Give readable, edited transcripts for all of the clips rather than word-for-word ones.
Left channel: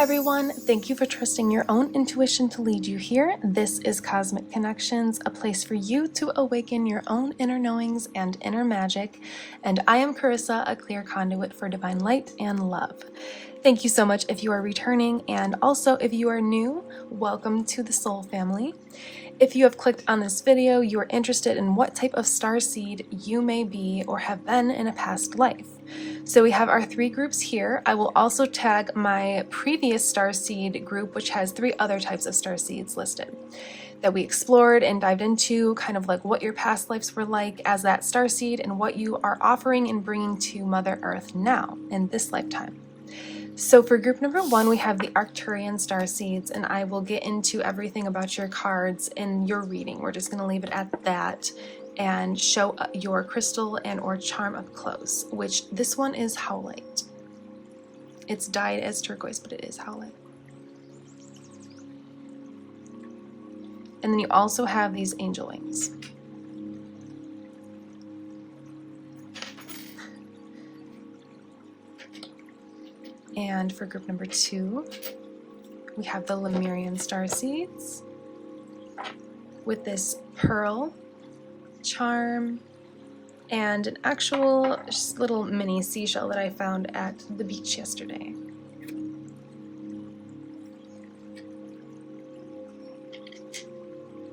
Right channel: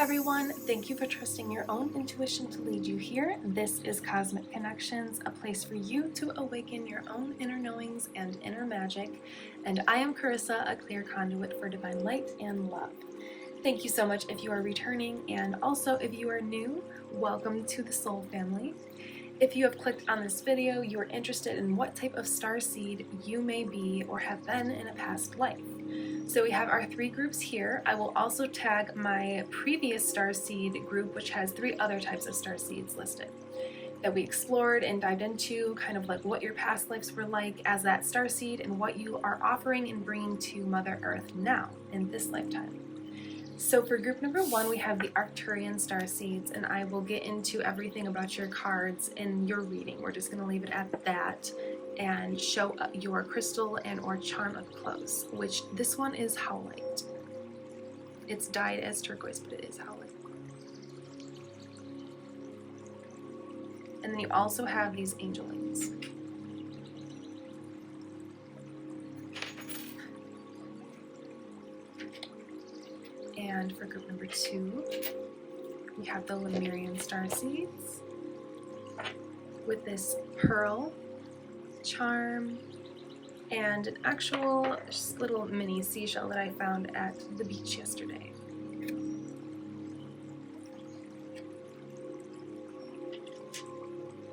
everyone, thank you for trusting your own intuition to lead you here. This is Cosmic Connections, a place for you to awaken your own inner knowings and inner magic. And I am Carissa, a clear conduit for divine light and love. Thank you so much if you are returning, and also if you are new, welcome to the Soul Family. If you have clicked on this video, you are interested in what type of starseed you may be or have been in a past life. So we have our 3 groups here. I will also tag my previous starseed group, which has 3 other types of starseeds listed that we explored and dived into, kind of like what your past lives were like as that starseed and what you are offering and bringing to Mother Earth now in this lifetime. So for group number 1, we have the Arcturian starseeds, and I will get into everything about your cards in your reading. We're just going to leave it at that and show your crystal and or charm up close, which this one is howlite. It's dyed as turquoise, but it is howlite. And then you also have these angel wings. And for group number 2, we have the Lemurian starseeds with this pearl charm and an actual just little mini seashell that I found at the beach yesterday.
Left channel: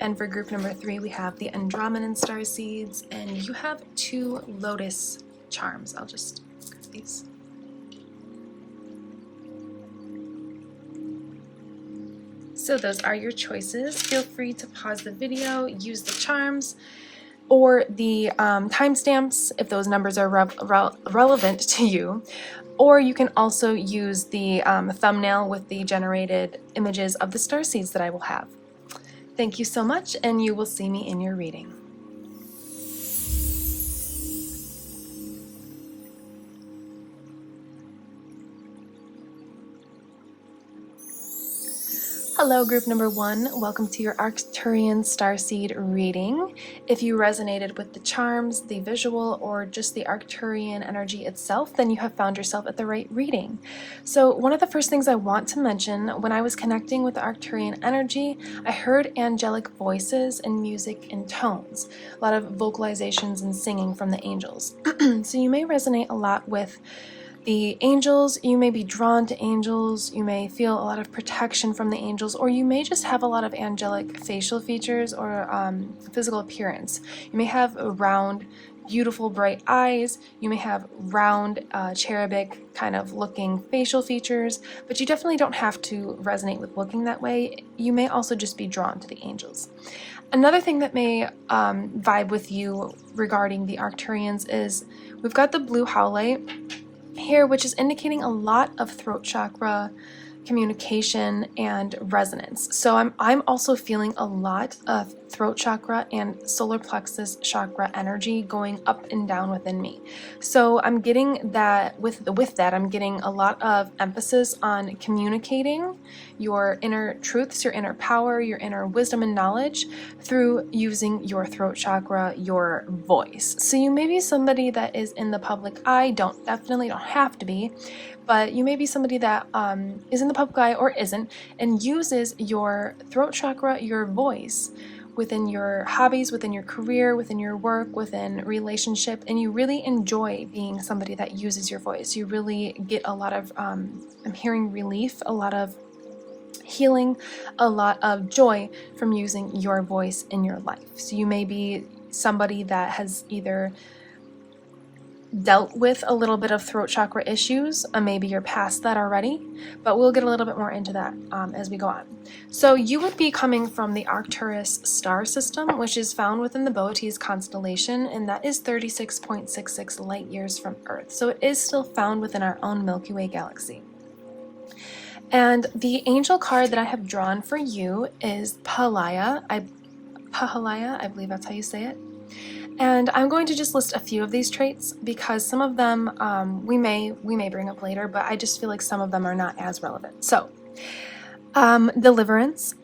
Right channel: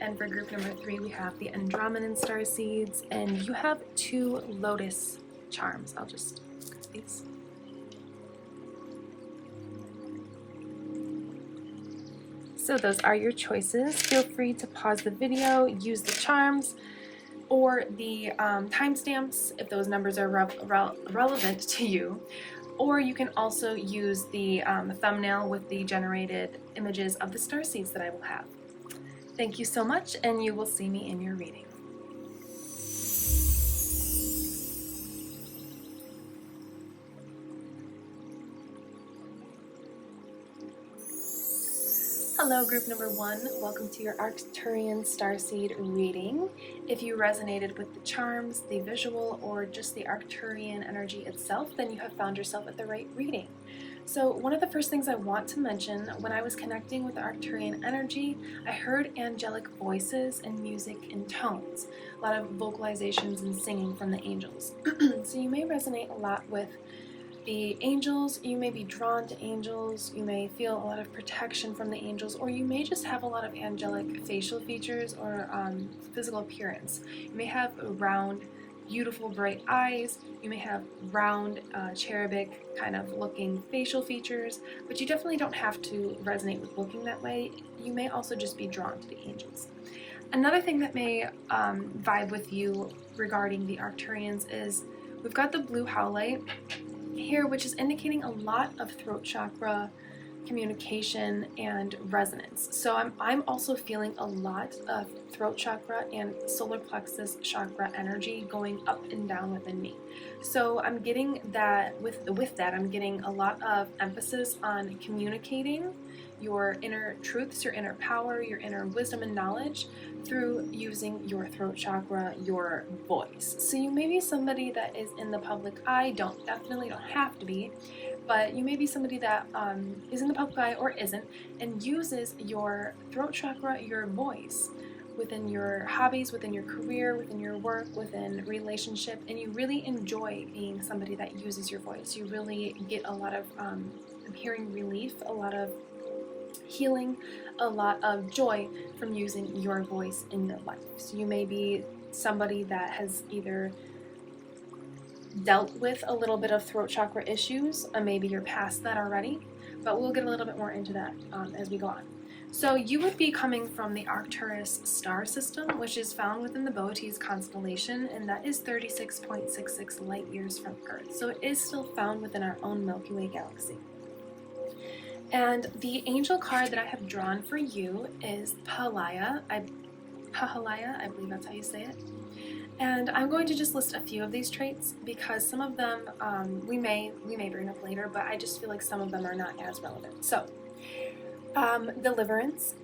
And for group number 3, we have the Andromedan starseeds, and you have 2 lotus charms. I'll just grab these. So those are your choices. Feel free to pause the video, use the charms or the timestamps if those numbers are relevant to you, or you can also use the thumbnail with the generated images of the starseeds that I will have. Thank you so much, and you will see me in your reading. Hello, group number 1. Welcome to your Arcturian starseed reading. If you resonated with the charms, the visual, or just the Arcturian energy itself, then you have found yourself at the right reading. So one of the first things I want to mention, when I was connecting with the Arcturian energy, I heard angelic voices and music and tones, a lot of vocalizations and singing from the angels. So you may resonate a lot with the angels, you may be drawn to angels, you may feel a lot of protection from the angels, or you may just have a lot of angelic facial features or physical appearance. You may have round, beautiful, bright eyes, you may have round, cherubic kind of looking facial features, but you definitely don't have to resonate with looking that way. You may also just be drawn to the angels. Another thing that may vibe with you regarding the Arcturians is we've got the blue howlite here, which is indicating a lot of throat chakra communication and resonance. So I'm also feeling a lot of throat chakra and solar plexus chakra energy going up and down within me. So I'm getting that with that I'm getting a lot of emphasis on communicating your inner truths, your inner power, your inner wisdom and knowledge through using your throat chakra, your voice. So you may be somebody that is in the public eye, definitely don't have to be, but you may be somebody that is in the public eye or isn't, and uses your throat chakra, your voice, within your hobbies, within your career, within your work, within relationship, and you really enjoy being somebody that uses your voice. You really get a lot of, I'm hearing relief, a lot of healing, a lot of joy from using your voice in your life. So you may be somebody that has either dealt with a little bit of throat chakra issues, maybe you're past that already, but we'll get a little bit more into that as we go on. So you would be coming from the Arcturus star system, which is found within the Boötes constellation, and that is 36.66 light years from Earth. So it is still found within our own Milky Way galaxy. And the angel card that I have drawn for you is Pahalaya. Pahalaya, I believe that's how you say it. And I'm going to just list a few of these traits because some of them we may bring up later, but I just feel like some of them are not as relevant. So, deliverance,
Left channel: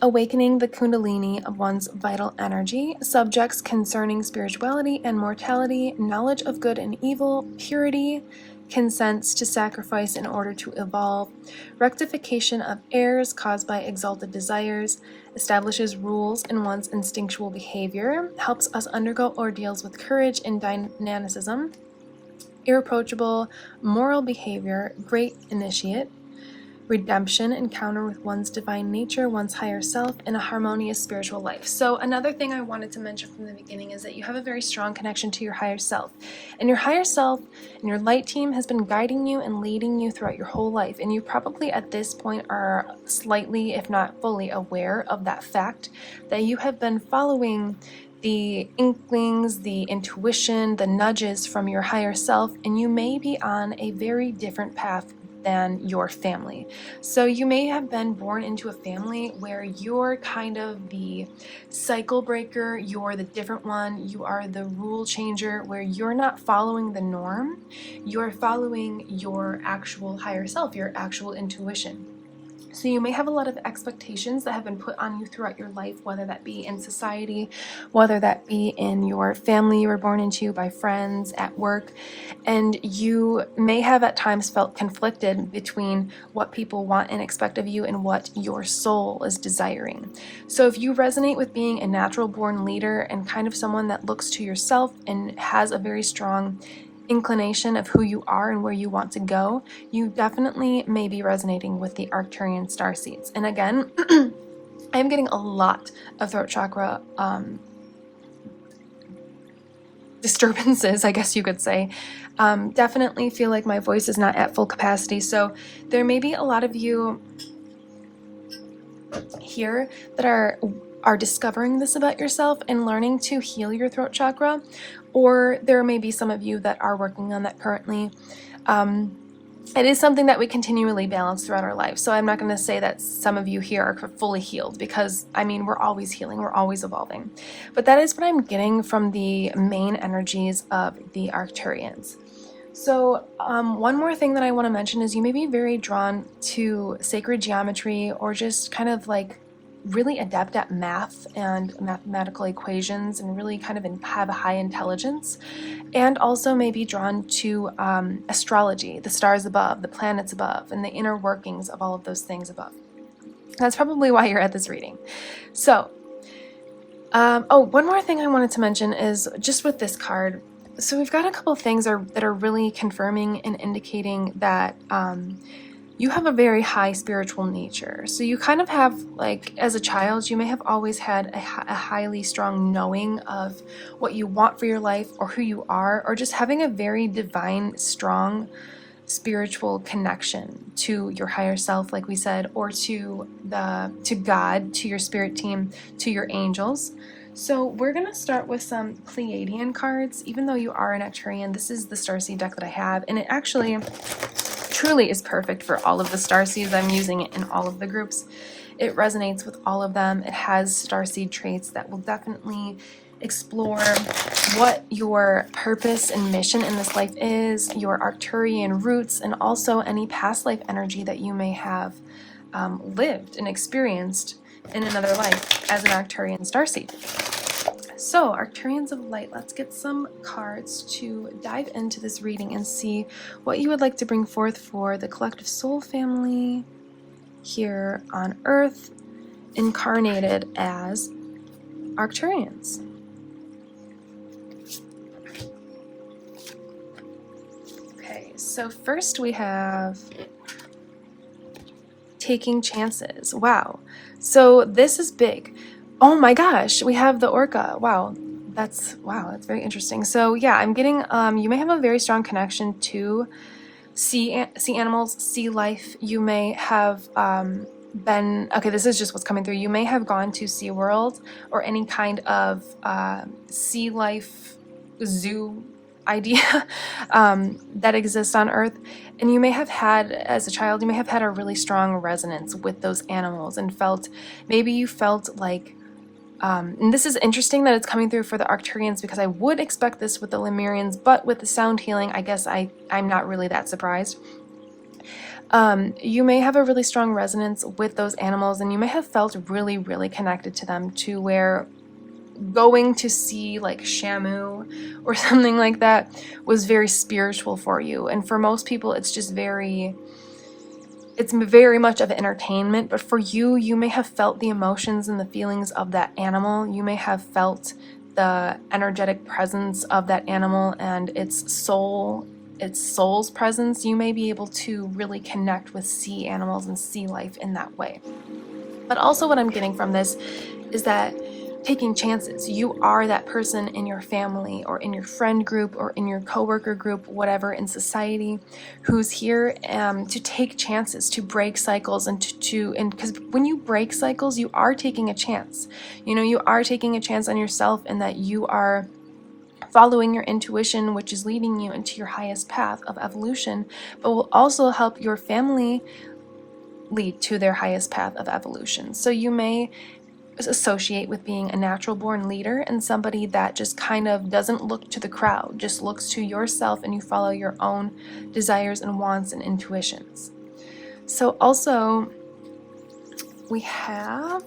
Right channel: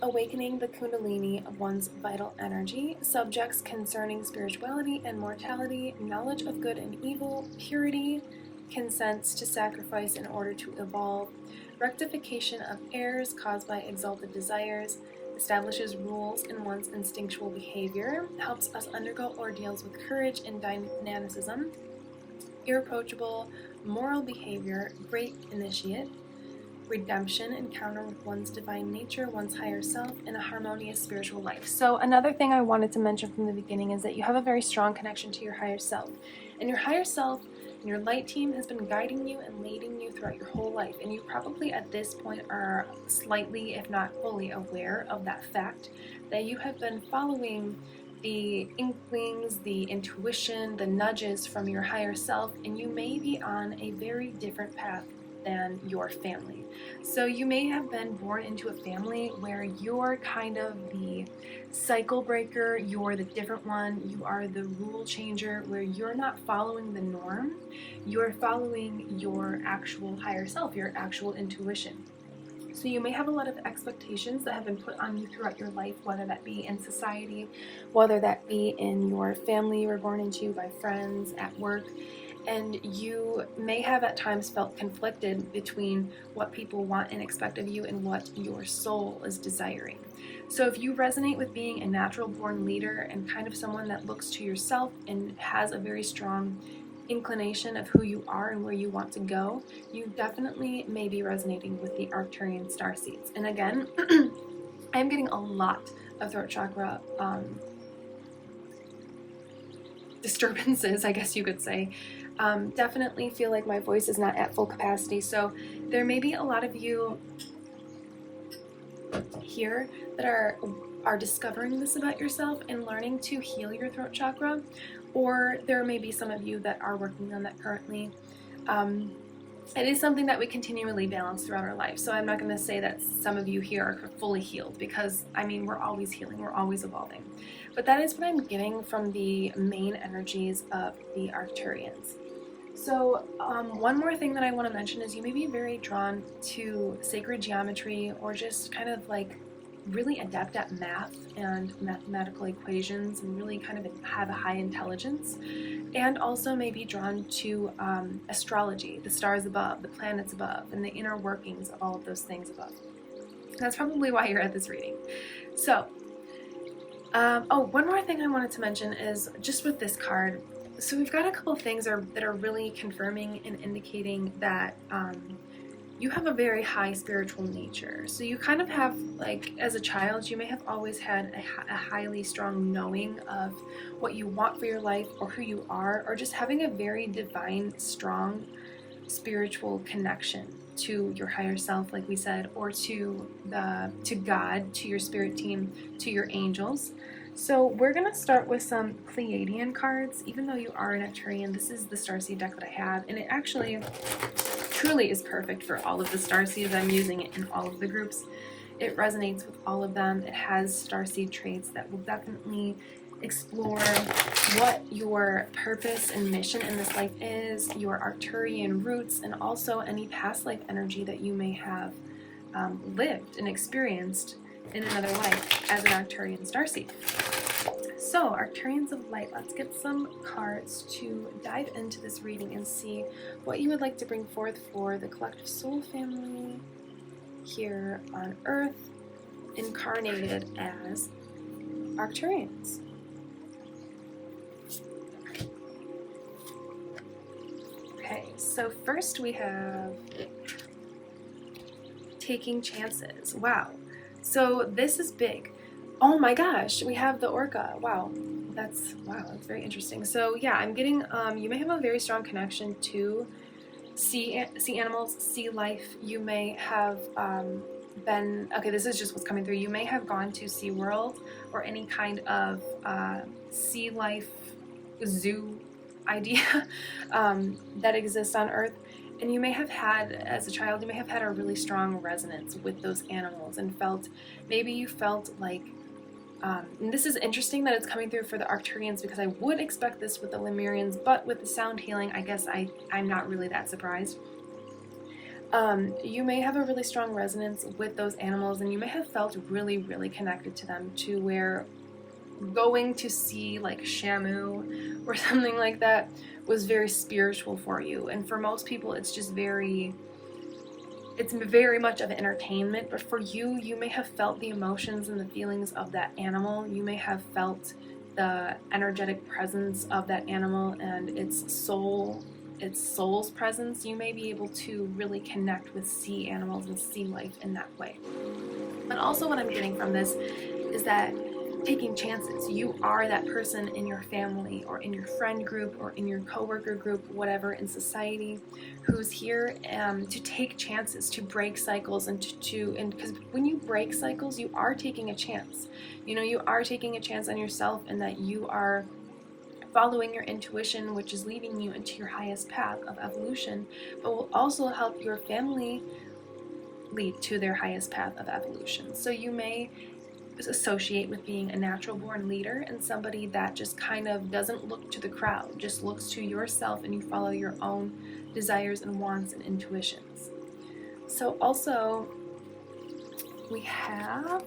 awakening the kundalini of one's vital energy, subjects concerning spirituality and mortality, knowledge of good and evil, purity, consents to sacrifice in order to evolve, rectification of errors caused by exalted desires, establishes rules in one's instinctual behavior, helps us undergo ordeals with courage and dynamicism, irreproachable moral behavior, great initiate, redemption, encounter with one's divine nature, one's higher self, and a harmonious spiritual life. So another thing I wanted to mention from the beginning is that you have a very strong connection to your higher self. And your higher self and your light team has been guiding you and leading you throughout your whole life. And you probably at this point are slightly, if not fully, aware of that fact that you have been following the inklings, the intuition, the nudges from your higher self, and you may be on a very different path than your family. So you may have been born into a family where you're kind of the cycle breaker, you're the different one, you are the rule changer, where you're not following the norm, you're following your actual higher self, your actual intuition. So you may have a lot of expectations that have been put on you throughout your life, whether that be in society, whether that be in your family you were born into, by friends, at work, and you may have at times felt conflicted between what people want and expect of you and what your soul is desiring. So if you resonate with being a natural born leader and kind of someone that looks to yourself and has a very strong inclination of who you are and where you want to go, you definitely may be resonating with the Arcturian Starseeds. And again, I'm getting a lot of throat chakra disturbances, I guess you could say. Definitely feel like my voice is not at full capacity, so there may be a lot of you here that are discovering this about yourself and learning to heal your throat chakra, or there may be some of you that are working on that currently. It is something that we continually balance throughout our life, so I'm not going to say that some of you here are fully healed, because I mean, we're always healing, we're always evolving. But that is what I'm getting from the main energies of the Arcturians. So one more thing that I want to mention is you may be very drawn to sacred geometry, or just kind of like really adept at math and mathematical equations, and really kind of have a high intelligence, and also may be drawn to astrology, the stars above, the planets above, and the inner workings of all of those things above. That's probably why you're at this reading. So, one more thing I wanted to mention is just with this card. So we've got a couple of things that are really confirming and indicating that you have a very high spiritual nature. So you kind of have, like, as a child, you may have always had a highly strong knowing of what you want for your life, or who you are, or just having a very divine, strong spiritual connection to your higher self, like we said, or to God, to your spirit team, to your angels. So we're going to start with some Pleiadian cards. Even though you are an Arcturian, this is the Starseed deck that I have, and it actually truly is perfect for all of the Starseeds. I'm using it in all of the groups. It resonates with all of them. It has Starseed traits that will definitely explore what your purpose and mission in this life is, your Arcturian roots, and also any past life energy that you may have lived and experienced in another life as an Arcturian Starseed. So, Arcturians of Light, let's get some cards to dive into this reading and see what you would like to bring forth for the collective soul family here on Earth, incarnated as Arcturians. Okay, so first we have taking chances. Wow. So this is big. Oh my gosh, we have the orca. Wow, that's very interesting. So yeah, I'm getting you may have a very strong connection to sea animals, sea life. You may have been, okay, this is just what's coming through. You may have gone to SeaWorld or any kind of sea life zoo idea that exists on Earth. And you may have had, as a child, you may have had a really strong resonance with those animals and maybe you felt like, and this is interesting that it's coming through for the Arcturians, because I would expect this with the Lemurians, but with the sound healing, I guess I'm not really that surprised. You may have a really strong resonance with those animals, and you may have felt really, really connected to them, to where going to see like Shamu or something like that was very spiritual for you. And for most people, it's just it's very much of entertainment, but for you, you may have felt the emotions and the feelings of that animal. You may have felt the energetic presence of that animal and its soul's presence. You may be able to really connect with sea animals and sea life in that way. But also what I'm getting from this is that taking chances. You are that person in your family or in your friend group or in your coworker group, whatever, in society, who's here to take chances, to break cycles, and because when you break cycles, you are taking a chance. You know, you are taking a chance on yourself, and that you are following your intuition, which is leading you into your highest path of evolution, but will also help your family lead to their highest path of evolution. So you may associate with being a natural born leader and somebody that just kind of doesn't look to the crowd, just looks to yourself, and you follow your own desires and wants and intuitions. So also we have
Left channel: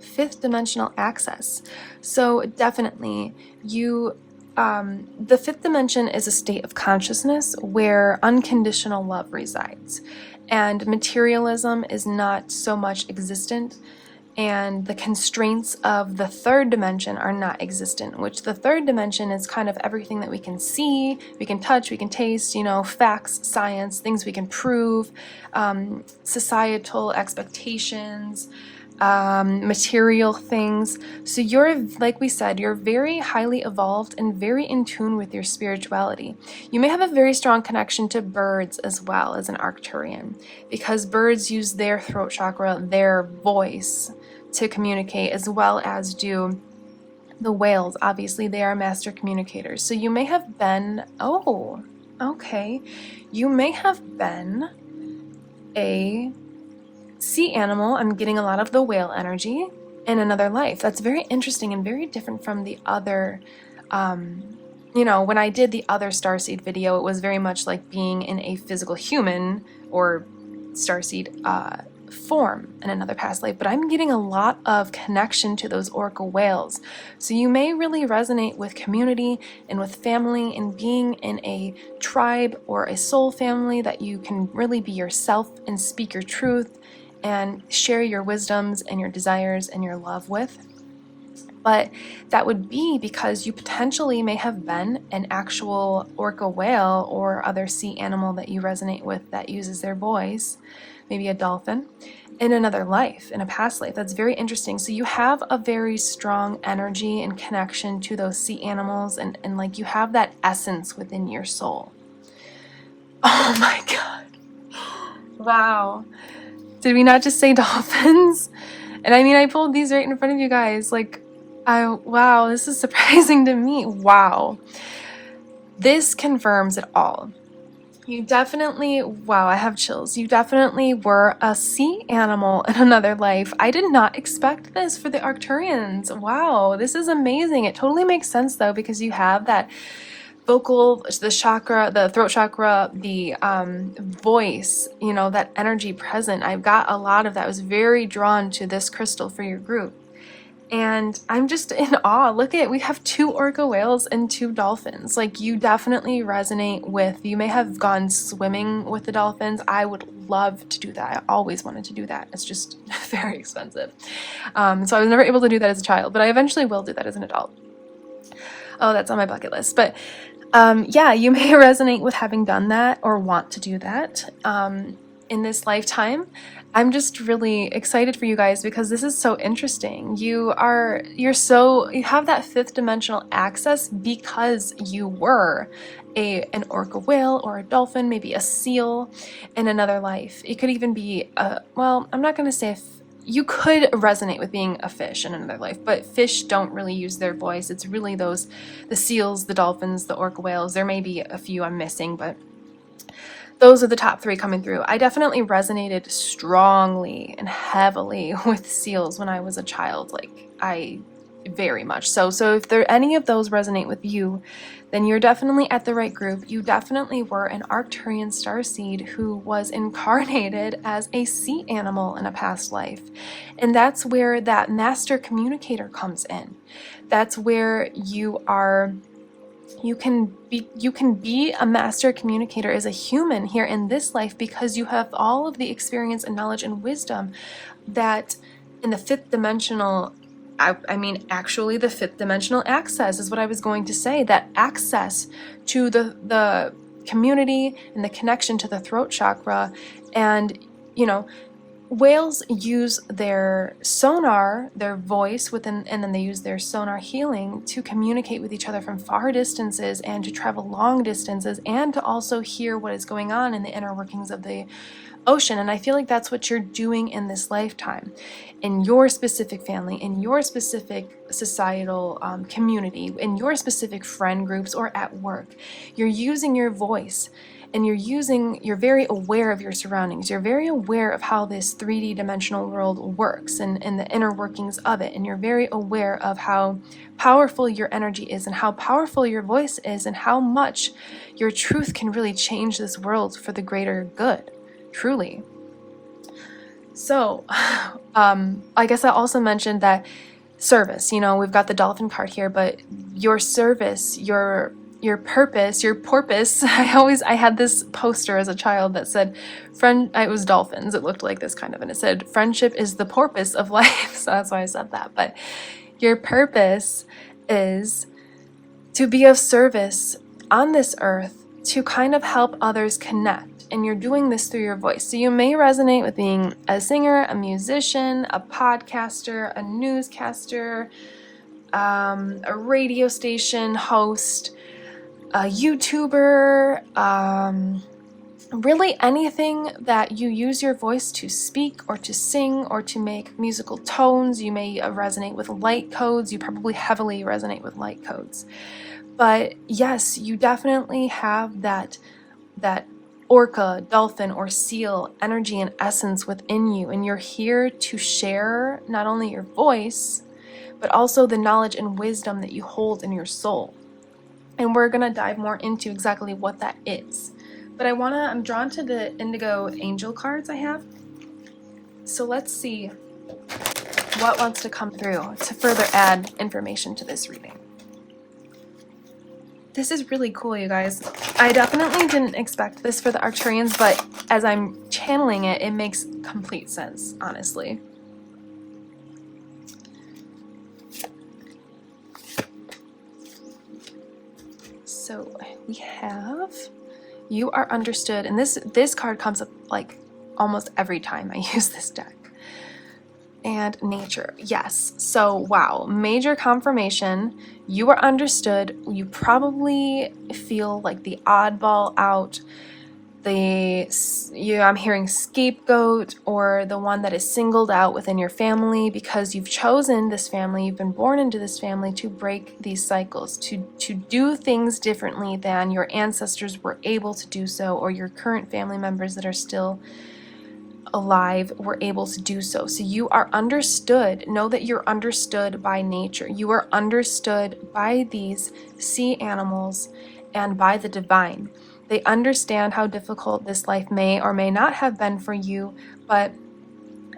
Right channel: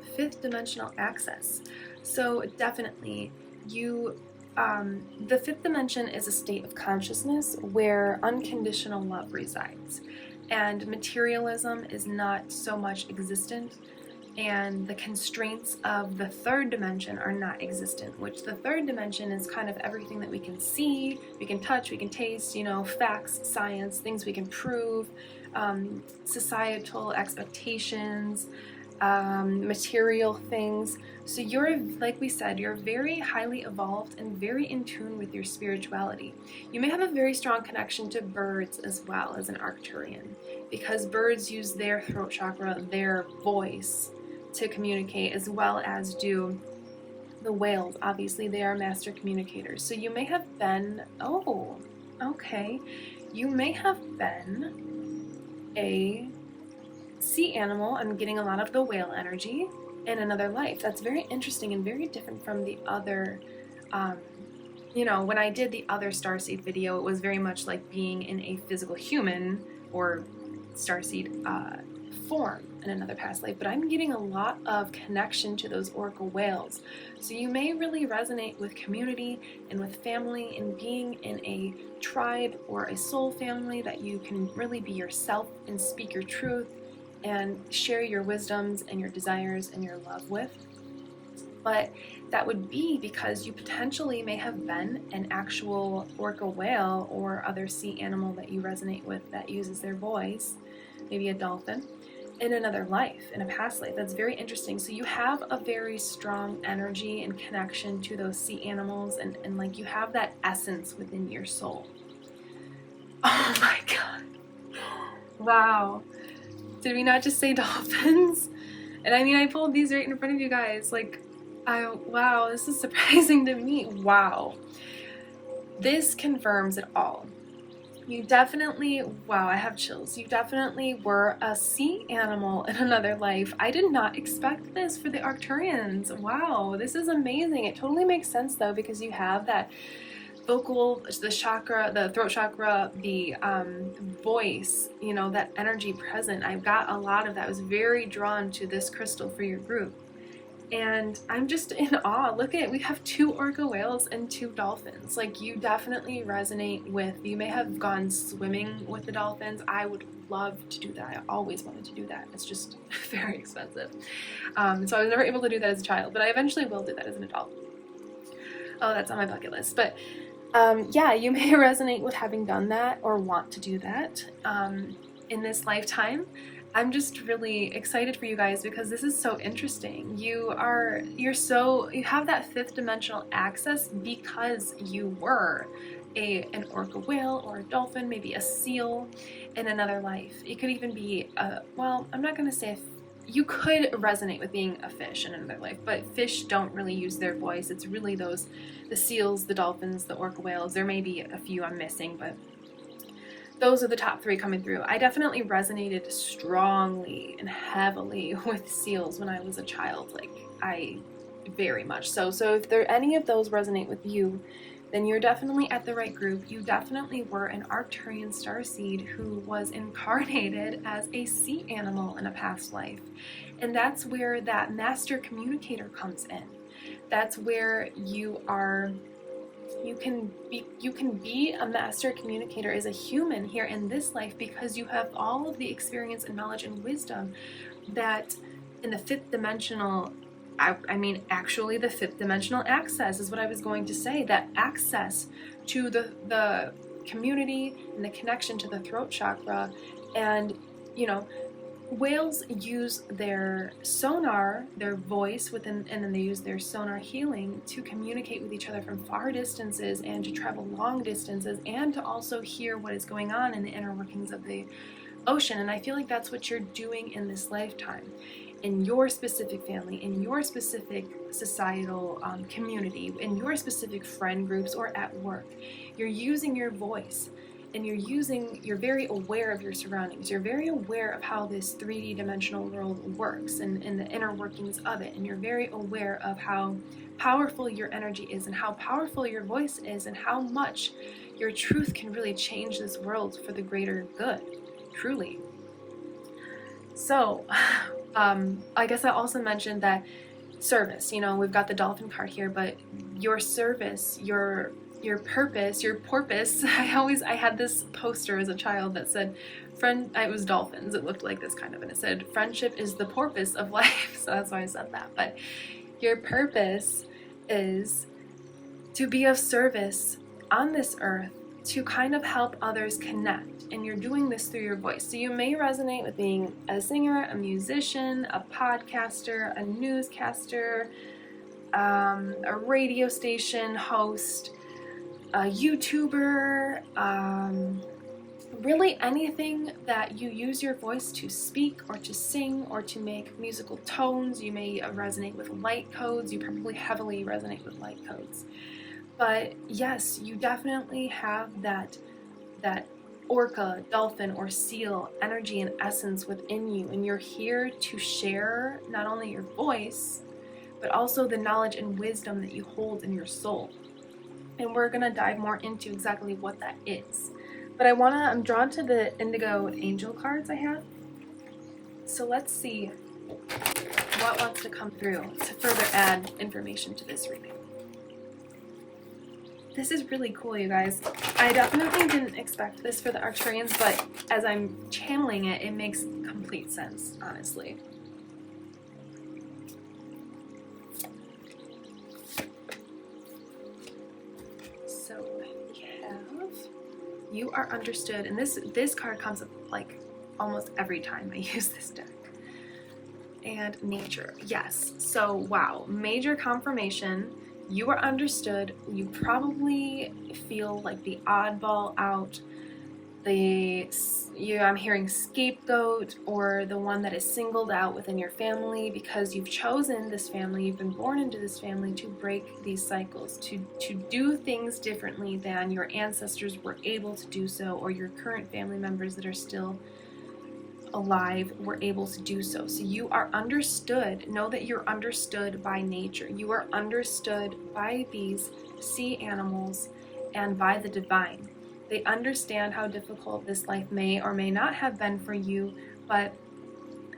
fifth dimensional access. So definitely the fifth dimension is a state of consciousness where unconditional love resides, and materialism is not so much existent, and the constraints of the third dimension are not existent, which the third dimension is kind of everything that we can see, we can touch, we can taste, you know, facts, science, things we can prove, societal expectations, material things. So you're, like we said, you're very highly evolved and very in tune with your spirituality. You may have a very strong connection to birds as well as an Arcturian, because birds use their throat chakra, their voice, to communicate, as well as do the whales. Obviously, they are master communicators. So you may have been, you may have been a sea animal. I'm getting a lot of the whale energy in another life. That's very interesting and very different from the other, you know, when I did the other Starseed video, it was very much like being in a physical human or Starseed form in another past life, but I'm getting a lot of connection to those orca whales. So you may really resonate with community and with family and being in a tribe or a soul family that you can really be yourself and speak your truth and share your wisdoms and your desires and your love with. But that would be because you potentially may have been an actual orca whale or other sea animal that you resonate with that uses their voice, maybe a dolphin, in another life, in a past life. That's very interesting. So you have a very strong energy and connection to those sea animals, and like you have that essence within your soul. Oh my God. Wow. Did we not just say dolphins? And I mean, I pulled these right in front of you guys. Like, wow, this is surprising to me. Wow. This confirms it all. You definitely, wow, I have chills. You definitely were a sea animal in another life. I did not expect this for the Arcturians. Wow, this is amazing. It totally makes sense though, because you have that vocal, the chakra, the throat chakra, the voice, you know, that energy present. I've got a lot of that. I was very drawn to this crystal for your group. And I'm just in awe. Look at, we have 2 orca whales and 2 dolphins. Like, you definitely resonate with, you may have gone swimming with the dolphins. I would love to do that. I always wanted to do that. It's just very expensive. So I was never able to do that as a child, but I eventually will do that as an adult. Oh, that's on my bucket list. But yeah, you may resonate with having done that or want to do that in this lifetime. I'm just really excited for you guys because this is so interesting. You have that 5th dimensional access because you were an orca whale or a dolphin, maybe a seal in another life. It could even be well, I'm not going to say you could resonate with being a fish in another life, but fish don't really use their voice. It's really the seals, the dolphins, the orca whales. There may be a few I'm missing, but those are the top 3 coming through. I definitely resonated strongly and heavily with seals when I was a child. Like, I very much so. So if any of those resonate with you, then you're definitely at the right group. You definitely were an Arcturian starseed who was incarnated as a sea animal in a past life. And that's where that master communicator comes in. That's where you can be a master communicator as a human here in this life, because you have all of the experience and knowledge and wisdom that in the fifth dimensional, I mean actually the fifth dimensional access is what I was going to say, that access to the community and the connection to the throat chakra. And whales use their sonar, their voice within, and then they use their sonar healing to communicate with each other from far distances and to travel long distances, and to also hear what is going on in the inner workings of the ocean. And I feel like that's what you're doing in this lifetime, in your specific family, in your specific societal community, in your specific friend groups, or at work. You're using your voice, and you're very aware of your surroundings. You're very aware of how this 3D dimensional world works and the inner workings of it. And you're very aware of how powerful your energy is, and how powerful your voice is, and how much your truth can really change this world for the greater good, truly. So, I guess I also mentioned that service, we've got the dolphin card here, but your service, your purpose, your porpoise. I had this poster as a child that said, it was dolphins. It looked like this kind of, and it said, friendship is the porpoise of life. So that's why I said that. But your purpose is to be of service on this earth, to kind of help others connect. And you're doing this through your voice. So you may resonate with being a singer, a musician, a podcaster, a newscaster, a radio station host, a YouTuber, really anything that you use your voice to speak or to sing or to make musical tones. You may resonate with light codes. You probably heavily resonate with light codes. But yes, you definitely have that orca, dolphin, or seal energy and essence within you, and you're here to share not only your voice, but also the knowledge and wisdom that you hold in your soul. And we're gonna dive more into exactly what that is. But I'm drawn to the indigo angel cards I have. So let's see what wants to come through to further add information to this reading. This is really cool, you guys. I definitely didn't expect this for the Arcturians, but as I'm channeling it, it makes complete sense, honestly. So we have, you are understood, and this card comes up like almost every time I use this deck. And nature, yes. So wow, major confirmation. You are understood. You probably feel like the oddball out, I'm hearing scapegoat, or the one that is singled out within your family, because you've chosen this family, you've been born into this family to break these cycles, to do things differently than your ancestors were able to do so, or your current family members that are still alive were able to do so. So you are understood. Know that you're understood by nature. You are understood by these sea animals and by the divine. They understand how difficult this life may or may not have been for you, but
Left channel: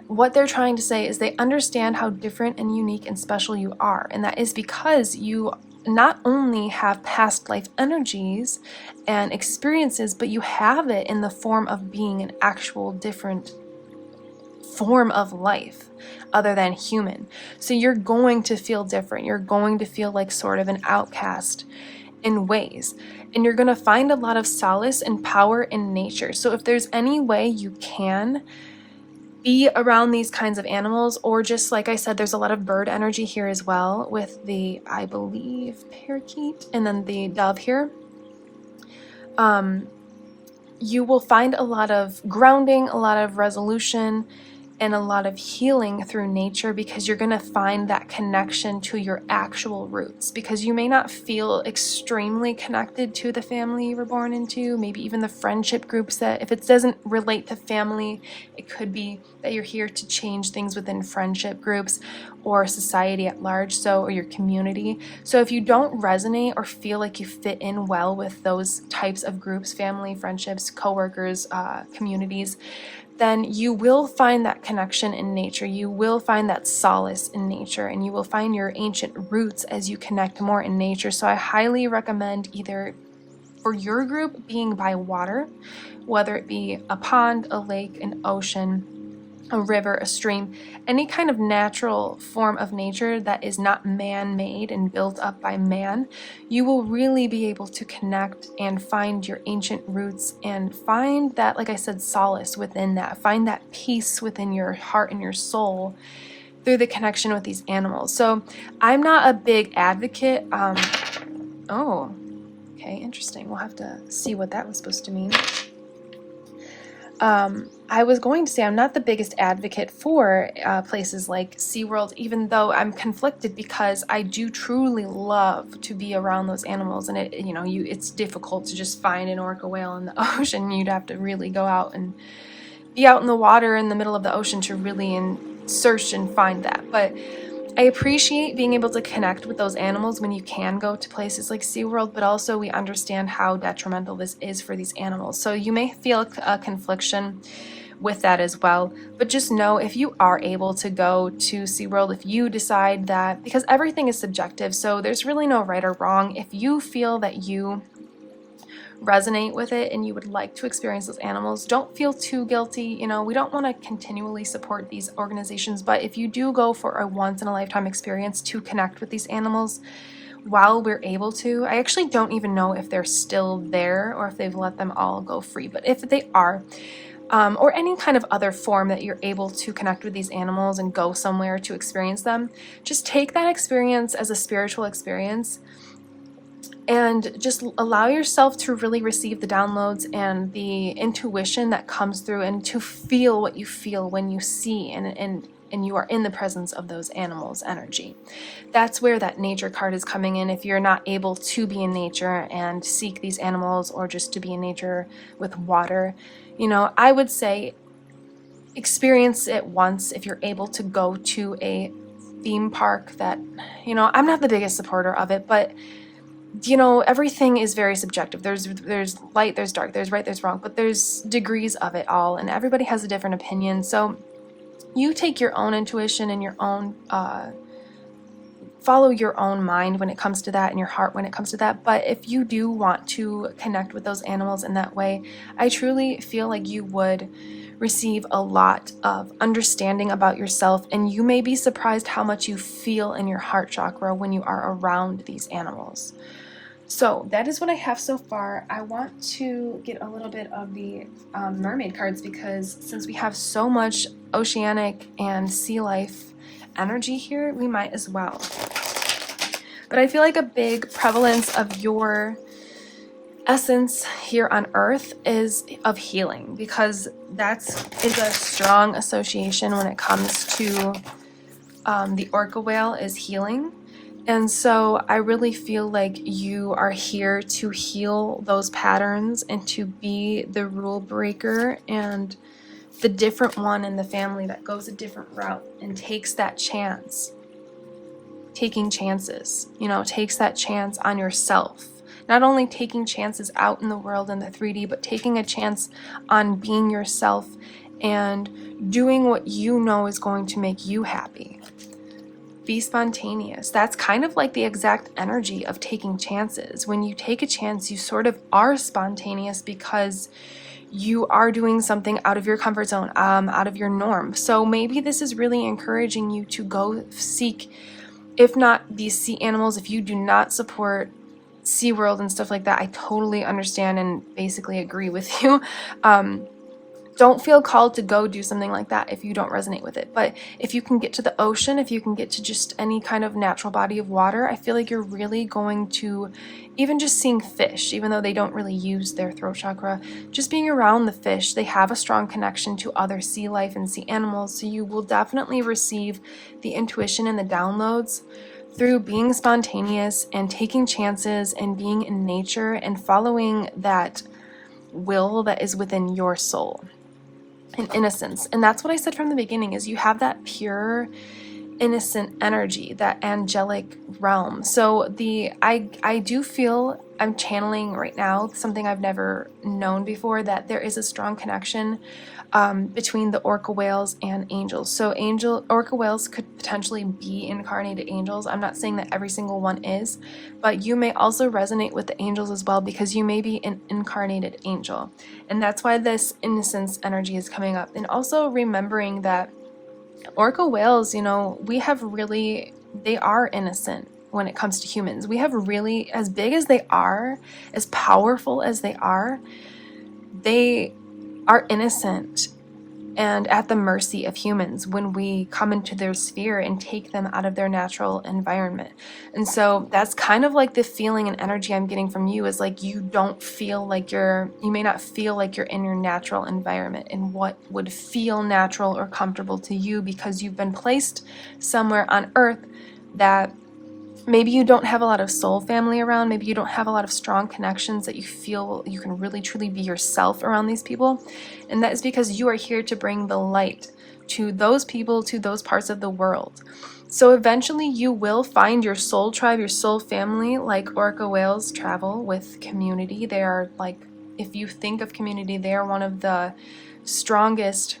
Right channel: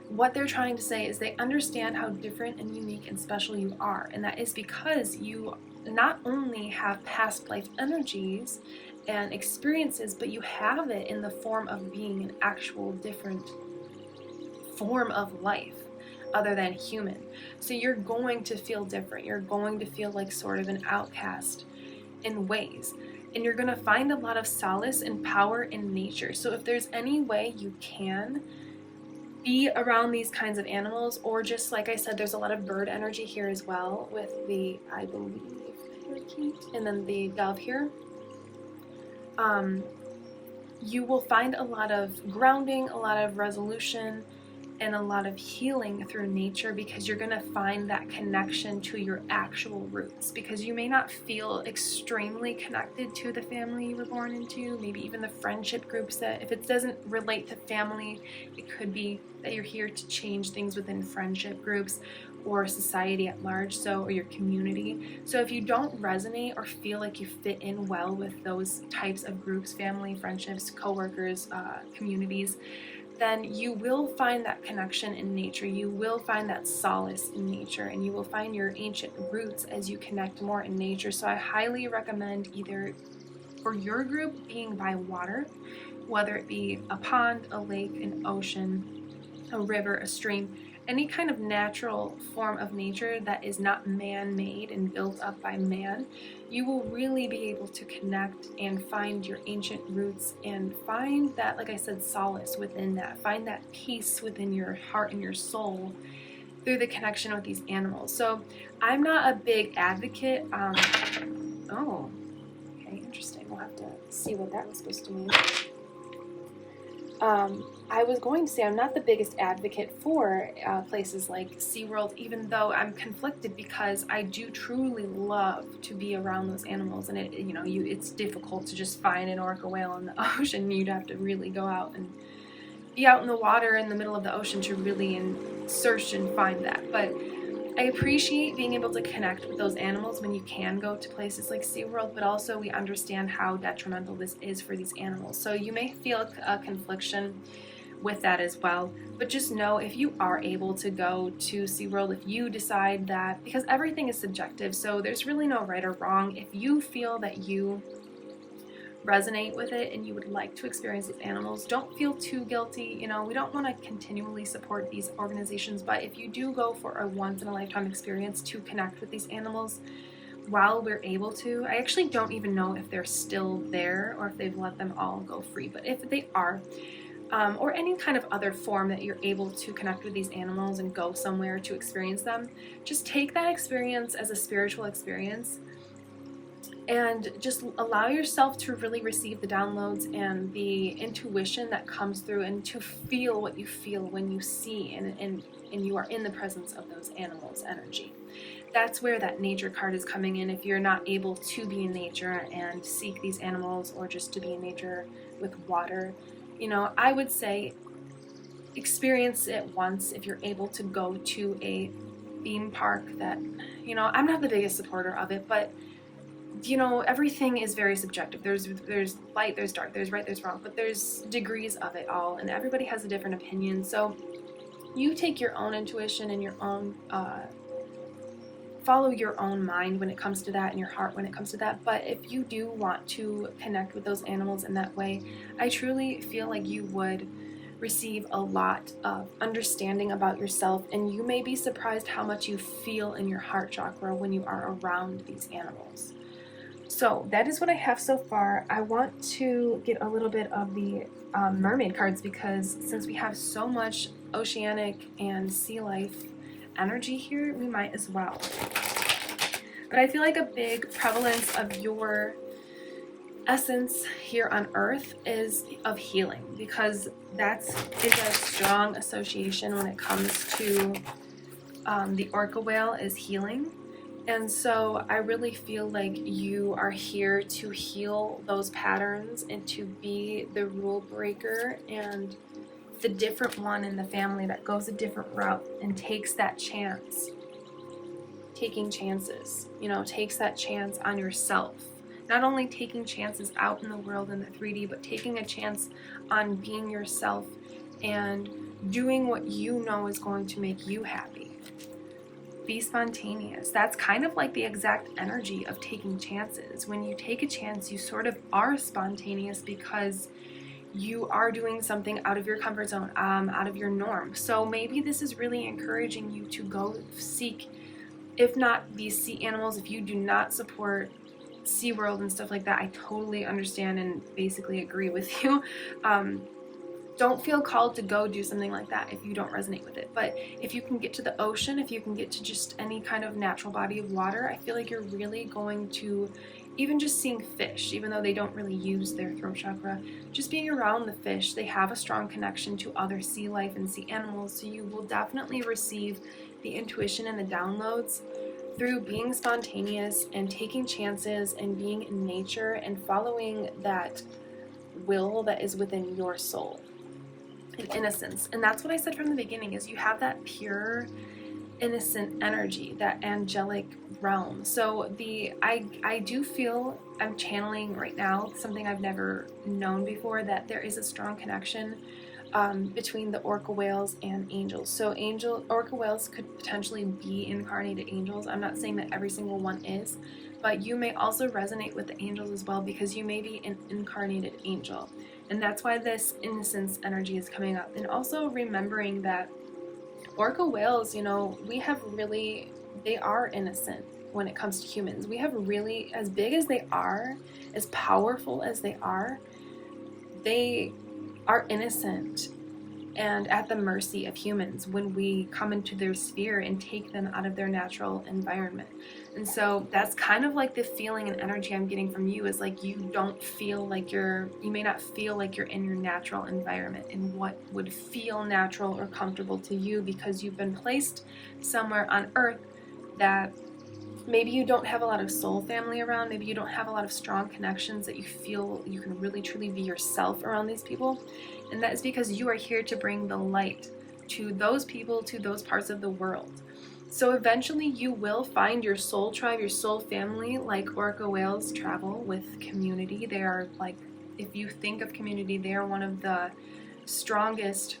what they're trying to say is they understand how different and unique and special you are. And that is because you not only have past life energies and experiences, but you have it in the form of being an actual different form of life other than human. So you're going to feel different. You're going to feel like sort of an outcast in ways. And you're going to find a lot of solace and power in nature. So if there's any way you can be around these kinds of animals, or just like I said, there's a lot of bird energy here as well with the, I believe, parakeet and then the dove here. You will find a lot of grounding, a lot of resolution, and a lot of healing through nature, because you're going to find that connection to your actual roots, because you may not feel extremely connected to the family you were born into, maybe even the friendship groups that, if it doesn't relate to family, it could be that you're here to change things within friendship groups or society at large, or your community. So if you don't resonate or feel like you fit in well with those types of groups, family, friendships, coworkers, communities, then you will find that connection in nature. You will find that solace in nature, and you will find your ancient roots as you connect more in nature. So I highly recommend either for your group being by water, whether it be a pond, a lake, an ocean, a river, a stream, any kind of natural form of nature that is not man-made and built up by man, you will really be able to connect and find your ancient roots and find that, like I said, solace within that. Find that peace within your heart and your soul through the connection with these animals. So I'm not a big advocate. Oh, okay, interesting. We'll have to see what that was supposed to mean. I was going to say I'm not the biggest advocate for places like SeaWorld, even though I'm conflicted because I do truly love to be around those animals, and it's difficult to just find an orca whale in the ocean. You'd have to really go out and be out in the water in the middle of the ocean to really search and find that. But I appreciate being able to connect with those animals when you can go to places like SeaWorld, but also we understand how detrimental this is for these animals. So you may feel a confliction with that as well, but just know if you are able to go to SeaWorld, if you decide that, because everything is subjective, so there's really no right or wrong. If you feel that you resonate with it and you would like to experience those animals, don't feel too guilty. We don't want to continually support these organizations, but if you do go for a once-in-a-lifetime experience to connect with these animals while we're able to, I actually don't even know if they're still there or if they've let them all go free, but if they are, or any kind of other form that you're able to connect with these animals and go somewhere to experience them, just take that experience as a spiritual experience and just allow yourself to really receive the downloads and the intuition that comes through, and to feel what you feel when you see and you are in the presence of those animals' energy. That's where that nature card is coming in. If you're not able to be in nature and seek these animals, or just to be in nature with water, I would say experience it once if you're able to go to a theme park that, I'm not the biggest supporter of it, but everything is very subjective. There's light, there's dark, there's right, there's wrong, but there's degrees of it all, and everybody has a different opinion. So you take your own intuition and your own follow your own mind when it comes to that, and your heart when it comes to that. But if you do want to connect with those animals in that way, I truly feel like you would receive a lot of understanding about yourself, and you may be surprised how much you feel in your heart chakra when you are around these animals. So that is what I have so far. I want to get a little bit of the mermaid cards, because since we have so much oceanic and sea life energy here, we might as well. But I feel like a big prevalence of your essence here on Earth is of healing, because that is a strong association when it comes to the orca whale is healing. And so I really feel like you are here to heal those patterns and to be the rule breaker and the different one in the family that goes a different route and takes that chance. Taking chances, takes that chance on yourself. Not only taking chances out in the world in the 3D, but taking a chance on being yourself and doing what you know is going to make you happy. Be spontaneous. That's kind of like the exact energy of taking chances. When you take a chance, you sort of are spontaneous because you are doing something out of your comfort zone, out of your norm. So maybe this is really encouraging you to go seek, if not these sea animals, if you do not support SeaWorld and stuff like that, I totally understand and basically agree with you. Don't feel called to go do something like that if you don't resonate with it. But if you can get to the ocean, if you can get to just any kind of natural body of water, I feel like you're really going to, even just seeing fish, even though they don't really use their throat chakra, just being around the fish, they have a strong connection to other sea life and sea animals. So you will definitely receive the intuition and the downloads through being spontaneous and taking chances and being in nature and following that will that is within your soul and innocence. And that's what I said from the beginning, is you have that pure, innocent energy, that angelic realm. So I do feel, I'm channeling right now something I've never known before, that there is a strong connection between the orca whales and angels. So orca whales could potentially be incarnated angels. I'm not saying that every single one is, but you may also resonate with the angels as well, because you may be an incarnated angel. And that's why this innocence energy is coming up. And also remembering that orca whales, you know, they are innocent when it comes to humans. We have really, as big as they are, as powerful as they are innocent and at the mercy of humans when we come into their sphere and take them out of their natural environment. And so that's kind of like the feeling and energy I'm getting from you, is like you may not feel like you're in your natural environment and what would feel natural or comfortable to you, because you've been placed somewhere on earth that maybe you don't have a lot of soul family around. Maybe you don't have a lot of strong connections that you feel you can really truly be yourself around these people. And that is because you are here to bring the light to those people, to those parts of the world. So eventually you will find your soul tribe, your soul family, like orca whales travel with community. They are like, if you think of community, they are one of the strongest,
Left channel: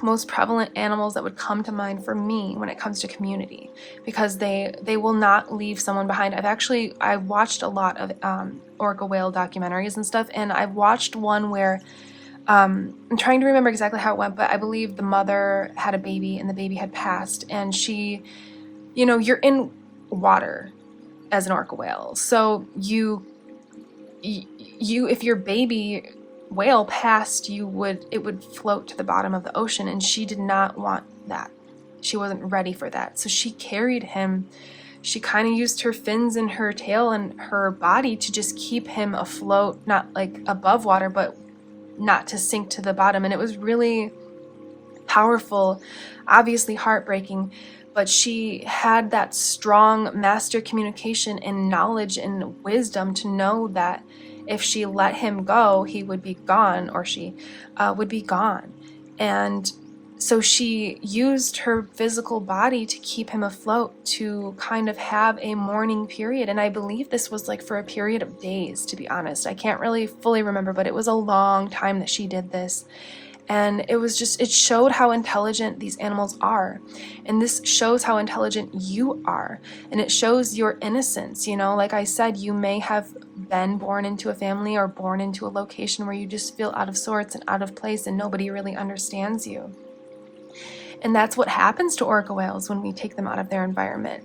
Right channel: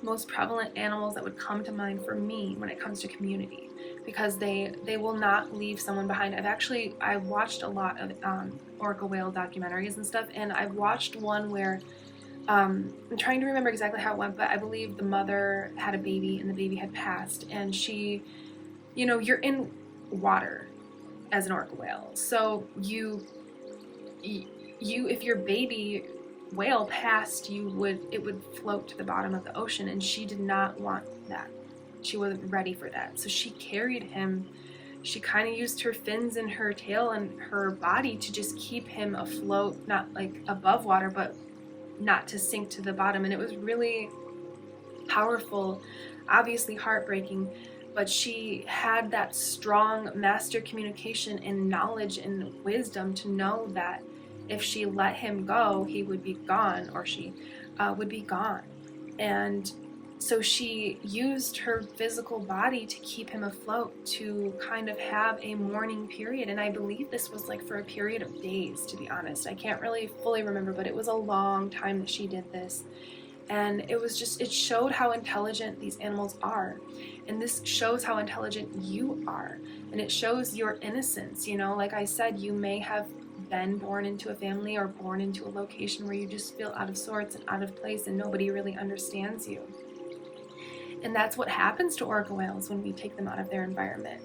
most prevalent animals that would come to mind for me when it comes to community, because they will not leave someone behind. I watched a lot of orca whale documentaries and stuff, and I watched one where I'm trying to remember exactly how it went, but I believe the mother had a baby and the baby had passed, and she, you know, you're in water as an orca whale, so you if your baby whale passed, it would float to the bottom of the ocean, and she did not want that. She wasn't ready for that. So she carried him. She kind of used her fins and her tail and her body to just keep him afloat, not like above water, but not to sink to the bottom. And it was really powerful, obviously heartbreaking, but she had that strong master communication and knowledge and wisdom to know that if she let him go, he would be gone, or she would be gone. And so she used her physical body to keep him afloat, to kind of have a mourning period. And I believe this was like for a period of days, to be honest. I can't really fully remember, but it was a long time that she did this. And it showed how intelligent these animals are. And this shows how intelligent you are. And it shows your innocence. You know, like I said, you may have been born into a family or born into a location where you just feel out of sorts and out of place and nobody really understands you. And that's what happens to orca whales when we take them out of their environment.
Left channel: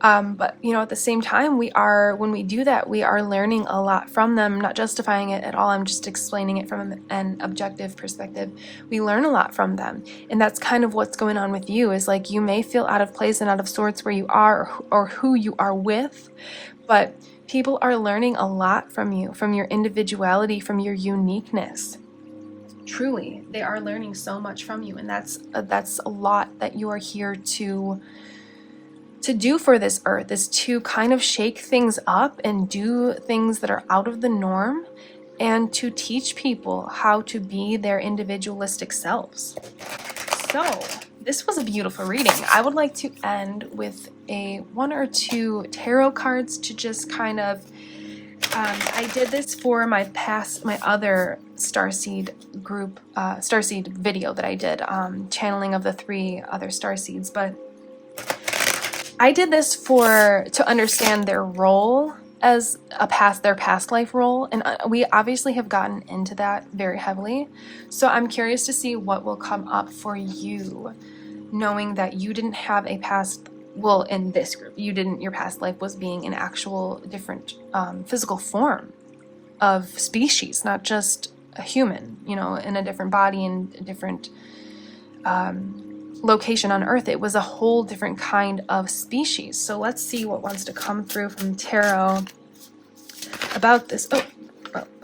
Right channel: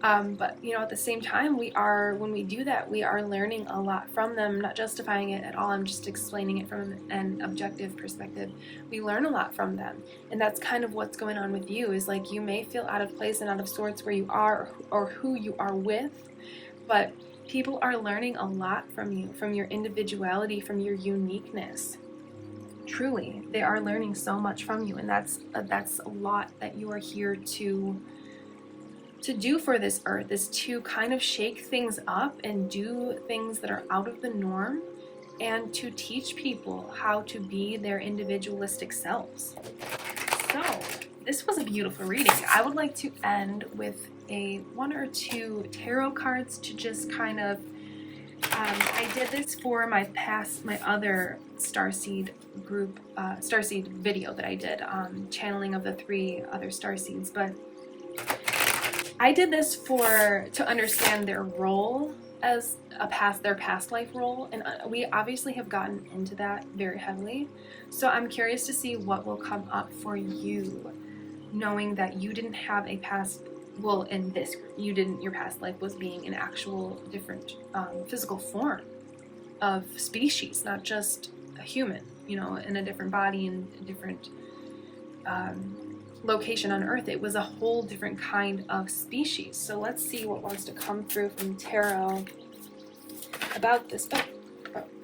But, you know, at the same time, when we do that, we are learning a lot from them. I'm not justifying it at all. I'm just explaining it from an objective perspective. We learn a lot from them. And that's kind of what's going on with you, is like you may feel out of place and out of sorts where you are or who you are with, but people are learning a lot from you, from your individuality, from your uniqueness. Truly, they are learning so much from you, and that's a lot that you are here to do for this earth, is to kind of shake things up and do things that are out of the norm, and to teach people how to be their individualistic selves. So this was a beautiful reading. I would like to end with one or two tarot cards to just kind of I did this for my other Starseed group, Starseed video that I did, channeling of the 3 other Starseeds, but I did this to understand their role as their past life role, and we obviously have gotten into that very heavily. So I'm curious to see what will come up for you, knowing that you didn't have a past. Well, in this group, your past life was being an actual different physical form of species, not just a human, you know, in a different body and a different location on Earth. It was a whole different kind of species. So let's see what wants to come through from tarot about this. Oh,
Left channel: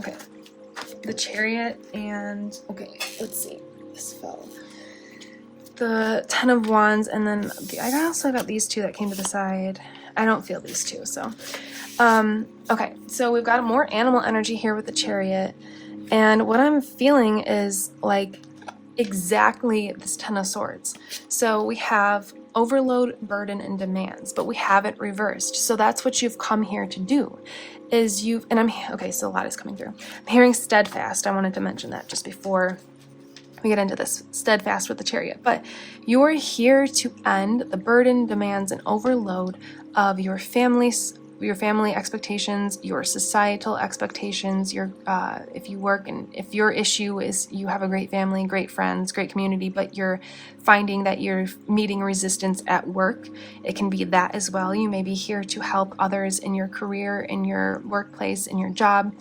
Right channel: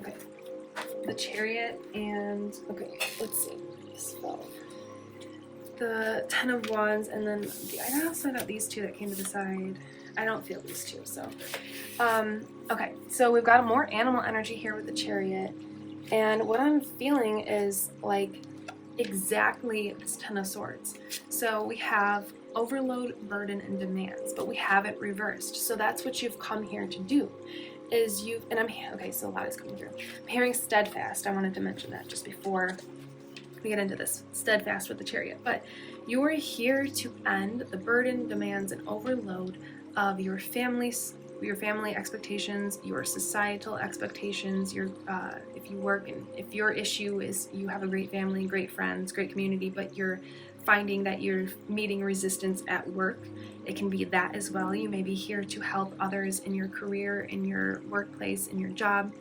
okay. The Chariot and, okay, let's see. This fell. The 10 of Wands, and then I also got these 2 that came to the side. I don't feel these 2, so. Okay, so we've got more animal energy here with the Chariot, and what I'm feeling is like exactly this 10 of Swords. So we have overload, burden, and demands, but we have it reversed. So that's what you've come here to do, okay, so a lot is coming through. I'm hearing steadfast. I wanted to mention that just before we get into this, steadfast with the Chariot, but you are here to end the burden, demands, and overload of your family expectations, your societal expectations, your if you work, and if your issue is you have a great family, great friends, great community, but you're finding that you're meeting resistance at work, it can be that as well. You may be here to help others in your career, in your workplace, in your job,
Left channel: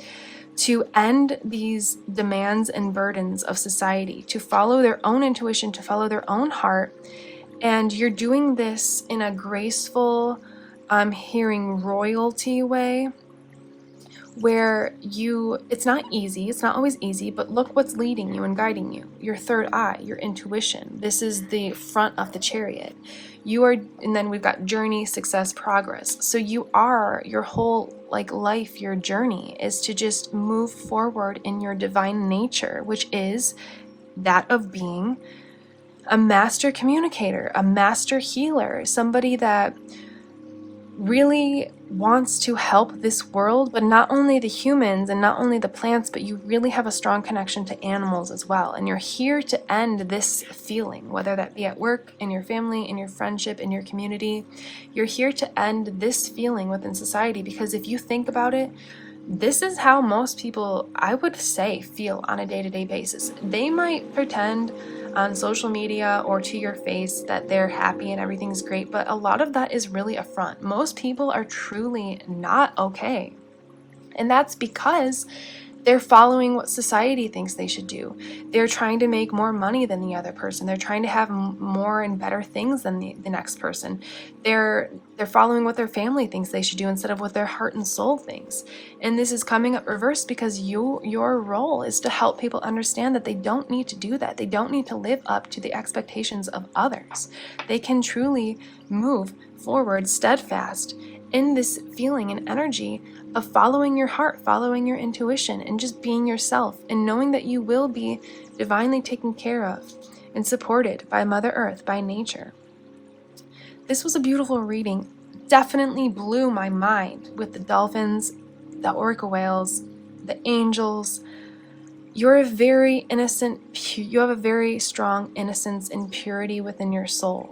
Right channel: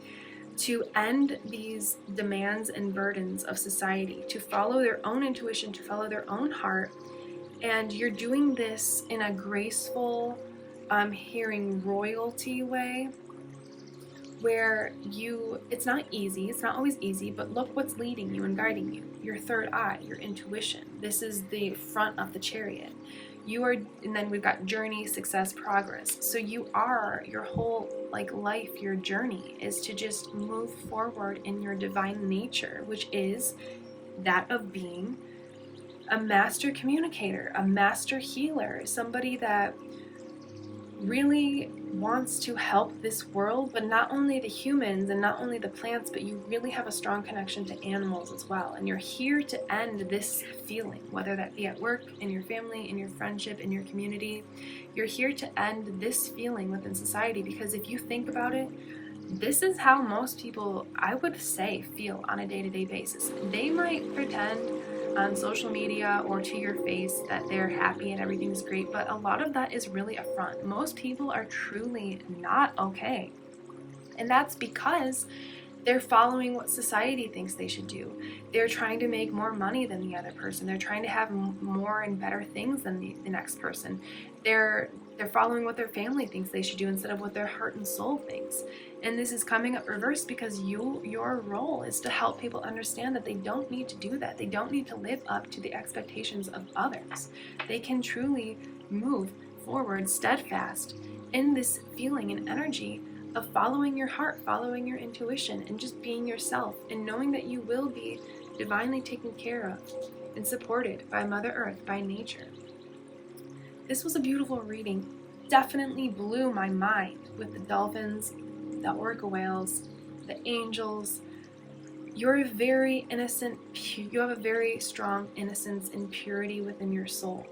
to end these demands and burdens of society, to follow their own intuition, to follow their own heart. And you're doing this in a graceful, I'm hearing royalty way, where it's not easy, it's not always easy, but look what's leading you and guiding you. Your third eye, your intuition. This is the front of the Chariot. And then we've got journey, success, progress. So your whole life, your journey is to just move forward in your divine nature, which is that of being a master communicator, a master healer, somebody that really wants to help this world, but not only the humans and not only the plants, but you really have a strong connection to animals as well. And you're here to end this feeling, whether that be at work, in your family, in your friendship, in your community. You're here to end this feeling within society, because if you think about it, this is how most people, I would say, feel on a day-to-day basis. They might pretend on social media or to your face that they're happy and everything's great, but a lot of that is really a front. Most people are truly not okay. And that's because they're following what society thinks they should do. They're trying to make more money than the other person. They're trying to have more and better things than the next person. They're following what their family thinks they should do instead of what their heart and soul thinks. And this is coming up reversed because your role is to help people understand that they don't need to do that. They don't need to live up to the expectations of others. They can truly move forward steadfast in this feeling and energy of following your heart, following your intuition, and just being yourself, and knowing that you will be divinely taken care of and supported by Mother Earth, by nature. This was a beautiful reading. Definitely blew my mind with the dolphins, the orca whales, the angels. You're a very innocent, you have a very strong innocence and purity within your soul.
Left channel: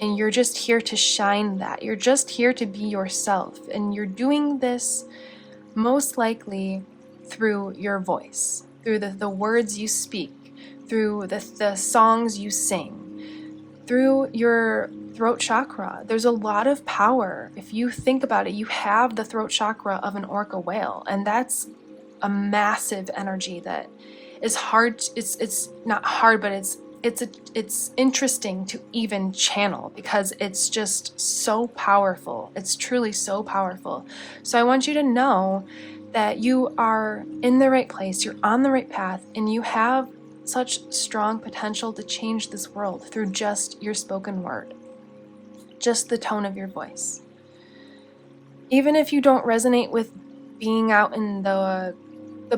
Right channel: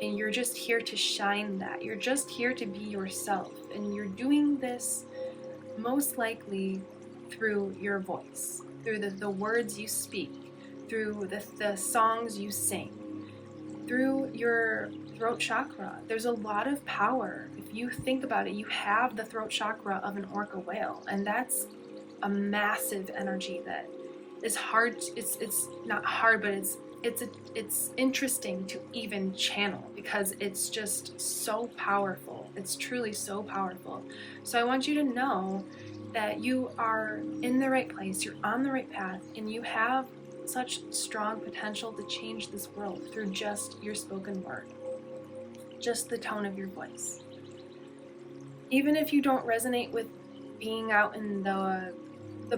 And you're just here to shine that. You're just here to be yourself. And you're doing this most likely through your voice, through the words you speak, through the songs you sing, through your throat chakra. There's a lot of power. If you think about it, you have the throat chakra of an orca whale, and that's a massive energy that is hard. It's not hard, but it's interesting to even channel because it's just so powerful. It's truly so powerful. So I want you to know that you are in the right place, you're on the right path, and you have such strong potential to change this world through just your spoken word, just the tone of your voice. Even if you don't resonate with being out in the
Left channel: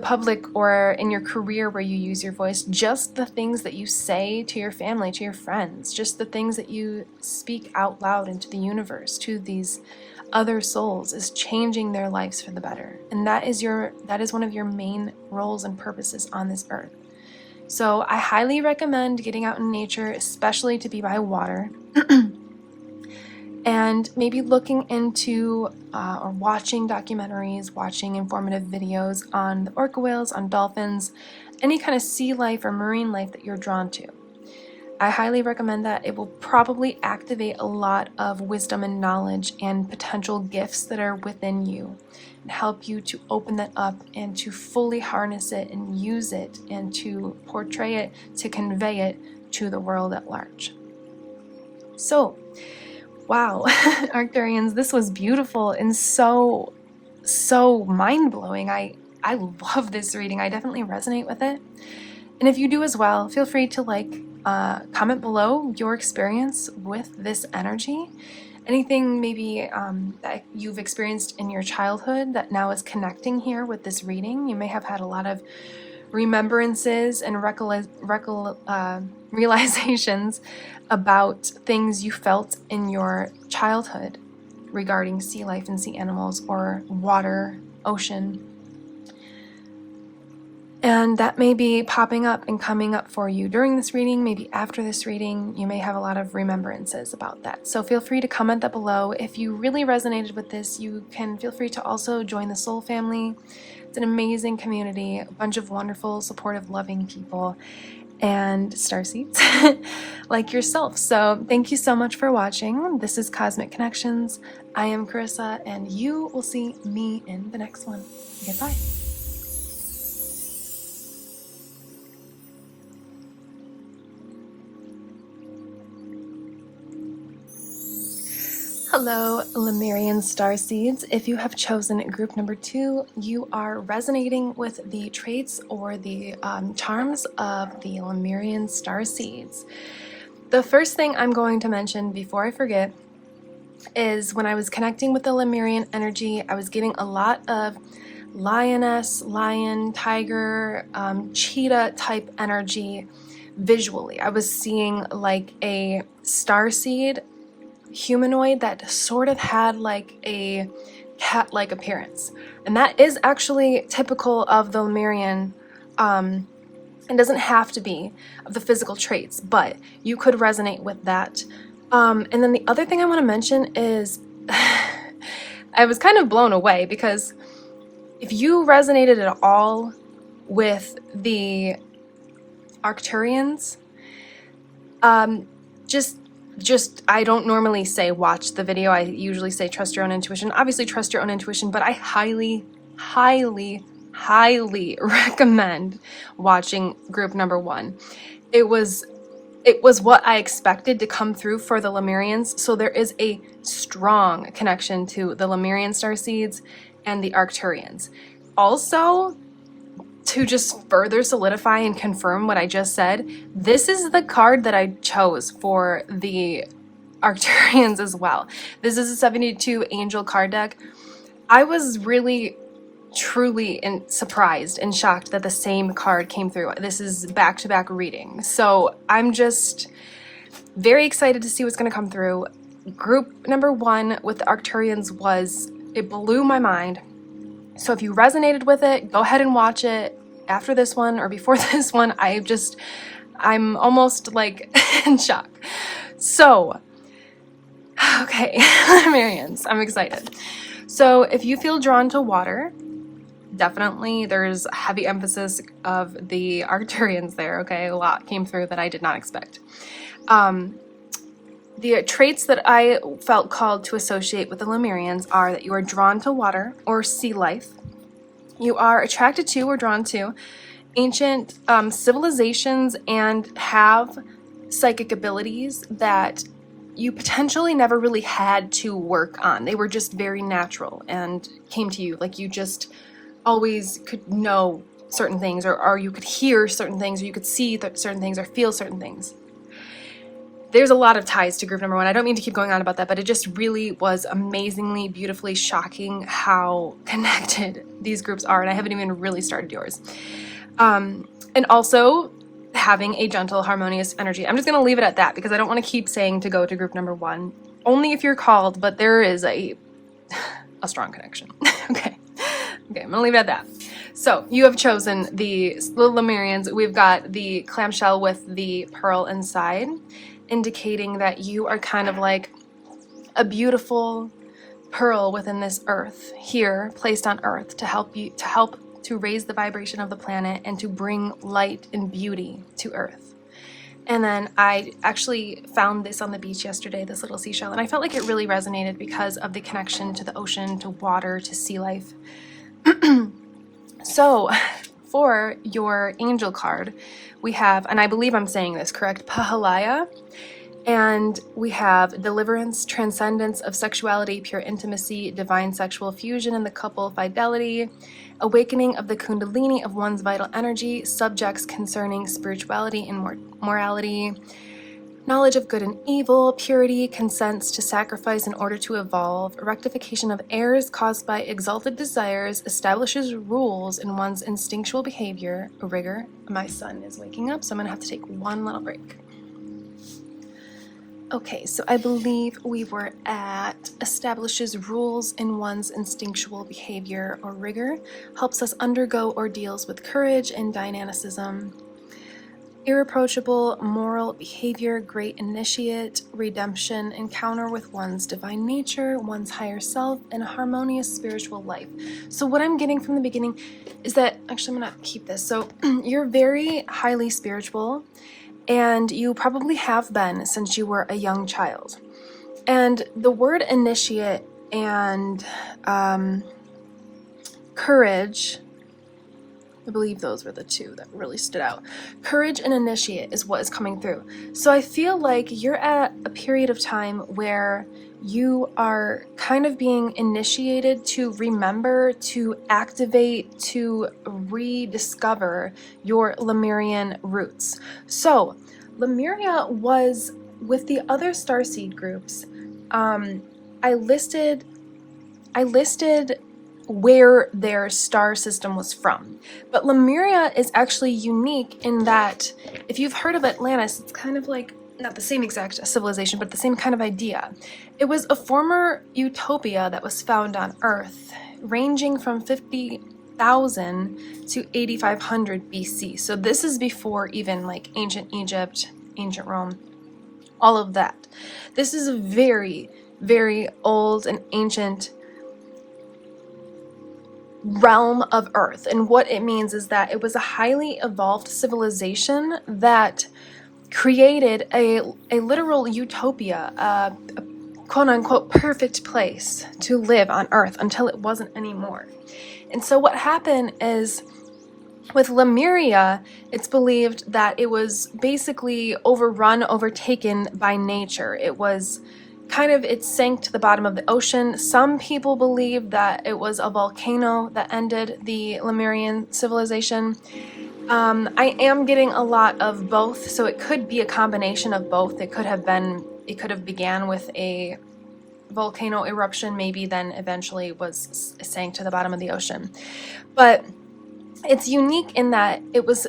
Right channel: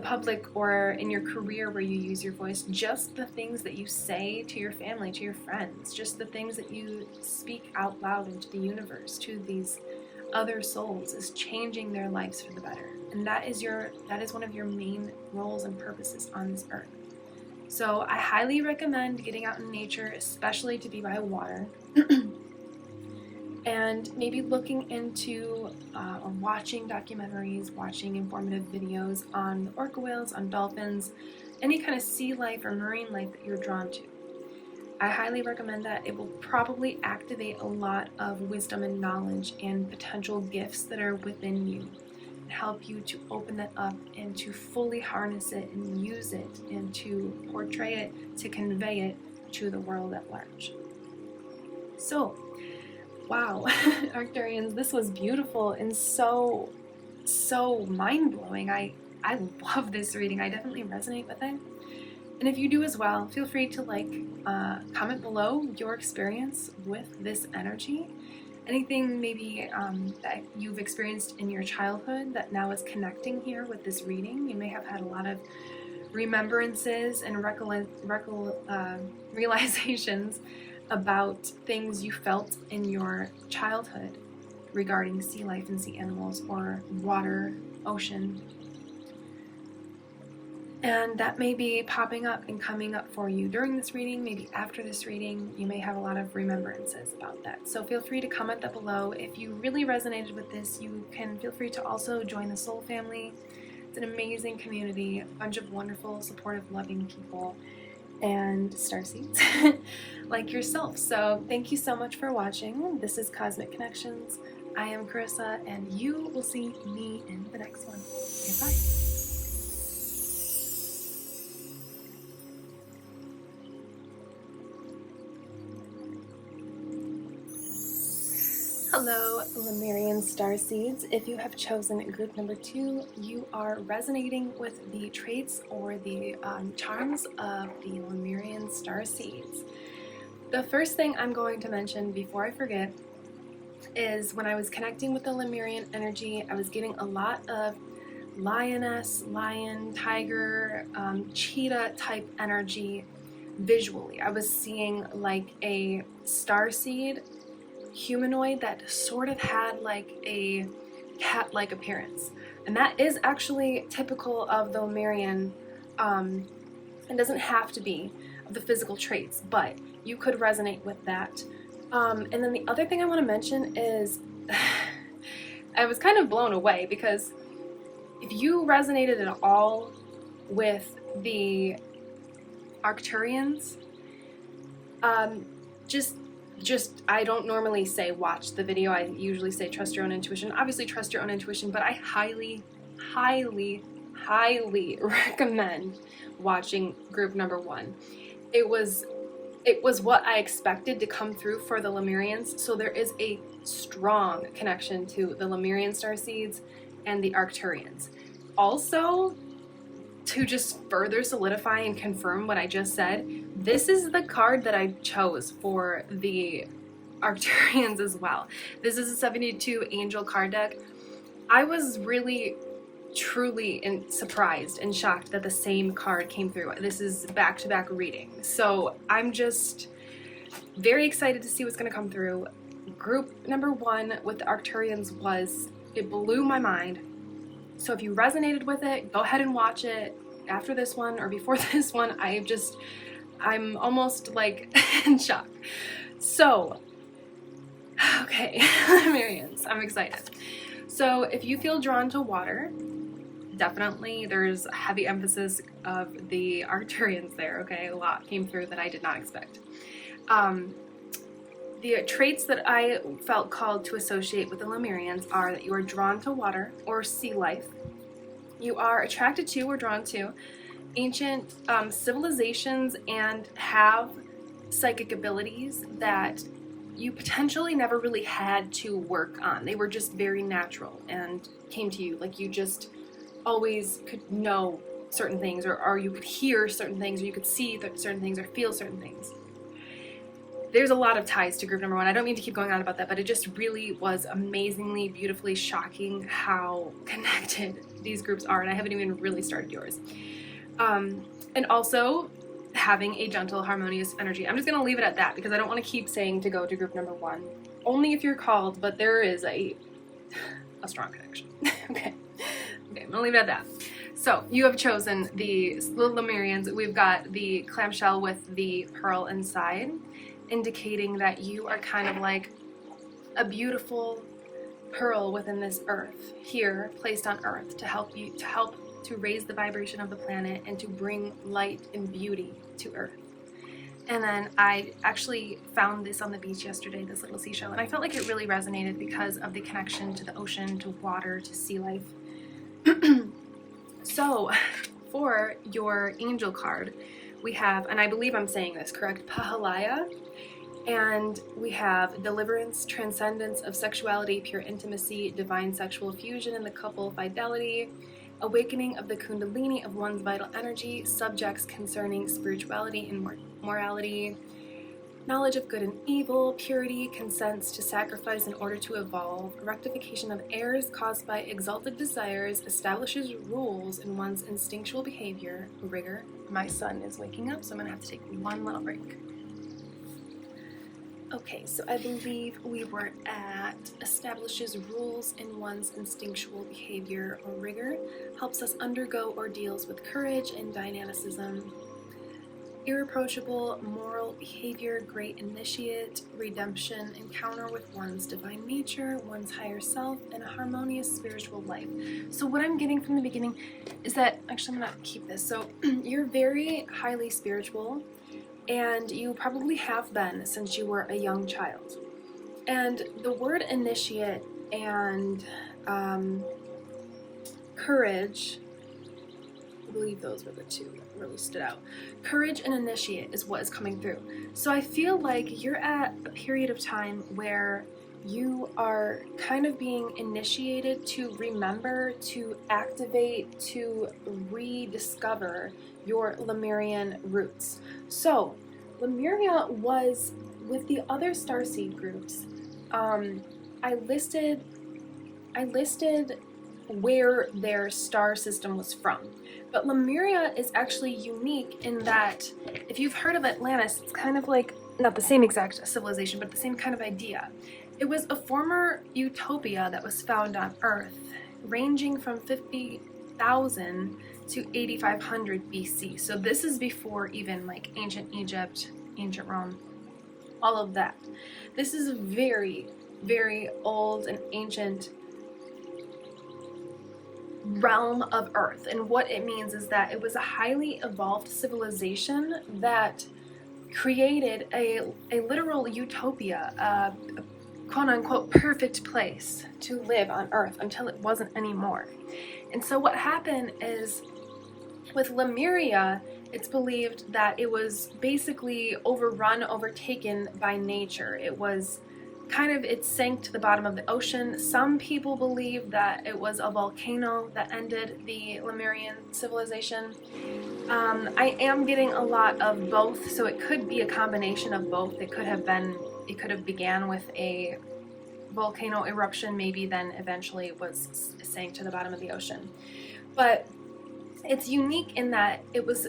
public or in your career where you use your voice, just the things that you say to your family, to your friends, just the things that you speak out loud into the universe to these other souls is changing their lives for the better. And that is one of your main roles and purposes on this earth. So I highly recommend getting out in nature, especially to be by water. And maybe looking into or watching documentaries, watching informative videos on the orca whales, on dolphins, any kind of sea life or marine life that you're drawn to. I highly recommend that. It will probably activate a lot of wisdom and knowledge and potential gifts that are within you and help you to open that up and to fully harness it and use it and to portray it, to convey it to the world at large. So, wow, Arcturians, this was beautiful and so mind-blowing. I love this reading. I definitely resonate with it. And if you do as well, feel free to comment below your experience with this energy. Anything maybe that you've experienced in your childhood that now is connecting here with this reading. You may have had a lot of remembrances and realizations about things you felt in your childhood regarding sea life and sea animals or water, ocean. And that may be popping up and coming up for you during this reading, maybe after this reading. You may have a lot of remembrances about that. So feel free to comment that below. If you really resonated with this, you can feel free to also join the Soul Family. It's an amazing community, a bunch of wonderful, supportive, loving people, and starseeds like yourself. So thank you so much for watching. This is Cosmic Connections. I am Carissa, and you will see me in the next one. Goodbye. Hello, Lemurian Starseeds. If you have chosen group number 2, you are resonating with the traits or the charms of the Lemurian Starseeds. The first thing I'm going to mention before I forget is when I was connecting with the Lemurian energy, I was getting a lot of lioness, lion, tiger, cheetah type energy visually. I was seeing like a starseed humanoid that sort of had like a cat-like appearance, and that is actually typical of the Lemurian. It doesn't have to be of the physical traits, but you could resonate with that. And then the other thing I want to mention is I was kind of blown away, because if you resonated at all with the ARCTURIANS, just I don't normally say watch the video. I usually say trust your own intuition. Obviously trust your own intuition, but I highly recommend watching group number 1. It was what I expected to come through for the Lemurians. So there is a strong connection to the Lemurian Starseeds and the Arcturians. Also, to just further solidify and confirm what I just said, this is the card that I chose for the Arcturians as well. This is a 72 angel card deck. I was really, truly surprised and shocked that the same card came through. This is back-to-back reading. So I'm just very excited to see what's going to come through. Group number 1 with the Arcturians it blew my mind. So if you resonated with it, go ahead and watch it after this one or before this one. I'm almost like in shock. So, okay, Lemurians, I'm excited. So if you feel drawn to water, definitely there's a heavy emphasis of the Arcturians there, okay? A lot came through that I did not expect. The traits that I felt called to associate with the Lemurians are that you are drawn to water or sea life. You are attracted to or drawn to ancient civilizations and have psychic abilities that you potentially never really had to work on. They were just very natural and came to you. Like you just always could know certain things, or you could hear certain things, or you could see certain things, or feel certain things. There's a lot of ties to group number 1. I don't mean to keep going on about that, but it just really was amazingly, beautifully shocking how connected these groups are, and I haven't even really started yours. And also having a gentle, harmonious energy. I'm just going to leave it at that, because I don't want to keep saying to go to group number 1. Only if you're called, but there is a strong connection. Okay, I'm going to leave it at that. So you have chosen the Lemurians. We've got the clamshell with the pearl inside, indicating that you are kind of like a beautiful pearl within this earth here, placed on earth to help to raise the vibration of the planet and to bring light and beauty to earth. And then I actually found this on the beach yesterday, this little seashell, and I felt like it really resonated because of the connection to the ocean, to water, to sea life. So for your angel card, we have, and I believe I'm saying this correct, Pahalaya, and we have deliverance, transcendence of sexuality, pure intimacy, divine sexual fusion in the couple, fidelity, awakening of the kundalini of one's vital energy, subjects concerning spirituality and morality, knowledge of good and evil, purity, consents to sacrifice in order to evolve, rectification of errors caused by exalted desires, establishes rules in one's instinctual behavior, rigor. My son is waking up, so I'm gonna have to take one little break. Okay, so I believe we were at establishes rules in one's instinctual behavior or rigor, helps us undergo ordeals with courage and dynamicism, irreproachable moral behavior, great initiate, redemption, encounter with one's divine nature, one's higher self, and a harmonious spiritual life. So what I'm getting from the beginning is that, actually I'm gonna keep this, so you're very highly spiritual, and you probably have been since you were a young child. And the word initiate and courage, I believe those were the two that really stood out. Courage and initiate is what is coming through. So I feel like you're at a period of time where you are kind of being initiated to remember, to activate, to rediscover your Lemurian roots. So Lemuria was with the other Starseed groups. I listed where their star system was from, but Lemuria is actually unique in that if you've heard of Atlantis, it's kind of like, not the same exact civilization, but the same kind of idea. It was a former utopia that was found on Earth, ranging from 50,000 to 8,500 BC. So this is before even like ancient Egypt, ancient Rome, all of that. This is a very, very old and ancient realm of Earth, and what it means is that it was a highly evolved civilization that created a literal utopia, a quote-unquote perfect place to live on Earth until it wasn't anymore. And so what happened is, with Lemuria, it's believed that it was basically overrun, overtaken by nature. It was it sank to the bottom of the ocean. Some people believe that it was a volcano that ended the Lemurian civilization. I am getting a lot of both, so it could be a combination of both. It could have began with a volcano eruption, maybe then eventually sank to the bottom of the ocean. But it's unique in that it was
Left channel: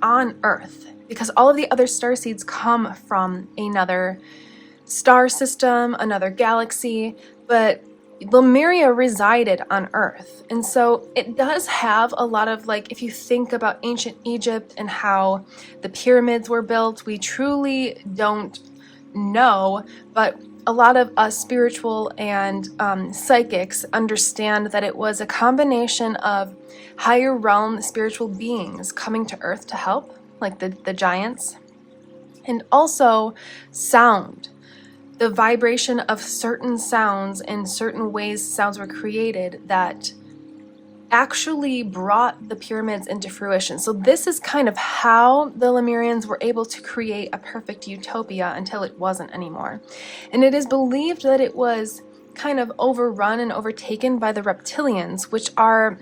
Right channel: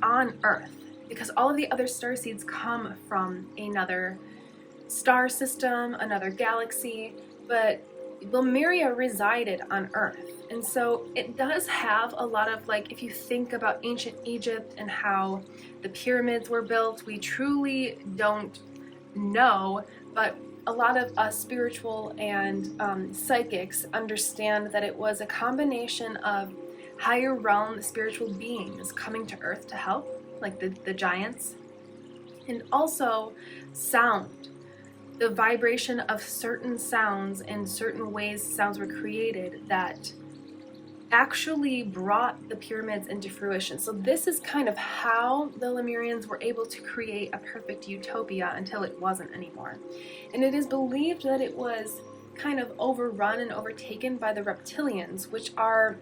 on Earth, because all of the other starseeds come from another star system, another galaxy, but Lemuria resided on Earth. And so it does have a lot of, like, if you think about ancient Egypt and how the pyramids were built, we truly don't know, but a lot of us spiritual and psychics understand that it was a combination of higher realm spiritual beings coming to Earth to help, like the giants, and also sound. The vibration of certain sounds and certain ways sounds were created that actually brought the pyramids into fruition. So this is kind of how the Lemurians were able to create a perfect utopia until it wasn't anymore. And it is believed that it was kind of overrun and overtaken by the reptilians, which are,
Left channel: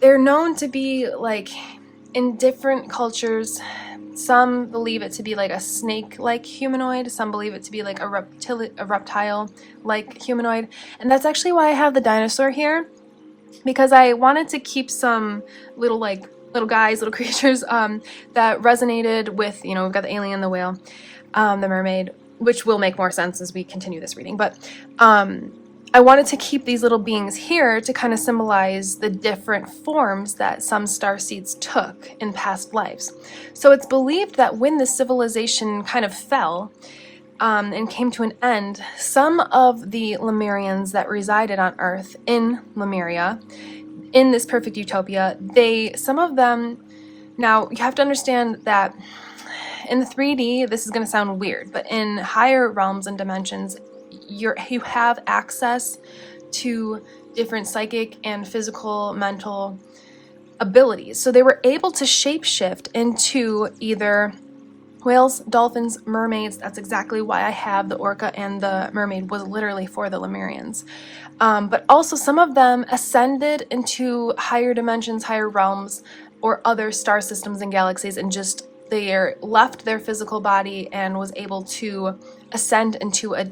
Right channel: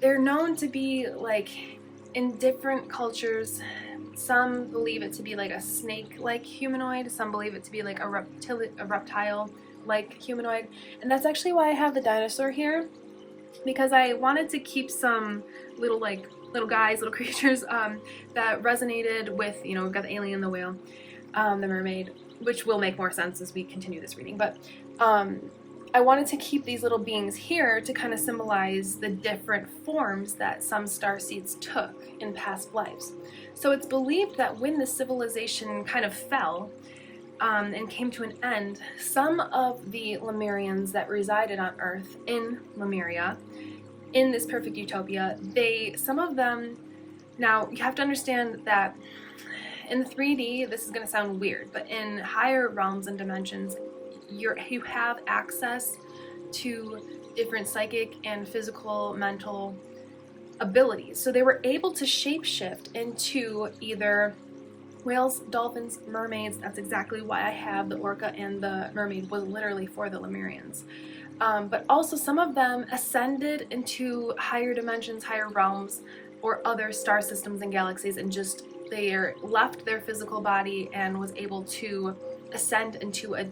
they're known to be, like, in different cultures, some believe it to be like a snake-like humanoid, some believe it to be like a reptile-like humanoid, and that's actually why I have the dinosaur here, because I wanted to keep some little guys, little creatures that resonated with, you know, we've got the alien, the whale, the mermaid, which will make more sense as we continue this reading, but I wanted to keep these little beings here to kind of symbolize the different forms that some starseeds took in past lives. So it's believed that when the civilization kind of fell and came to an end, some of the Lemurians that resided on Earth in Lemuria, in this perfect utopia, some of them, now you have to understand that in the 3D, this is going to sound weird, but in higher realms and dimensions, you have access to different psychic and physical, mental abilities. So they were able to shapeshift into either whales, dolphins, mermaids. That's exactly why I have the orca, and the mermaid was literally for the Lemurians. But also some of them ascended into higher dimensions, higher realms, or other star systems and galaxies, and just they left their physical body and was able to ascend to a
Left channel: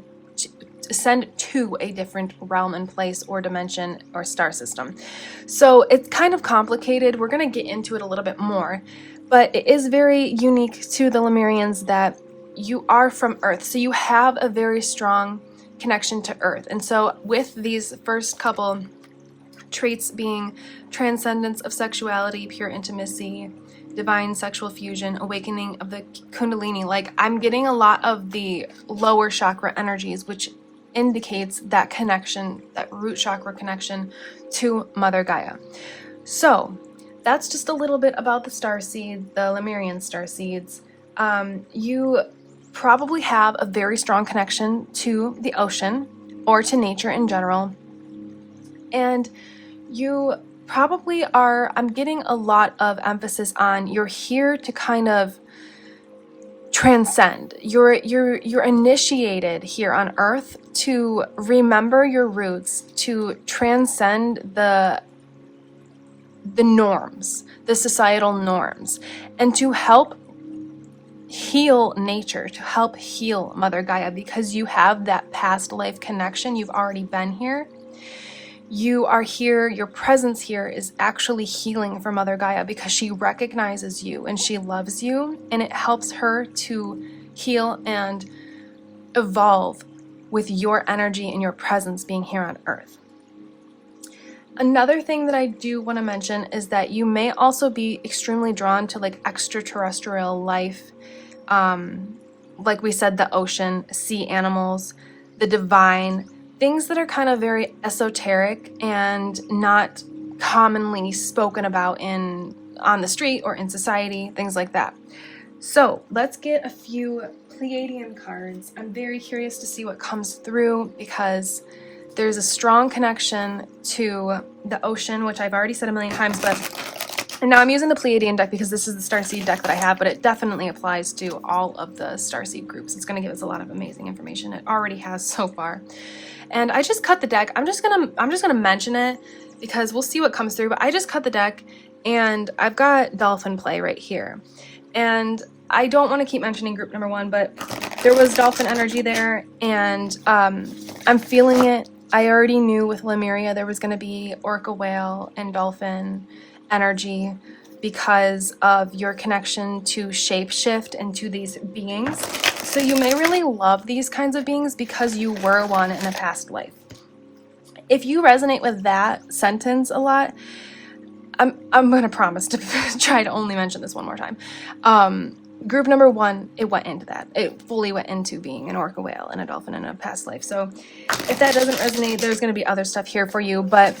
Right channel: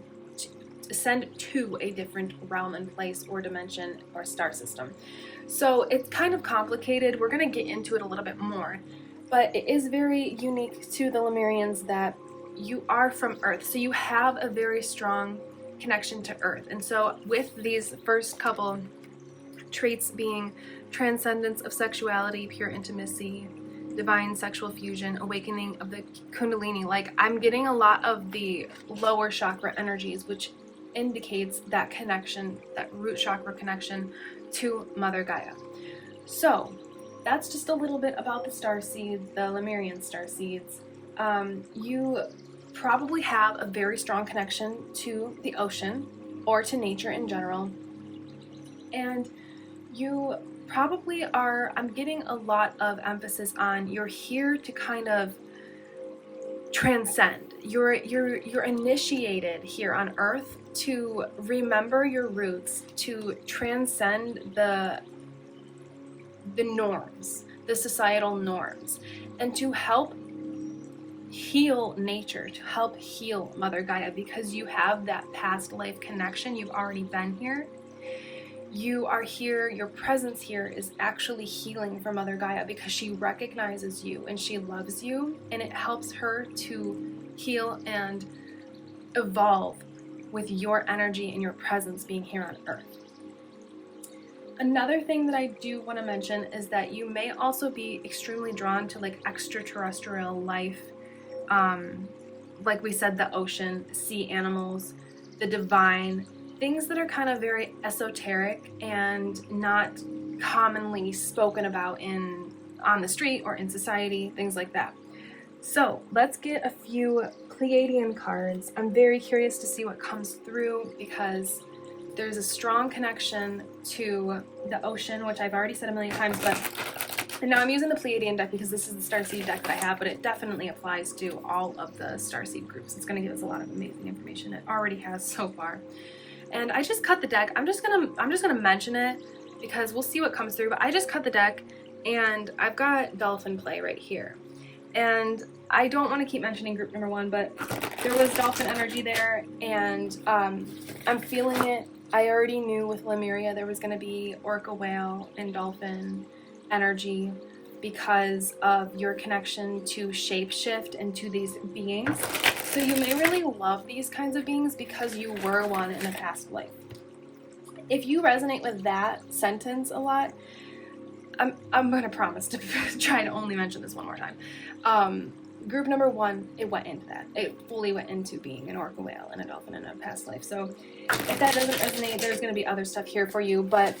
different realm and place or dimension or star system. So it's kind of complicated. We're going to get into it a little bit more, but it is very unique to the Lemurians that you are from Earth, so you have a very strong connection to Earth. And so with these first couple traits being transcendence of sexuality, pure intimacy, divine sexual fusion, awakening of the kundalini, like I'm getting a lot of the lower chakra energies, which indicates that connection, that root chakra connection to Mother Gaia. So that's just a little bit about the starseed, the Lemurian starseeds. You probably have a very strong connection to the ocean or to nature in general. And you probably are, I'm getting a lot of emphasis on you're here to kind of transcend. You're initiated here on Earth to remember your roots, to transcend the norms, the societal norms, and to help heal nature, to help heal Mother Gaia, because you have that past life connection. You've already been here. You are here, your presence here is actually healing for Mother Gaia because she recognizes you and she loves you, and it helps her to heal and evolve with your energy and your presence being here on Earth. Another thing that I do want to mention is that you may also be extremely drawn to like extraterrestrial life, like we said, the ocean, sea animals, the divine, things that are kind of very esoteric and not commonly spoken about on the street or in society, things like that. So let's get a few Pleiadian cards. I'm very curious to see what comes through because there's a strong connection to the ocean, which I've already said a million times, and now I'm using the Pleiadian deck because this is the Starseed deck that I have, but it definitely applies to all of the Starseed groups. It's going to give us a lot of amazing information. It already has so far. And I just cut the deck. I'm just gonna mention it because we'll see what comes through. But I just cut the deck, and I've got dolphin play right here. And I don't want to keep mentioning group number 1, but there was dolphin energy there, and I'm feeling it. I already knew with Lemuria there was going to be orca, whale, and dolphin energy because of your connection to shapeshift and to these beings. So you may really love these kinds of beings because you were one in a past life. If you resonate with that sentence a lot, I'm going to promise to try to only mention this one more time. Group number 1, it went into that. It fully went into being an orca, whale, and a dolphin in a past life. So if that doesn't resonate, there's going to be other stuff here for you. But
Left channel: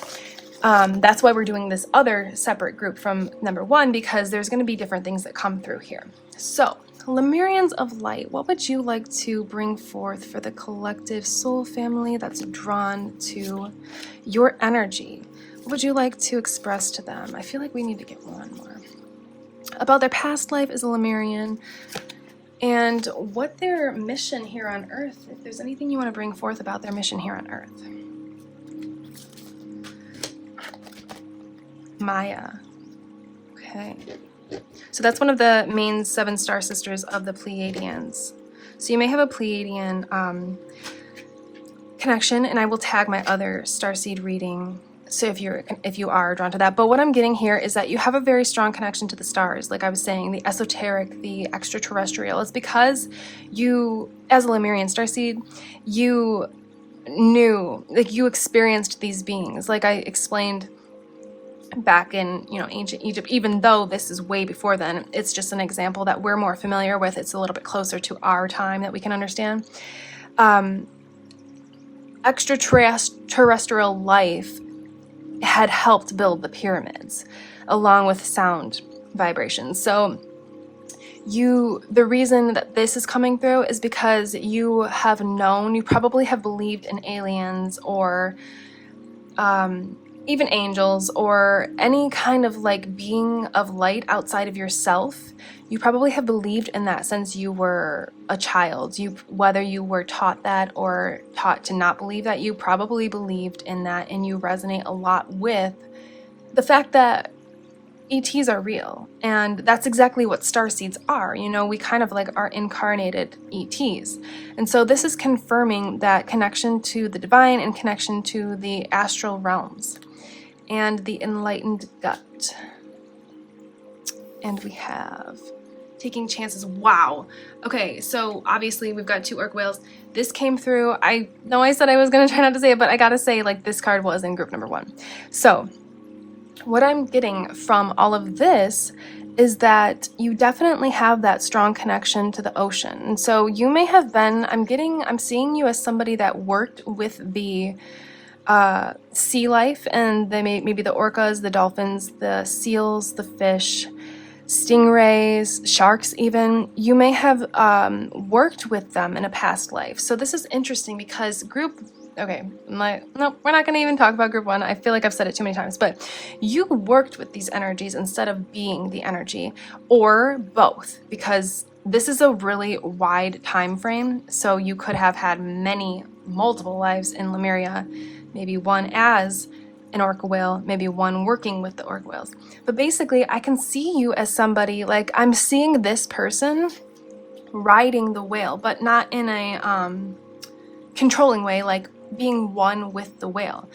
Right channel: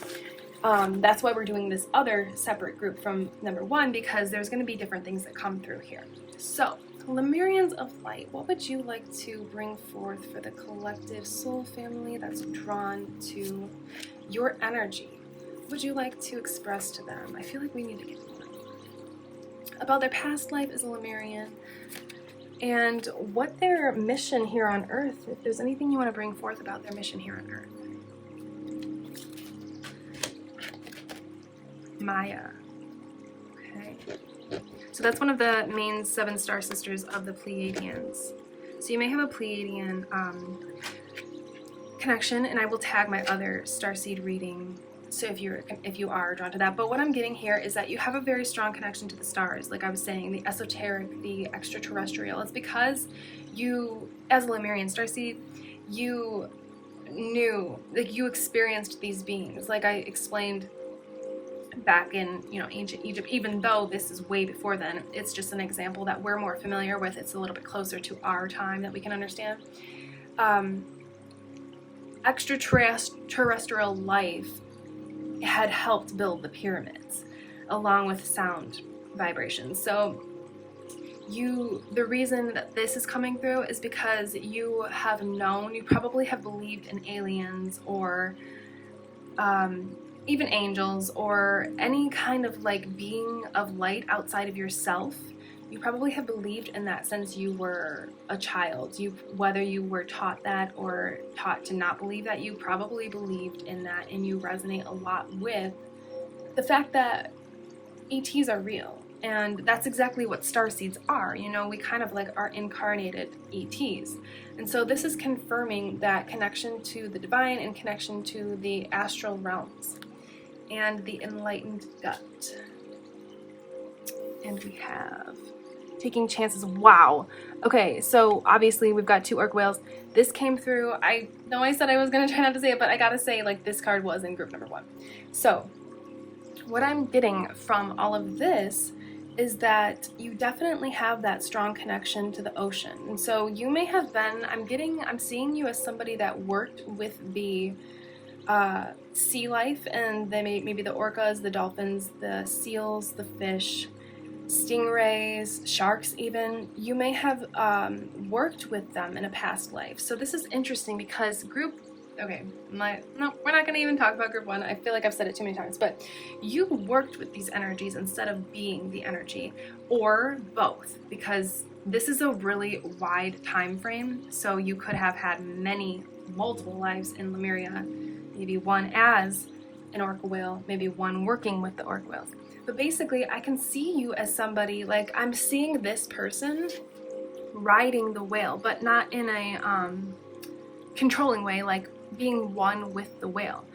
that's why we're doing this other separate group from number 1, because there's going to be different things that come through here. So Lemurians of Light, what would you like to bring forth for the collective soul family that's drawn to your energy? What would you like to express to them? I feel like we need to get one more. About their past life as a Lemurian, and what their mission here on Earth, if there's anything you want to bring forth about their mission here on Earth. Maya. Okay. So that's one of the main 7 star sisters of the Pleiadians. So you may have a Pleiadian connection, and I will tag my other Starseed reading. So if you are drawn to that. But what I'm getting here is that you have a very strong connection to the stars. Like I was saying, the esoteric, the extraterrestrial. It's because you, as a Lemurian Starseed, you knew, like you experienced these beings. Like I explained back in, ancient Egypt, even though this is way before then, it's just an example that we're more familiar with. It's a little bit closer to our time that we can understand. Extraterrestrial life had helped build the pyramids along with sound vibrations. So the reason that this is coming through is because you have known, you probably have believed in aliens or even angels or any kind of like being of light outside of yourself. You probably have believed in that since you were a child. Whether you were taught that or taught to not believe that, you probably believed in that, and you resonate a lot with the fact that ETs are real. And that's exactly what starseeds are. We kind of like are incarnated ETs. And so this is confirming that connection to the divine and connection to the astral realms and the enlightened gut. And we have taking chances. Wow. Okay, so obviously we've got two orc whales. This came through. I know I said I was going to try not to say it, but I gotta say, like, this card was in group number 1. So what I'm getting from all of this is that you definitely have that strong connection to the ocean. And so you may have been, I'm seeing you as somebody that worked with the sea life, and maybe the orcas, the dolphins, the seals, the fish, stingrays, sharks even. You may have worked with them in a past life. So this is interesting because okay, no, we're not going to even talk about group 1. I feel like I've said it too many times, but you worked with these energies instead of being the energy, or both, because this is a really wide time frame. So you could have had multiple lives in Lemuria, maybe one as an orca whale, maybe one working with the orca whales. But basically, I can see you as somebody, like, I'm seeing this person riding the whale, but not in a controlling way, like being one with the whale.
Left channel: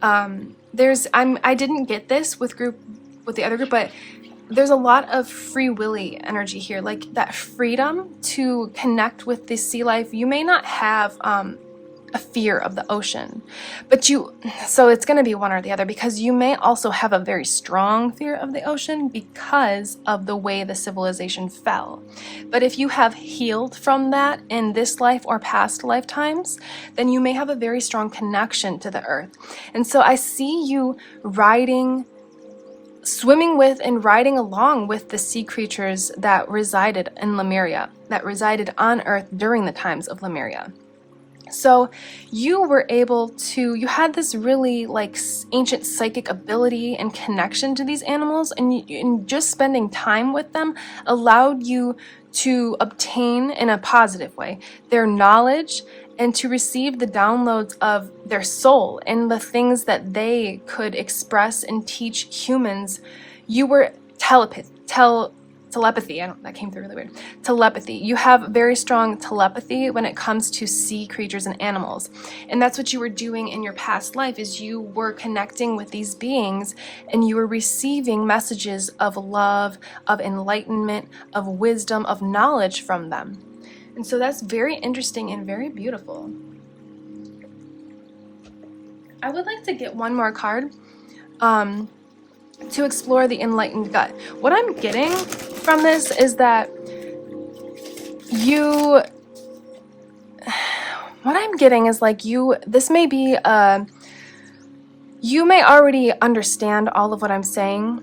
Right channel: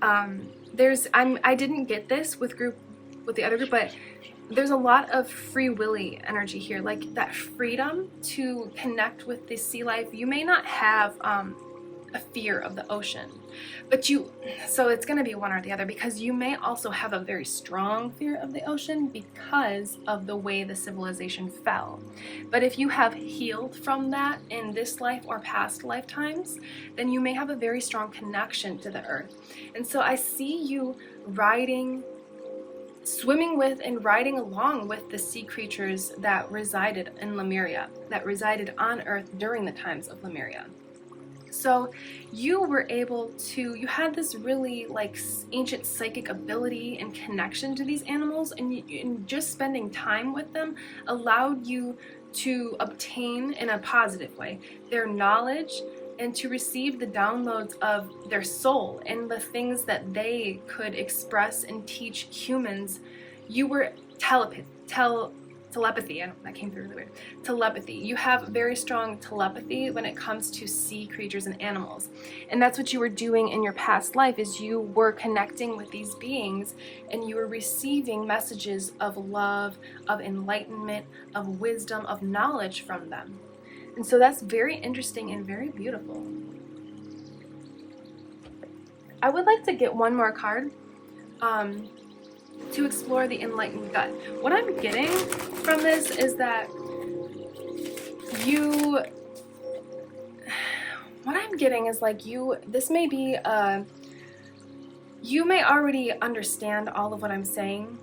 I didn't get this with the other group, but there's a lot of free willy energy here, like that freedom to connect with the sea life. You may not have a fear of the ocean, so it's going to be one or the other, because you may also have a very strong fear of the ocean because of the way the civilization fell. But if you have healed from that in this life or past lifetimes, then you may have a very strong connection to the earth. And so I see you swimming with and riding along with the sea creatures that resided in Lemuria, that resided on earth during the times of Lemuria. So you had this really like ancient psychic ability and connection to these animals, and just spending time with them allowed you to obtain, in a positive way, their knowledge and to receive the downloads of their soul and the things that they could express and teach humans. You were telepathy. That came through really weird. Telepathy. You have very strong telepathy when it comes to sea creatures and animals. And that's what you were doing in your past life, is you were connecting with these beings and you were receiving messages of love, of enlightenment, of wisdom, of knowledge from them. And so that's very interesting and very beautiful. I would like to get one more card to explore the enlightened gut. What I'm getting from this is that this may be you may already understand all of what I'm saying,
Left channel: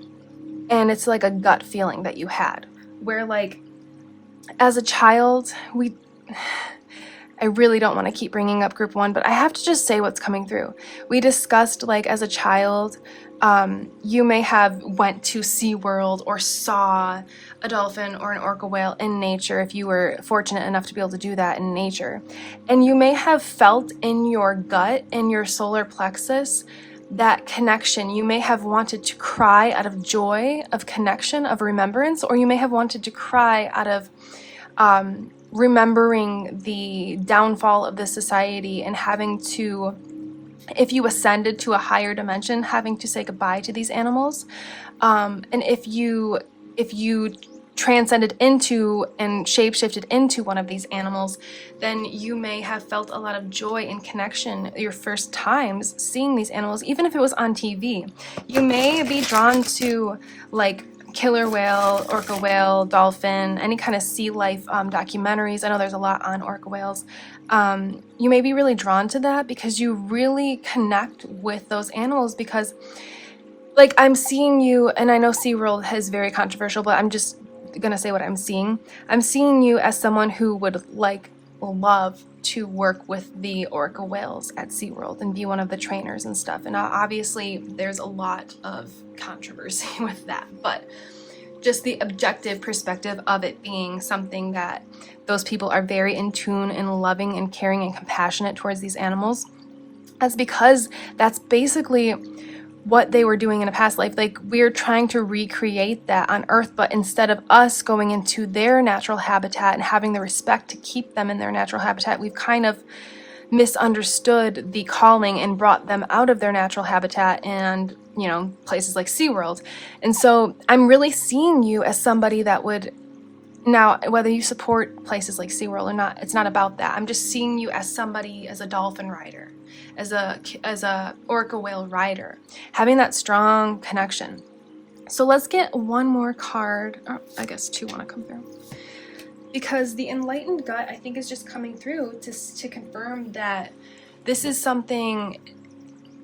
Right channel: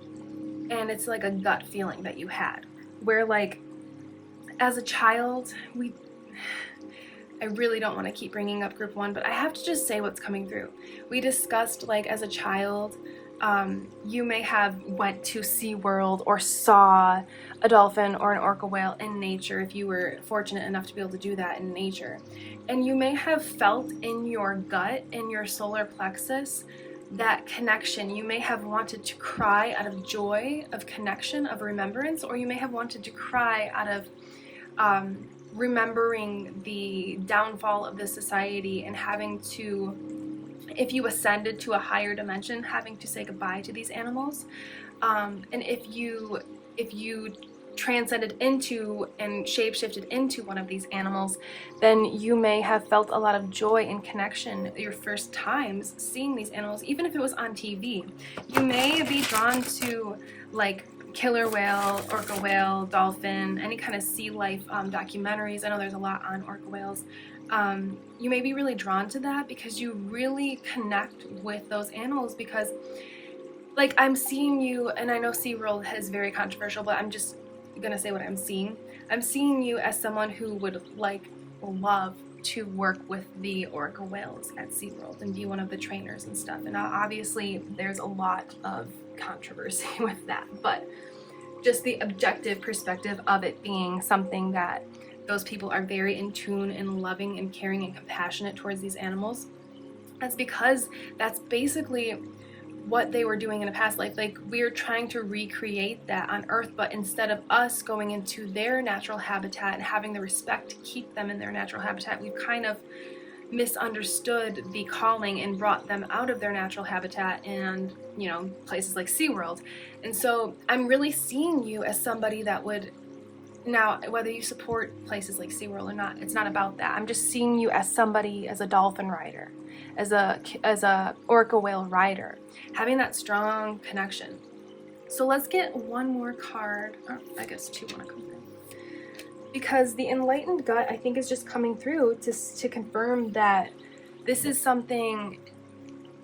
and it's like a gut feeling that you had, where, like, as a child, I really don't want to keep bringing up group 1, but I have to just say what's coming through. We discussed, like, as a child, you may have went to SeaWorld or saw a dolphin or an orca whale in nature, if you were fortunate enough to be able to do that in nature. And you may have felt in your gut, in your solar plexus, that connection. You may have wanted to cry out of joy, of connection, of remembrance, or you may have wanted to cry out of remembering the downfall of the society and having to, if you ascended to a higher dimension, having to say goodbye to these animals. And if you transcended into and shapeshifted into one of these animals, then you may have felt a lot of joy and connection your first times seeing these animals, even if it was on TV. You may be drawn to, like, killer whale, orca whale, dolphin, any kind of sea life documentaries. I know there's a lot on orca whales. You may be really drawn to that because you really connect with those animals, because, like, I'm seeing you, and I know SeaWorld is very controversial, but I'm just gonna say what I'm seeing. I'm seeing you as someone who would, like, love to work with the orca whales at SeaWorld and be one of the trainers and stuff. And obviously there's a lot of controversy with that, but just the objective perspective of it being something that those people are very in tune and loving and caring and compassionate towards these animals, that's because that's basically what they were doing in a past life. Like, we're trying to recreate that on Earth, but instead of us going into their natural habitat and having the respect to keep them in their natural habitat, we've kind of misunderstood the calling and brought them out of their natural habitat and, you know, places like SeaWorld. And so I'm really seeing you as somebody that would Now, whether you support places like SeaWorld or not, it's not about that. I'm just seeing you as somebody, as a dolphin rider, as a orca whale rider, having that strong connection. So let's get one more card. Oh, I guess two want to come through. Because the enlightened gut, I think, is just coming through to confirm that this is something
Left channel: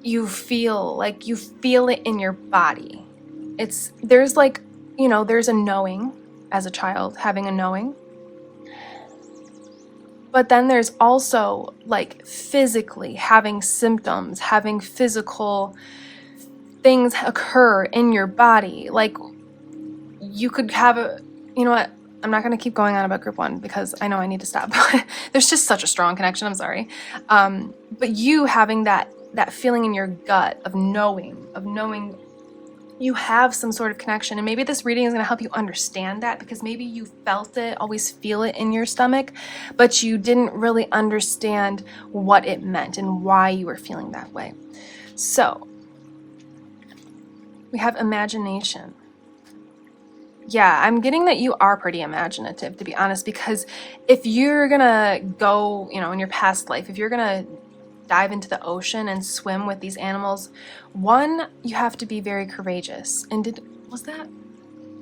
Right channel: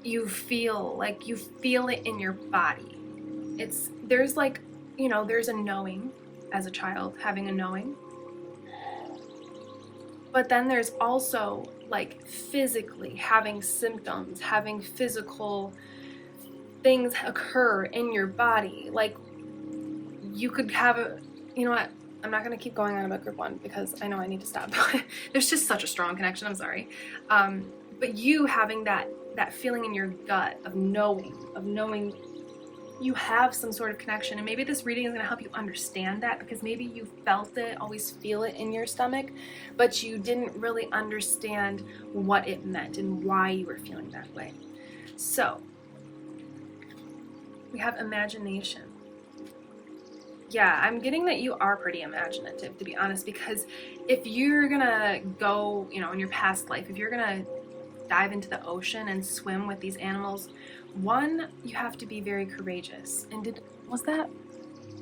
you feel, like you feel it in your body. There's like, you know, there's a knowing as a child, having a knowing. But then there's also like physically having symptoms, having physical things occur in your body. Like you could have you know what? I'm not going to keep going on about group 1 because I know I need to stop. There's just such a strong connection. I'm sorry. But you having that feeling in your gut of knowing you have some sort of connection, and maybe this reading is going to help you understand that, because maybe you felt it, always feel it in your stomach, but you didn't really understand what it meant and why you were feeling that way. So we have imagination. Yeah, I'm getting that you are pretty imaginative, to be honest, because if you're gonna go, you know, in your past life, if you're gonna dive into the ocean and swim with these animals, one, you have to be very courageous. And was that?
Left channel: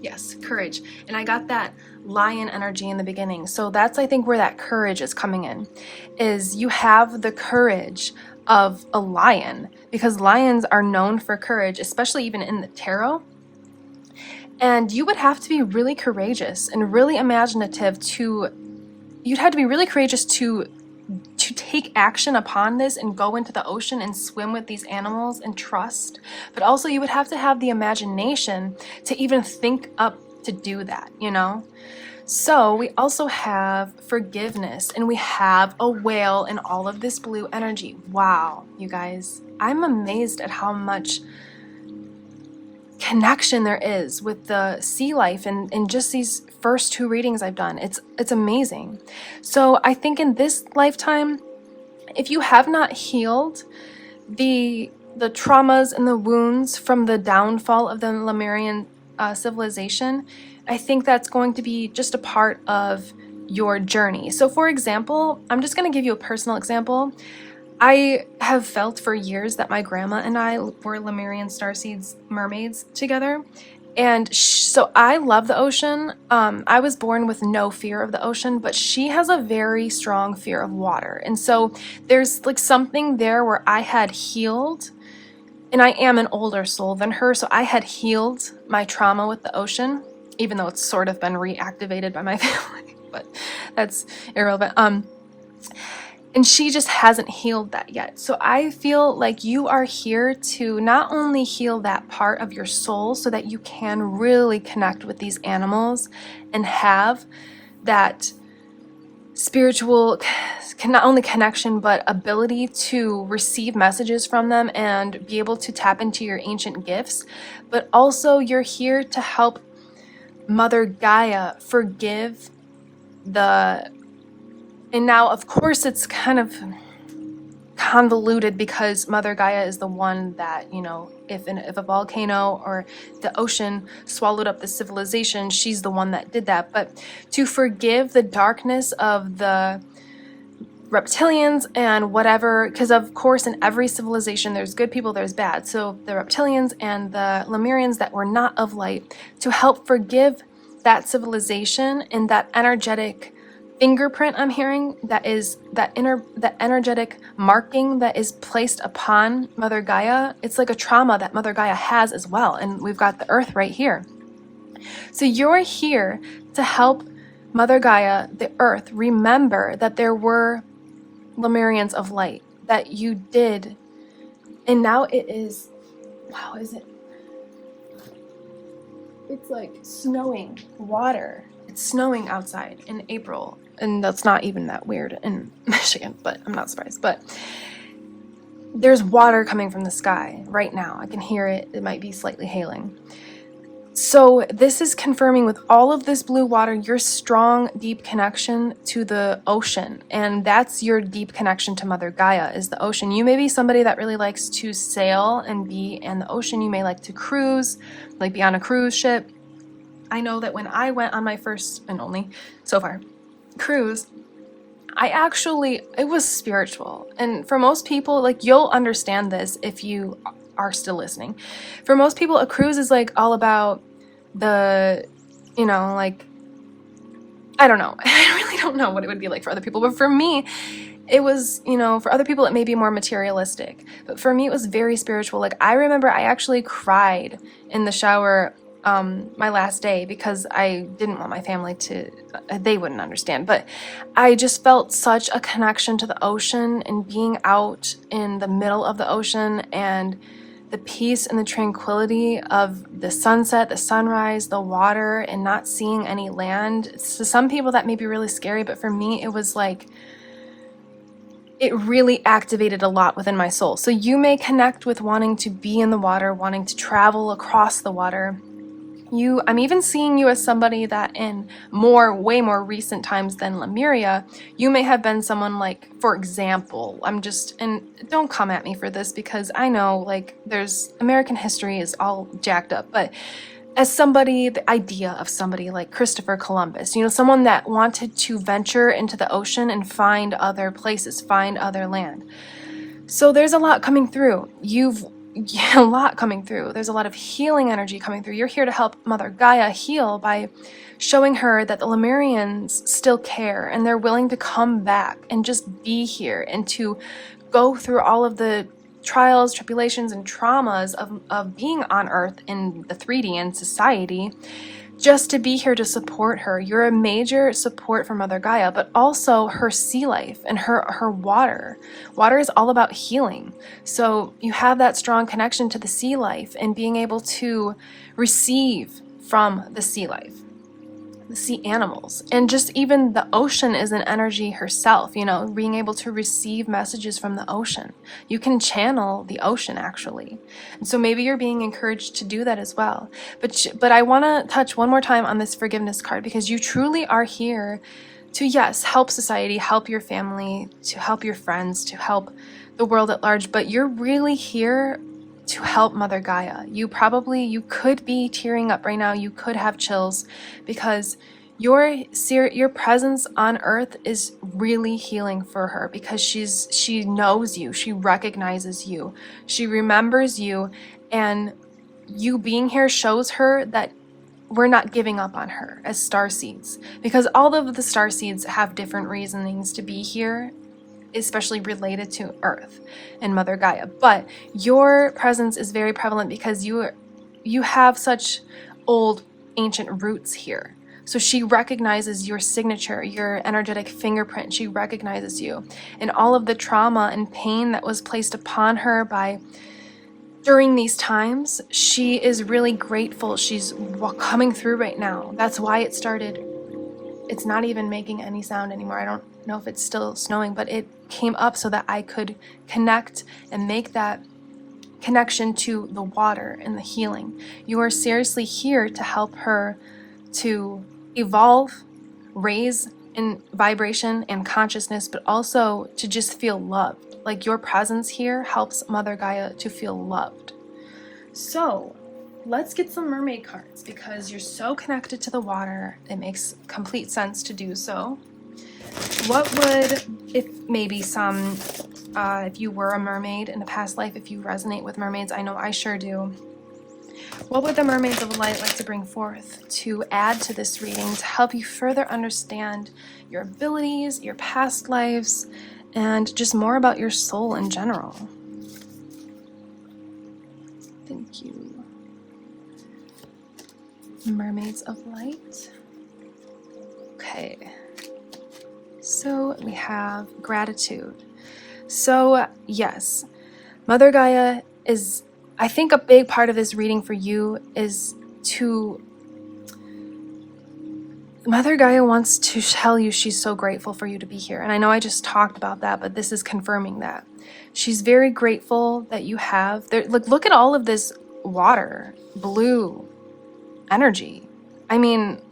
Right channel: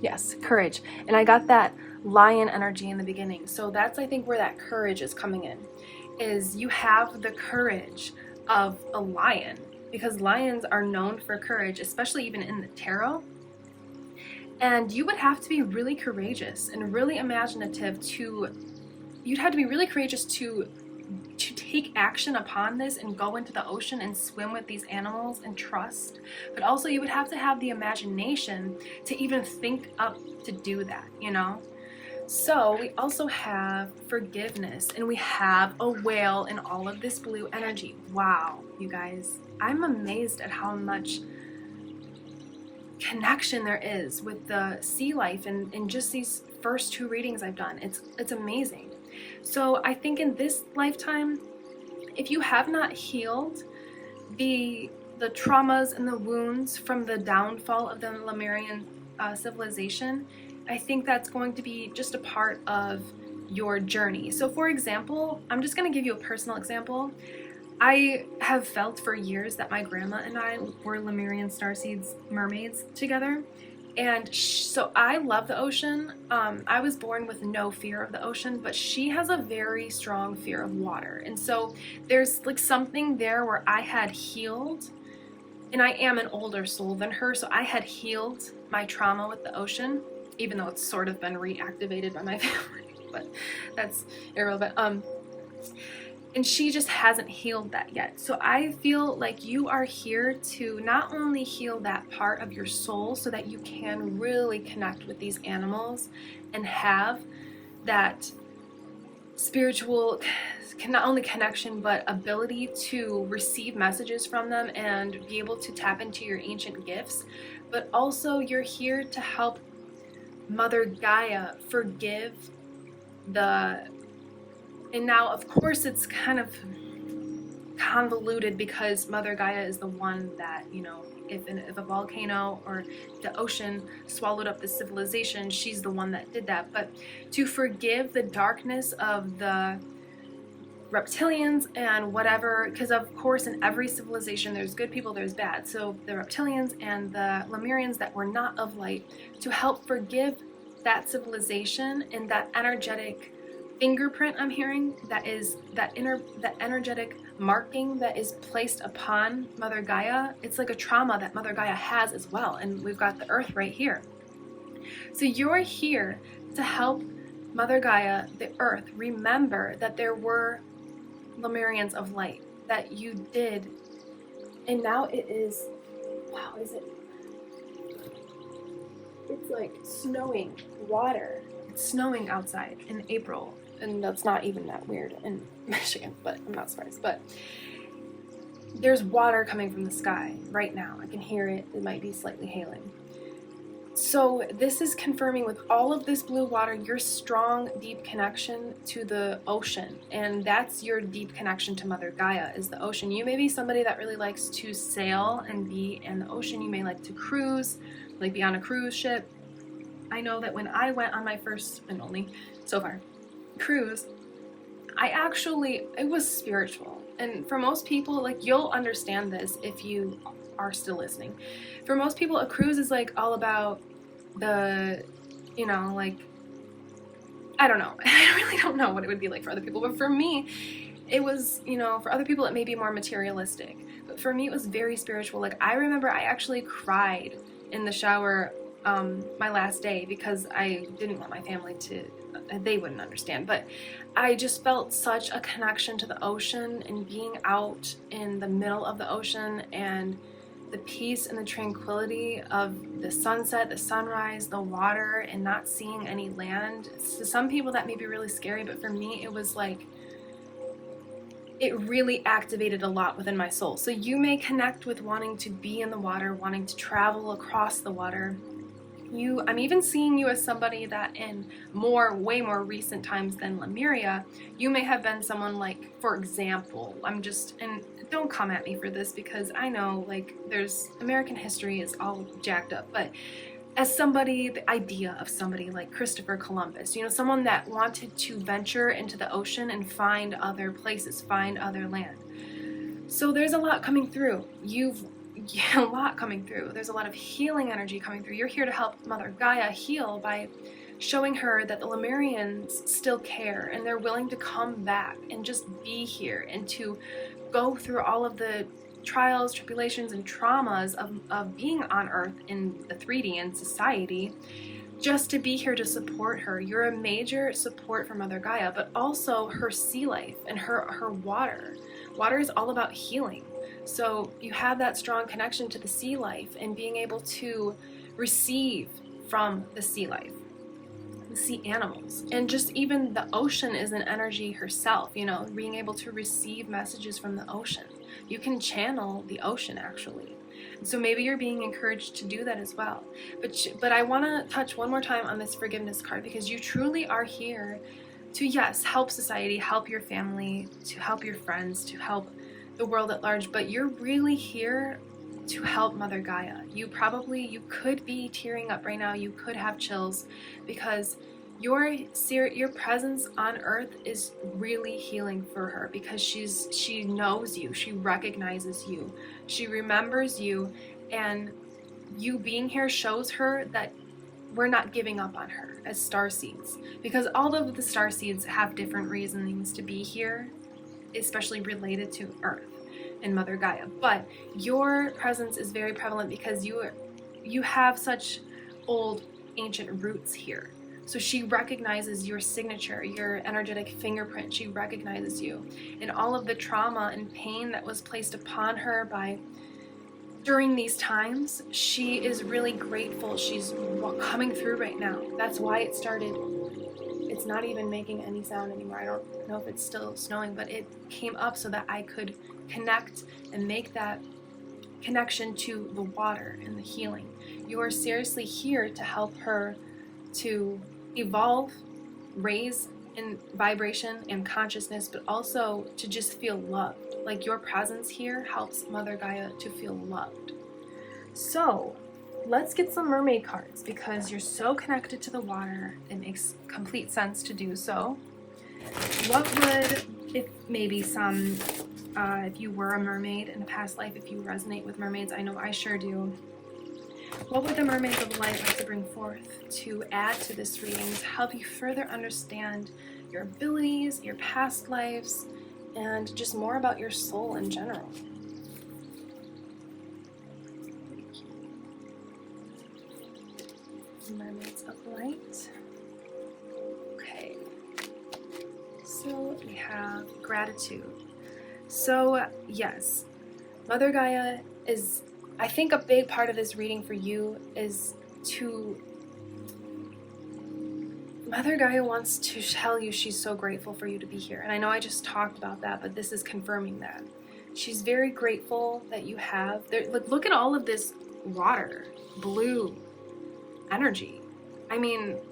Yes, courage. And I got that lion energy in the beginning. So that's, I think, where that courage is coming in, is you have the courage of a lion, because lions are known for courage, especially even in the tarot. And you would have to be really courageous and really imaginative you'd have to be really courageous to take action upon this and go into the ocean and swim with these animals and trust. But also you would have to have the imagination to even think up to do that, you know? So we also have forgiveness, and we have a whale in all of this blue energy. Wow, you guys, I'm amazed at how much connection there is with the sea life and in just these first 2 readings I've done. It's amazing. So I think in this lifetime, if you have not healed the traumas and the wounds from the downfall of the Lemurian civilization, I think that's going to be just a part of your journey. So for example, I'm just going to give you a personal example. I have felt for years that my grandma and I were Lemurian Starseeds mermaids together. And so I love the ocean. I was born with no fear of the ocean, but she has a very strong fear of water. And so there's like something there where I had healed, and I am an older soul than her, so I had healed my trauma with the ocean, even though it's sort of been reactivated by my family, but that's irrelevant. And she just hasn't healed that yet. So I feel like you are here to not only heal that part of your soul so that you can really connect with these animals and have that spiritual, not only connection, but ability to receive messages from them and be able to tap into your ancient gifts. But also you're here to help Mother Gaia forgive and now, of course, it's kind of convoluted because Mother Gaia is the one that, you know, if a volcano or the ocean swallowed up the civilization, she's the one that did that. But to forgive the darkness of the reptilians and whatever, because of course in every civilization there's good people, there's bad. So the reptilians and the Lemurians that were not of light, to help forgive that civilization and that energetic fingerprint I'm hearing, that is that energetic marking that is placed upon Mother Gaia. It's like a trauma that Mother Gaia has as well, and we've got the earth right here. So you're here to help Mother Gaia, the earth, remember that there were Lemurians of light, that you did, and now it is, wow, is it? It's like snowing water. It's snowing outside in April, and that's not even that weird in Michigan, but I'm not surprised. But there's water coming from the sky right now. I can hear it. It might be slightly hailing. So this is confirming with all of this blue water your strong, deep connection to the ocean. And that's your deep connection to Mother Gaia, is the ocean. You may be somebody that really likes to sail and be in the ocean. You may like to cruise, like be on a cruise ship. I know that when I went on my first and only, so far, cruise, it was spiritual. And for most people, like, you'll understand this if you are still listening. For most people, a cruise is like all about the, you know, like, I don't know. I really don't know what it would be like for other people. But for me, it was, you know, for other people, it may be more materialistic. But for me, it was very spiritual. Like, I remember I actually cried in the shower my last day because I didn't want my family to, they wouldn't understand. But I just felt such a connection to the ocean and being out in the middle of the ocean and the peace and the tranquility of the sunset, the sunrise, the water, and not seeing any land. To some people that may be really scary, but for me it was like, it really activated a lot within my soul. So you may connect with wanting to be in the water, wanting to travel across the water. I'm even seeing you as somebody that in way more recent times than Lemuria, you may have been someone like, for example, and don't come at me for this because I know like American history is all jacked up, but as somebody, the idea of somebody like Christopher Columbus, you know, someone that wanted to venture into the ocean and find other places, find other land. So there's a lot coming through. A lot coming through. There's a lot of healing energy coming through. You're here to help Mother Gaia heal by showing her that the Lemurians still care and they're willing to come back and just be here and to go through all of the trials, tribulations, and traumas of being on Earth in the 3D and society, just to be here to support her. You're a major support for Mother Gaia, but also her sea life and her water. Water is all about healing. So you have that strong connection to the sea life and being able to receive from the sea life, the sea animals, and just even the ocean is an energy herself, you know, being able to receive messages from the ocean. You can channel the ocean actually. And so maybe you're being encouraged to do that as well. But I want to touch one more time on this forgiveness card because you truly are here to, yes, help society, help your family, to help your friends, to help the world at large, but you're really here to help Mother Gaia. You could be tearing up right now. You could have chills because your presence on Earth is really healing for her because she knows you, she recognizes you, she remembers you, and you being here shows her that we're not giving up on her as Starseeds, because all of the Starseeds have different reasonings to be here, especially related to Earth and Mother Gaia. But your presence is very prevalent because you have such old ancient roots here. So she recognizes your signature, your energetic fingerprint. She recognizes you and all of the trauma and pain that was placed upon her during these times. She is really grateful. She's coming through right now. That's why it started. It's not even making any sound anymore. I don't know if it's still snowing, but it came up so that I could connect and make that connection to the water and the healing. You are seriously here to help her to evolve, raise in vibration and consciousness, but also to just feel loved. Like your presence here helps Mother Gaia to feel loved. So let's get some mermaid cards because you're so connected to the water. It makes complete sense to do so. What would, if you were a mermaid in the past life, if you resonate with mermaids, I know I sure do. What would the mermaids of light like to bring forth to add to this reading to help you further understand your abilities, your past lives, and just more about your soul in general? Thank you. Mermaids of light. Okay. So we have gratitude. So yes, Mother Gaia is, I think a big part of this reading for you is Mother Gaia wants to tell you she's so grateful for you to be here. And I know I just talked about that, but this is confirming that. She's very grateful that you have, look at all of this water, blue energy. I mean,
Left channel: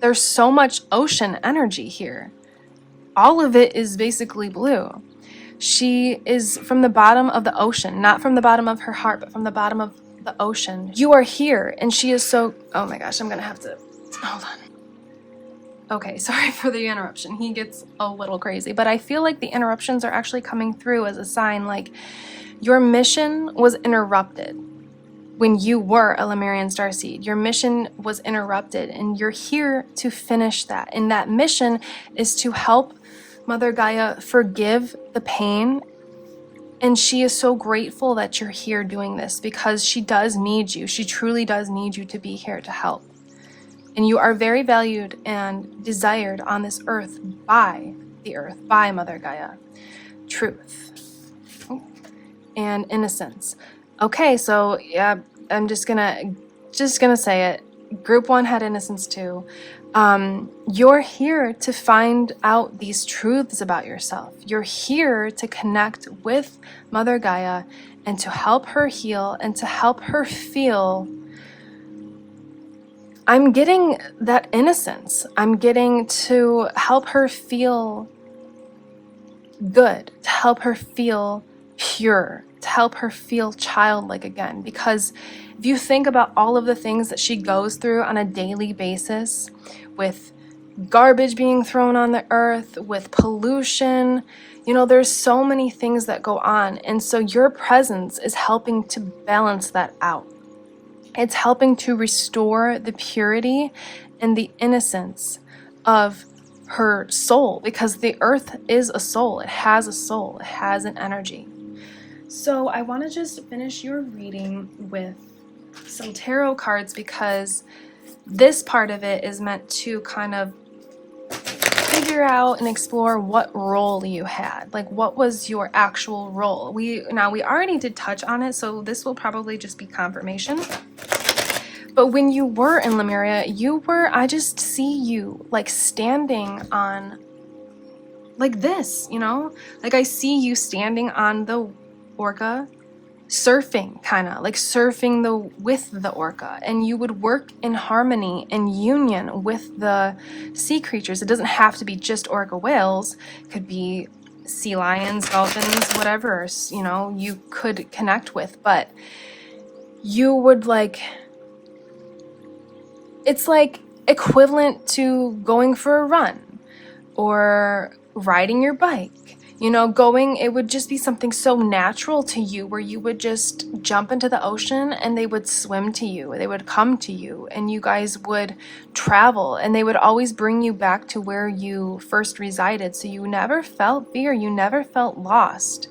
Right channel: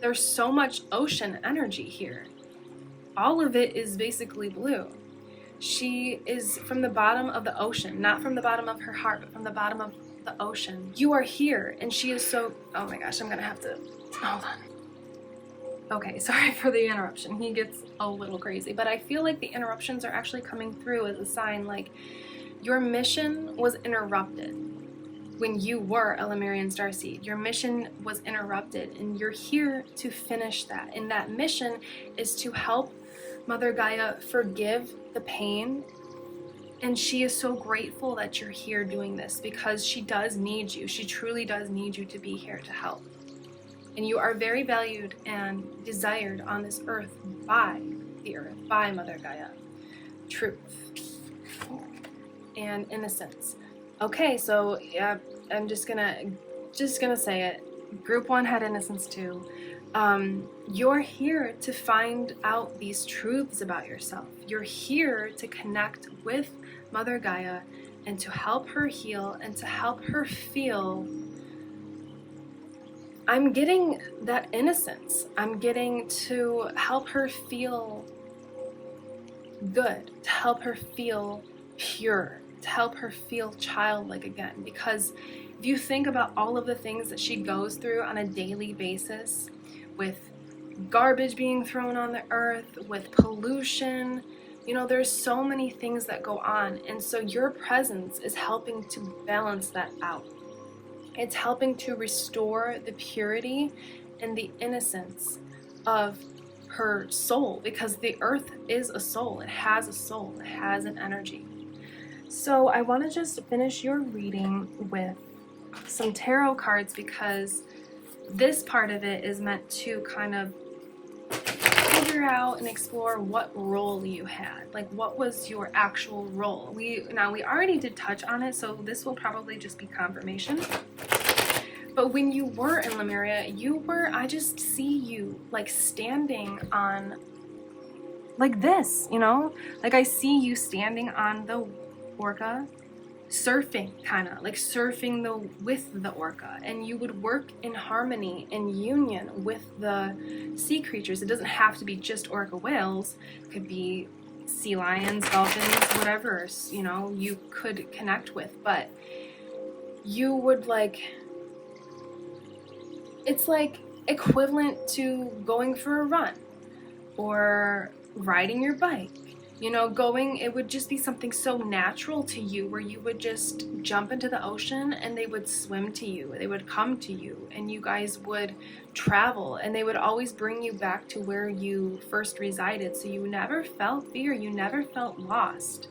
there's so much ocean energy here. All of it is basically blue. She is from the bottom of the ocean, not from the bottom of her heart, but from the bottom of the ocean. You are here, and she is so, oh my gosh, I'm gonna have to Hold on. Okay, sorry for the interruption. He gets a little crazy, but I feel like the interruptions are actually coming through as a sign, like your mission was interrupted when you were a Lemurian starseed. Your mission was interrupted, and you're here to finish that. And that mission is to help Mother Gaia forgive the pain. And she is so grateful that you're here doing this, because she does need you. She truly does need you to be here to help. And you are very valued and desired on this earth by the earth, by Mother Gaia. Truth and innocence. Okay, so yeah, I'm just gonna say it. Group 1 had innocence too. You're here to find out these truths about yourself. You're here to connect with Mother Gaia and to help her heal and to help her feel. I'm getting that innocence. I'm getting to help her feel good, to help her feel pure, to help her feel childlike again. Because if you think about all of the things that she goes through on a daily basis, with garbage being thrown on the earth, with pollution, you know, there's so many things that go on. And so your presence is helping to balance that out. It's helping to restore the purity and the innocence of her soul, because the earth is a soul. It has a soul. It has an energy. So I want to just finish your reading with some tarot cards, because this part of it is meant to kind of figure out and explore what role you had. Like, what was your actual role? We already did touch on it, so this will probably just be confirmation. But when you were in Lemuria, I just see you like standing on like this, you know? Like, I see you standing on the orca, surfing, kind of like surfing with the orca, and you would work in harmony and union with the sea creatures. It doesn't have to be just orca whales. It could be sea lions, dolphins, whatever, you know, you could connect with. But you would like, it's like equivalent to going for a run or riding your bike. You know, it would just be something so natural to you, where you would just jump into the ocean and they would swim to you. They would come to you and you guys would travel, and they would always bring you back to where you first resided. So you never felt fear. You never felt lost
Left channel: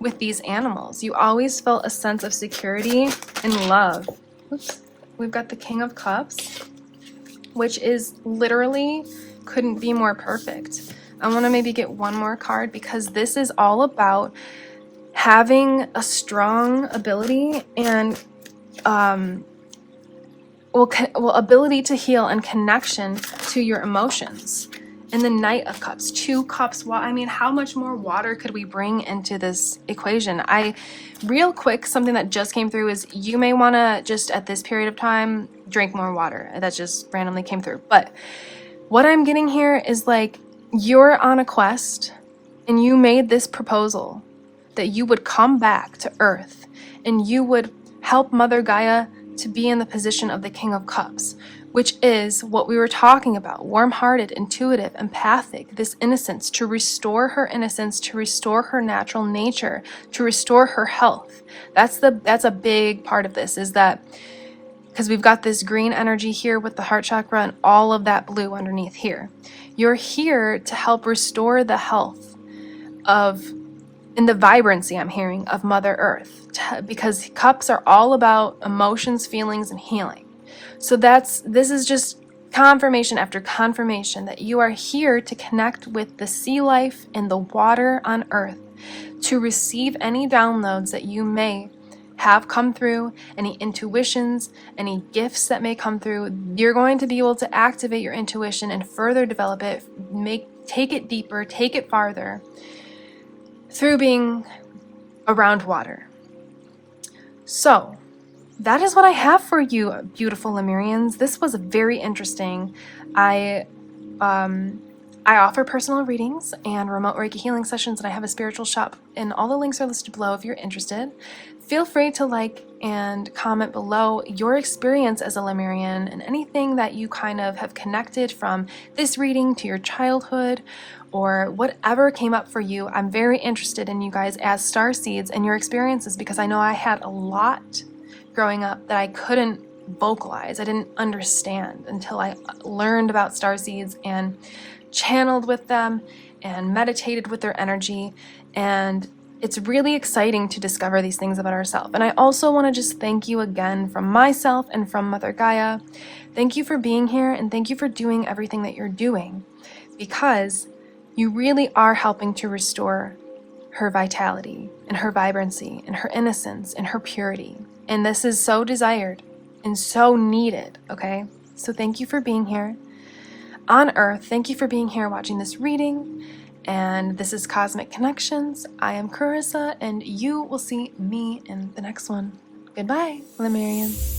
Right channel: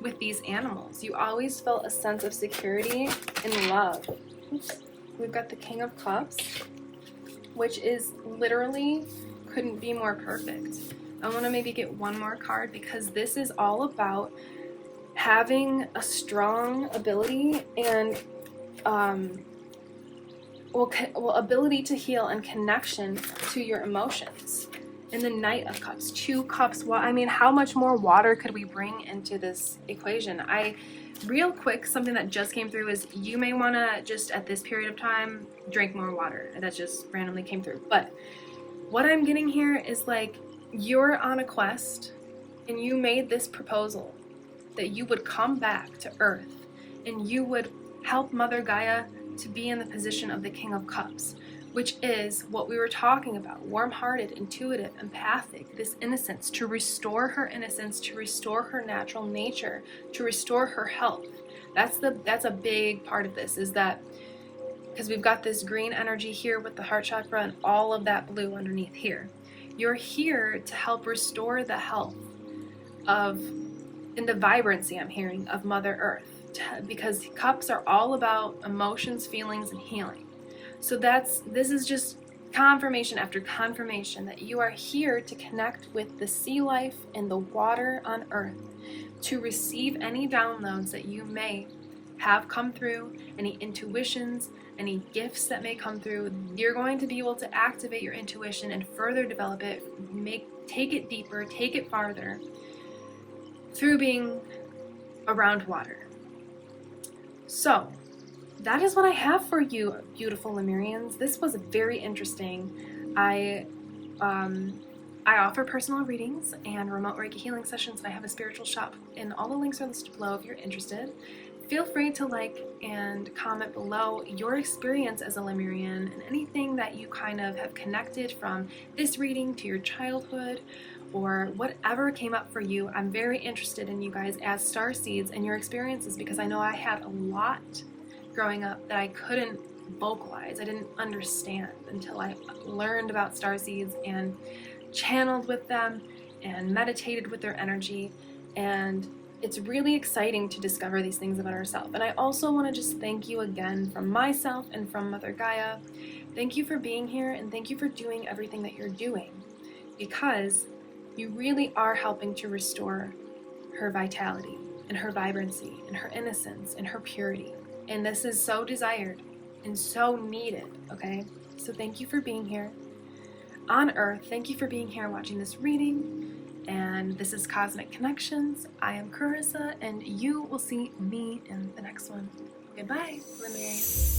with these animals. You always felt a sense of security and love. Oops. We've got the King of Cups, which is literally couldn't be more perfect. I want to maybe get one more card, because this is all about having a strong ability and ability to heal and connection to your emotions. And the Knight of Cups, 2 cups. I mean, how much more water could we bring into this equation? Real quick, something that just came through is you may want to just at this period of time drink more water. That just randomly came through. But what I'm getting here is like, you're on a quest and you made this proposal that you would come back to Earth and you would help Mother Gaia to be in the position of the King of Cups, which is what we were talking about: warm-hearted, intuitive, empathic, this innocence, to restore her innocence, to restore her natural nature, to restore her health. That's a big part of this, is that because we've got this green energy here with the heart chakra and all of that blue underneath here. You're here to help restore the health and the vibrancy, I'm hearing, of Mother Earth, because cups are all about emotions, feelings, and healing. So this is just confirmation after confirmation that you are here to connect with the sea life and the water on Earth, to receive any downloads that you may have come through, any intuitions, any gifts that may come through. You're going to be able to activate your intuition and further develop it, take it deeper, take it farther through being around water. So that is what I have for you, beautiful Lemurians. This was very interesting. I offer personal readings and remote Reiki healing sessions, and I have a spiritual shop, and all the links are listed below if you're interested. Feel free to like and comment below your experience as a Lemurian and anything that you kind of have connected from this reading to your childhood or whatever came up for you. I'm very interested in you guys as Starseeds and your experiences, because I know I had a lot growing up that I couldn't vocalize. I didn't understand until I learned about Starseeds and channeled with them and meditated with their energy, and it's really exciting to discover these things about ourselves. And I also want to just thank you again from myself and from Mother Gaia. Thank you for being here, and thank you for doing everything that you're doing, because you really are helping to restore her vitality and her vibrancy and her innocence and her purity. And this is so desired and so needed, okay? So thank you for being here on Earth. Thank you for being here watching this reading. And this is Cosmic Connections. I am Carissa, and you will see me in the next one. Goodbye, Lemurians.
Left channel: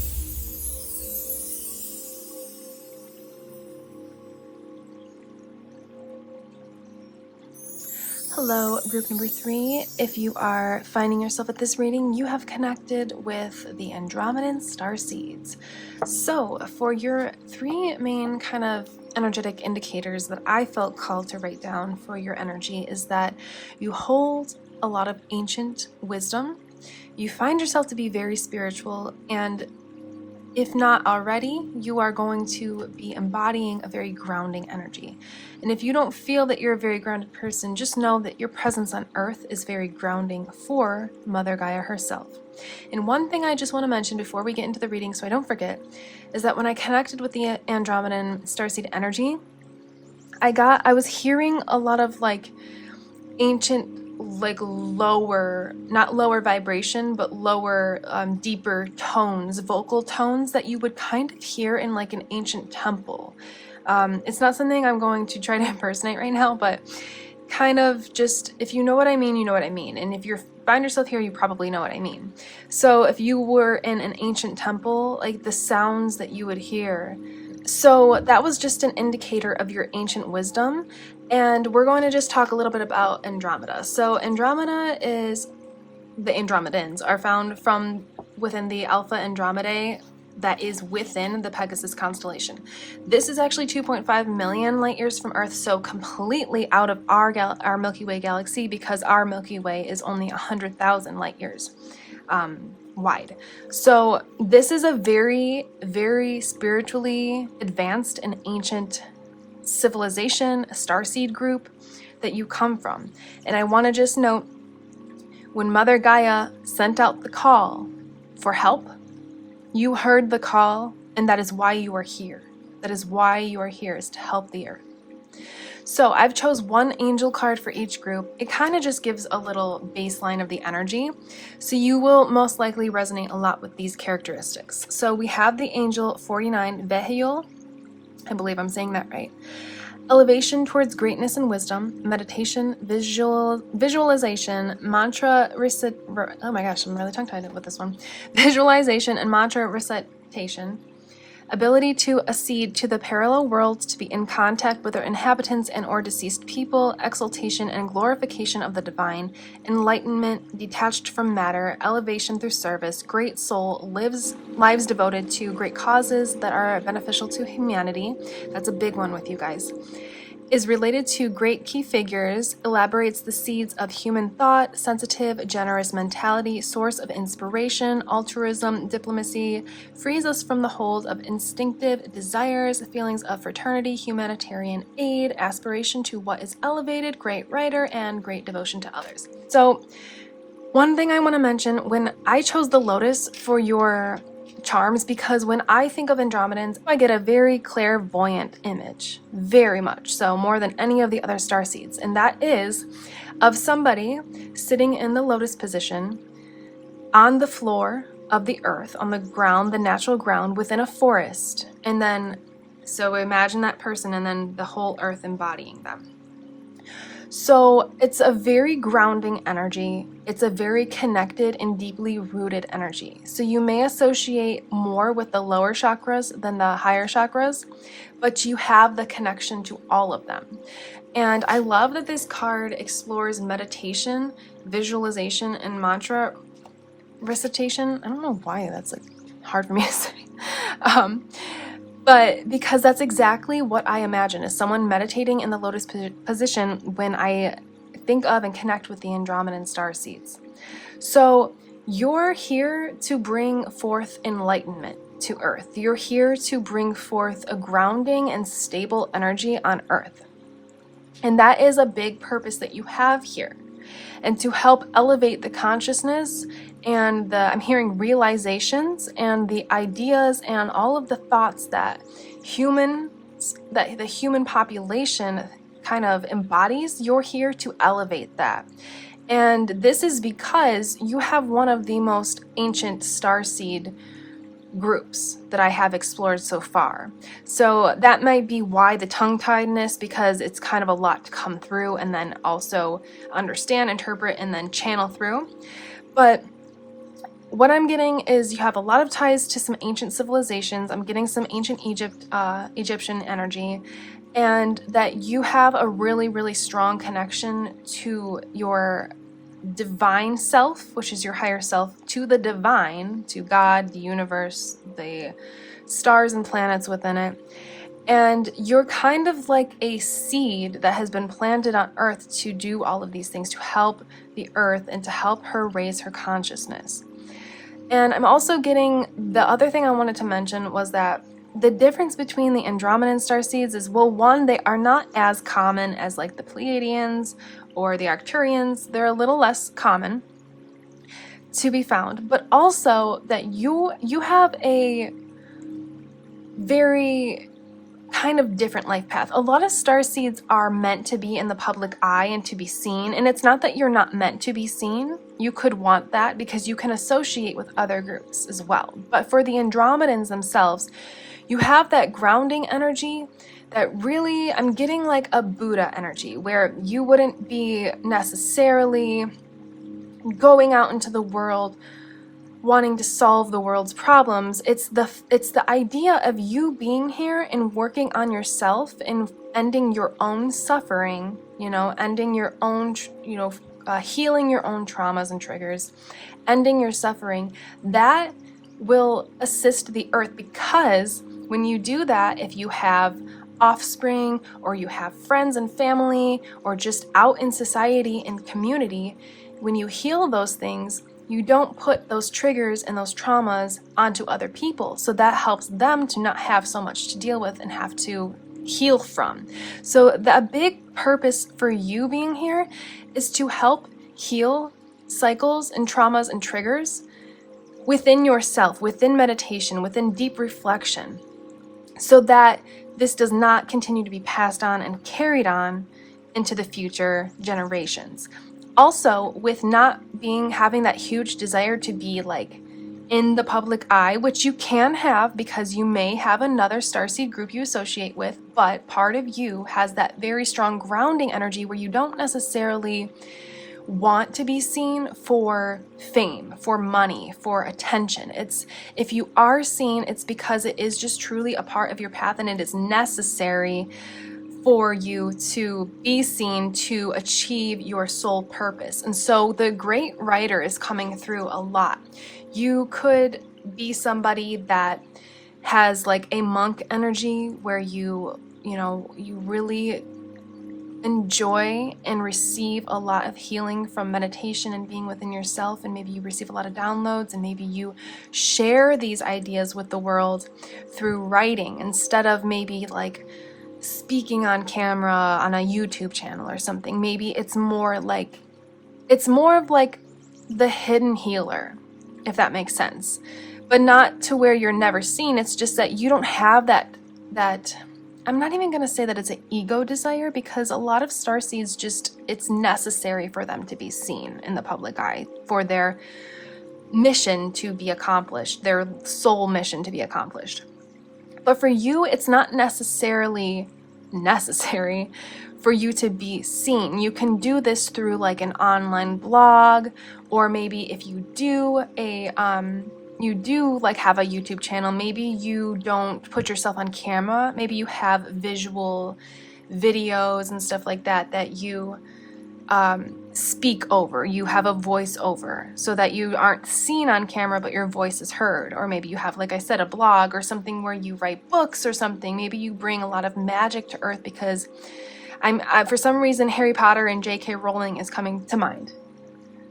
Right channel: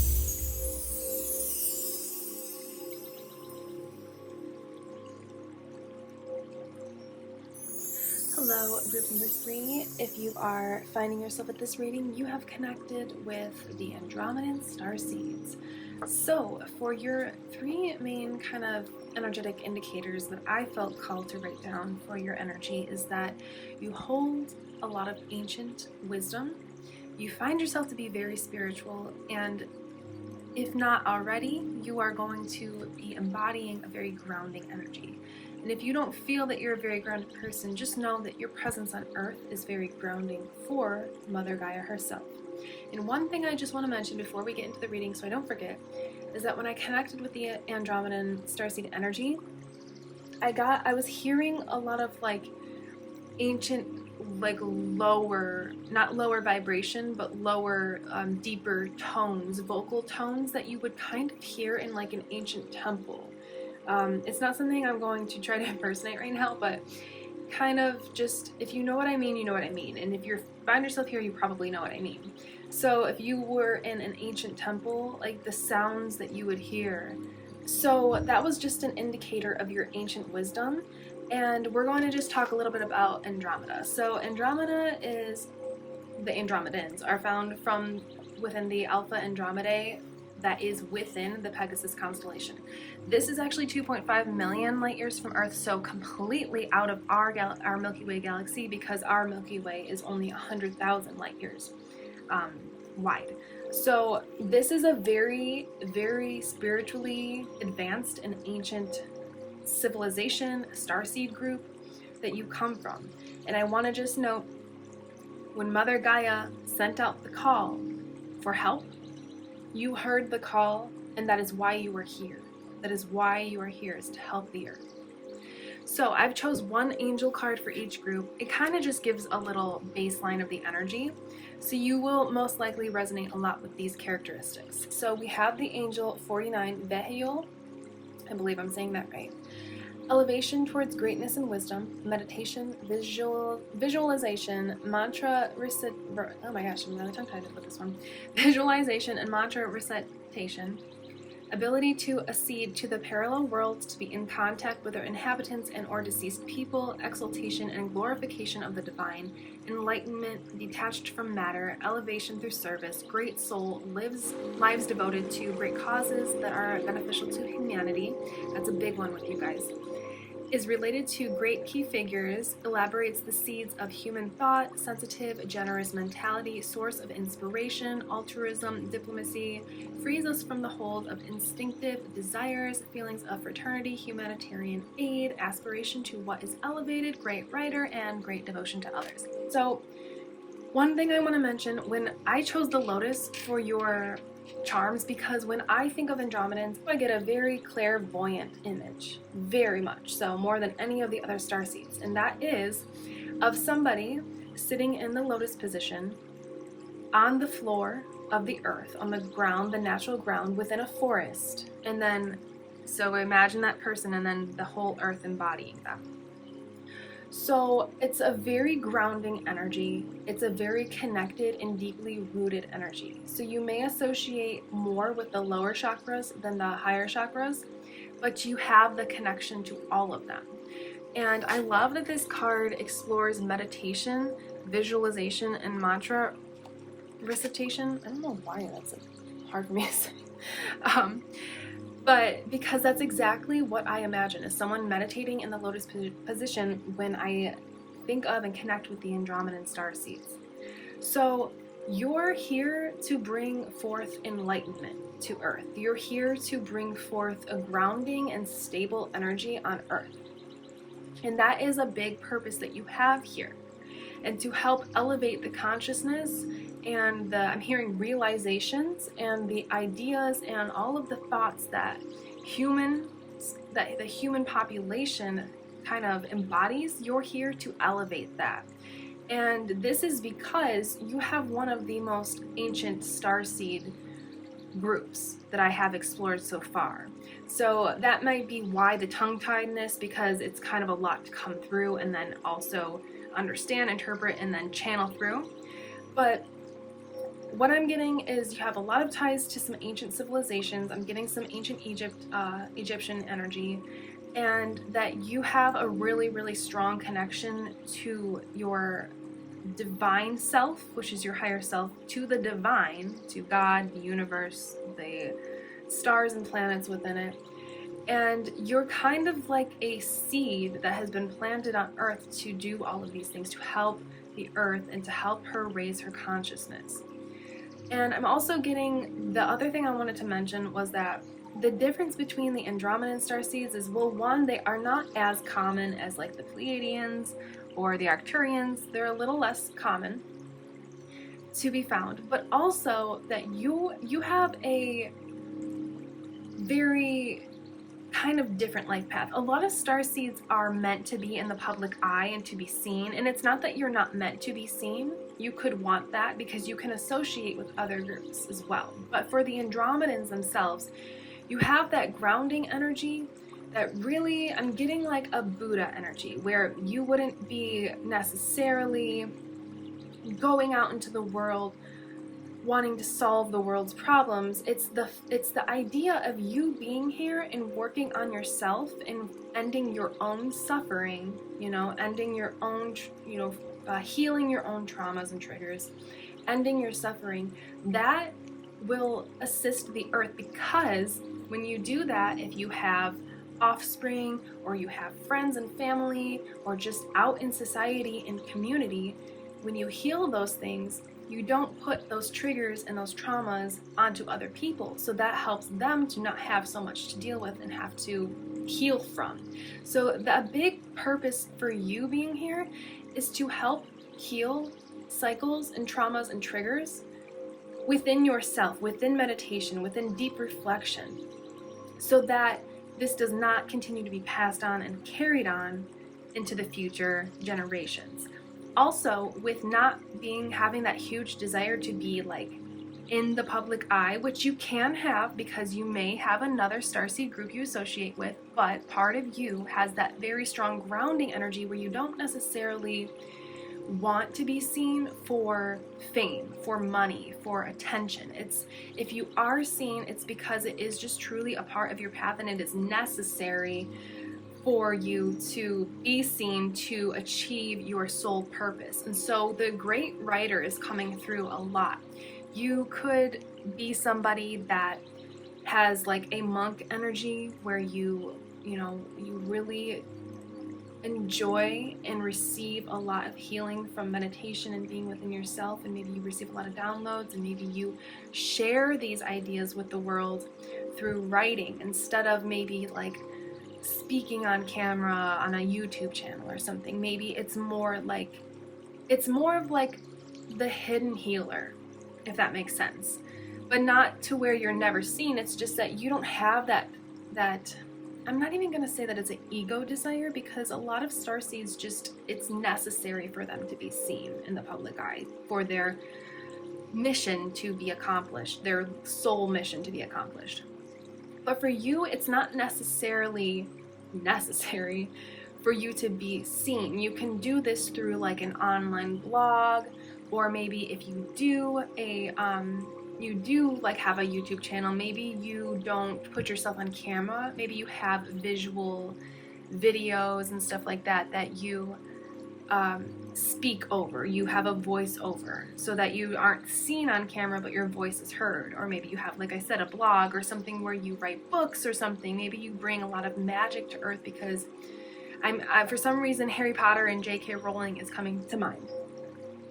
Hello, group number 3. If you are finding yourself at this reading, you have connected with the Andromedan Starseeds. So, for your 3 main kind of energetic indicators that I felt called to write down for your energy is that you hold a lot of ancient wisdom, you find yourself to be very spiritual, and if not already, you are going to be embodying a very grounding energy. And if you don't feel that you're a very grounded person, just know that your presence on Earth is very grounding for Mother Gaia herself. And one thing I just want to mention before we get into the reading, so I don't forget, is that when I connected with the Andromedan Starseed energy, I was hearing a lot of like ancient, like lower, not lower vibration, but lower, deeper tones, vocal tones that you would kind of hear in like an ancient temple. It's not something I'm going to try to impersonate right now, but kind of just, if you know what I mean, you know what I mean. And if you find yourself here, you probably know what I mean. So if you were in an ancient temple, like the sounds that you would hear, so that was just an indicator of your ancient wisdom. And we're going to just talk a little bit about Andromeda. So Andromeda is, the Andromedans are found from within the Alpha Andromedae that is within the Pegasus constellation. This is actually 2.5 million light years from Earth, so completely out of our Milky Way galaxy, because our Milky Way is only 100,000 light years wide. So this is a very, very spiritually advanced and ancient civilization, a starseed group that you come from. And I want to just note, when Mother Gaia sent out the call for help, you heard the call, and that is why you are here. That is why you are here, is to help the Earth. So I've chose one angel card for each group. It kind of just gives a little baseline of the energy. So you will most likely resonate a lot with these characteristics. So we have the angel 49, Vehiel. I believe I'm saying that right. Elevation towards greatness and wisdom, meditation, visualization, mantra oh my gosh, I'm really tongue-tied with this one. Visualization and mantra recitation, ability to accede to the parallel worlds, to be in contact with their inhabitants and or deceased people, exaltation and glorification of the divine, enlightenment detached from matter, elevation through service, great soul, lives devoted to great causes that are beneficial to humanity. That's a big one with you guys. Is related to great key figures, elaborates the seeds of human thought, sensitive, generous mentality, source of inspiration, altruism, diplomacy, frees us from the hold of instinctive desires, feelings of fraternity, humanitarian aid, aspiration to what is elevated, great writer, and great devotion to others. So, one thing I want to mention, when I chose the lotus for your charms, because when I think of Andromedans, I get a very clairvoyant image, very much so, more than any of the other starseeds, and that is of somebody sitting in the lotus position on the floor of the earth, on the ground, the natural ground, within a forest, and then, so imagine that person and then the whole earth embodying them. So it's a very grounding energy. It's a very connected and deeply rooted energy. So you may associate more with the lower chakras than the higher chakras, but you have the connection to all of them. And I love that this card explores meditation, visualization, and mantra recitation. I don't know why that's like hard for me to say. But because that's exactly what I imagine is someone meditating in the lotus position when I think of and connect with the Andromedan starseeds. So you're here to bring forth enlightenment to Earth. You're here to bring forth a grounding and stable energy on Earth. And that is a big purpose that you have here. And to help elevate the consciousness and I'm hearing realizations and the ideas and all of the thoughts that the human population kind of embodies, you're here to elevate that. And this is because you have one of the most ancient starseed groups that I have explored so far. So that might be why the tongue-tiedness, because it's kind of a lot to come through and then also understand, interpret, and then channel through. But what I'm getting is you have a lot of ties to some ancient civilizations. I'm getting some ancient Egyptian energy, and that you have a really, really strong connection to your divine self, which is your higher self, to the divine, to God, the universe, the stars and planets within it. And you're kind of like a seed that has been planted on Earth to do all of these things, to help the Earth and to help her raise her consciousness. And I'm also getting, the other thing I wanted to mention was that the difference between the Andromedan starseeds is, well, one, they are not as common as like the Pleiadians or the Arcturians. They're a little less common to be found, but also that you have a very kind of different life path. A lot of starseeds are meant to be in the public eye and to be seen, and it's not that you're not meant to be seen. You could want that because you can associate with other groups as well. But for the Andromedans themselves, you have that grounding energy that really, I'm getting like a Buddha energy, where you wouldn't be necessarily going out into the world wanting to solve the world's problems. It's the idea of you being here and working on yourself and ending your own suffering, ending your own, healing your own traumas and triggers, ending your suffering. That will assist the Earth, because when you do that, if you have offspring or you have friends and family or just out in society and community, when you heal those things, you don't put those triggers and those traumas onto other people. So that helps them to not have so much to deal with and have to heal from. So the big purpose for you being here is to help heal cycles and traumas and triggers within yourself, within meditation, within deep reflection, so that this does not continue to be passed on and carried on into the future generations. Also, with not having that huge desire to be like in the public eye, which you can have because you may have another starseed group you associate with, but part of you has that very strong grounding energy where you don't necessarily want to be seen for fame, for money, for attention. If you are seen, it's because it is just truly a part of your path and it is necessary for you to be seen to achieve your soul purpose. And so the great writer is coming through a lot. You could be somebody that has like a monk energy where you really enjoy and receive a lot of healing from meditation and being within yourself, and maybe you receive a lot of downloads, and maybe you share these ideas with the world through writing instead of maybe like speaking on camera on a YouTube channel or something. Maybe it's more of like the hidden healer, if that makes sense, but not to where you're never seen. It's just that you don't have that I'm not even going to say that it's an ego desire, because a lot of starseeds it's necessary for them to be seen in the public eye for their mission to be accomplished, their soul mission to be accomplished. But for you, it's not necessarily necessary for you to be seen. You can do this through like an online blog, or maybe if you do like have a YouTube channel, maybe you don't put yourself on camera, maybe you have visual videos and stuff like that that you speak over. You have a voice over so that you aren't seen on camera but your voice is heard. Or maybe you have, like I said, a blog or something where you write books or something. Maybe you bring a lot of magic to Earth, because for some reason Harry Potter and J.K. Rowling is coming to mind.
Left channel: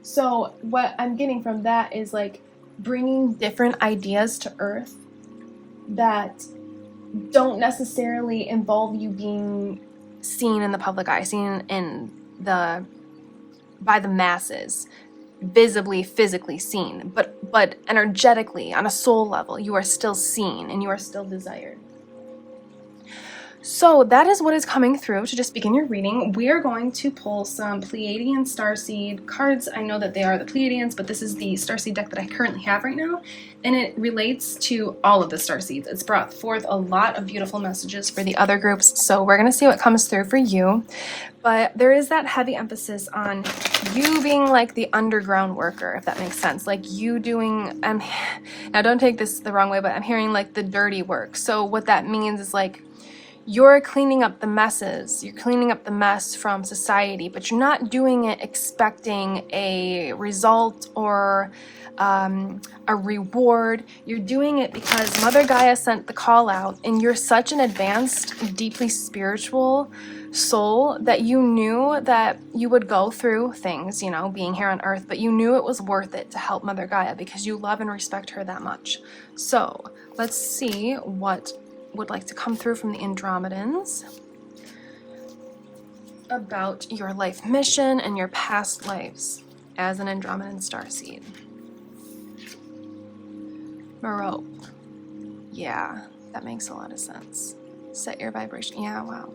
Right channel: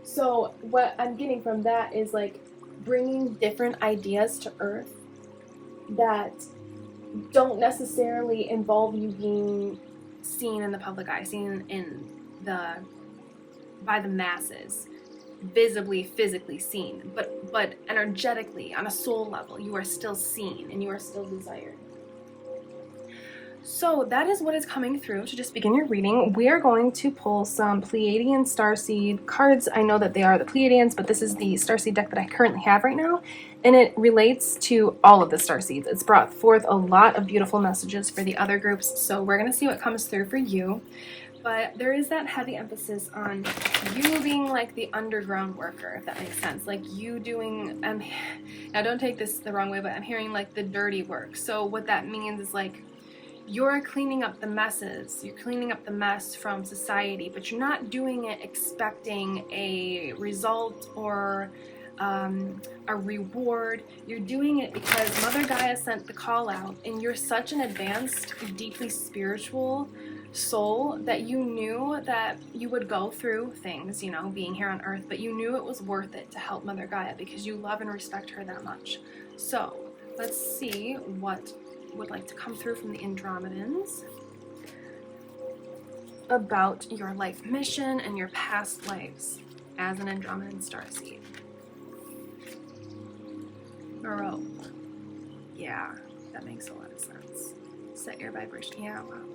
So what I'm getting from that is like bringing different ideas to Earth that don't necessarily involve you being seen in the public eye, seen by the masses, visibly, physically seen, but energetically, on a soul level, you are still seen and you are still desired. So that is what is coming through to just begin your reading. We are going to pull some Pleiadian Starseed cards. I know that they are the Pleiadians, but this is the Starseed deck that I currently have right now, and it relates to all of the Starseeds. It's brought forth a lot of beautiful messages for the other groups, so we're going to see what comes through for you. But there is that heavy emphasis on you being like the underground worker, if that makes sense. Like you doing, now don't take this the wrong way, but I'm hearing like the dirty work. So what that means is like, you're cleaning up the messes, you're cleaning up the mess from society, but you're not doing it expecting a result or a reward. You're doing it because Mother Gaia sent the call out, and you're such an advanced, deeply spiritual soul that you knew that you would go through things, you know, being here on Earth, but you knew it was worth it to help Mother Gaia because you love and respect her that much. So let's see what would like to come through from the Andromedans about your life mission and your past lives as an Andromedan starseed. Baroque. Yeah, that makes a lot of sense. Set your vibration. Yeah, wow.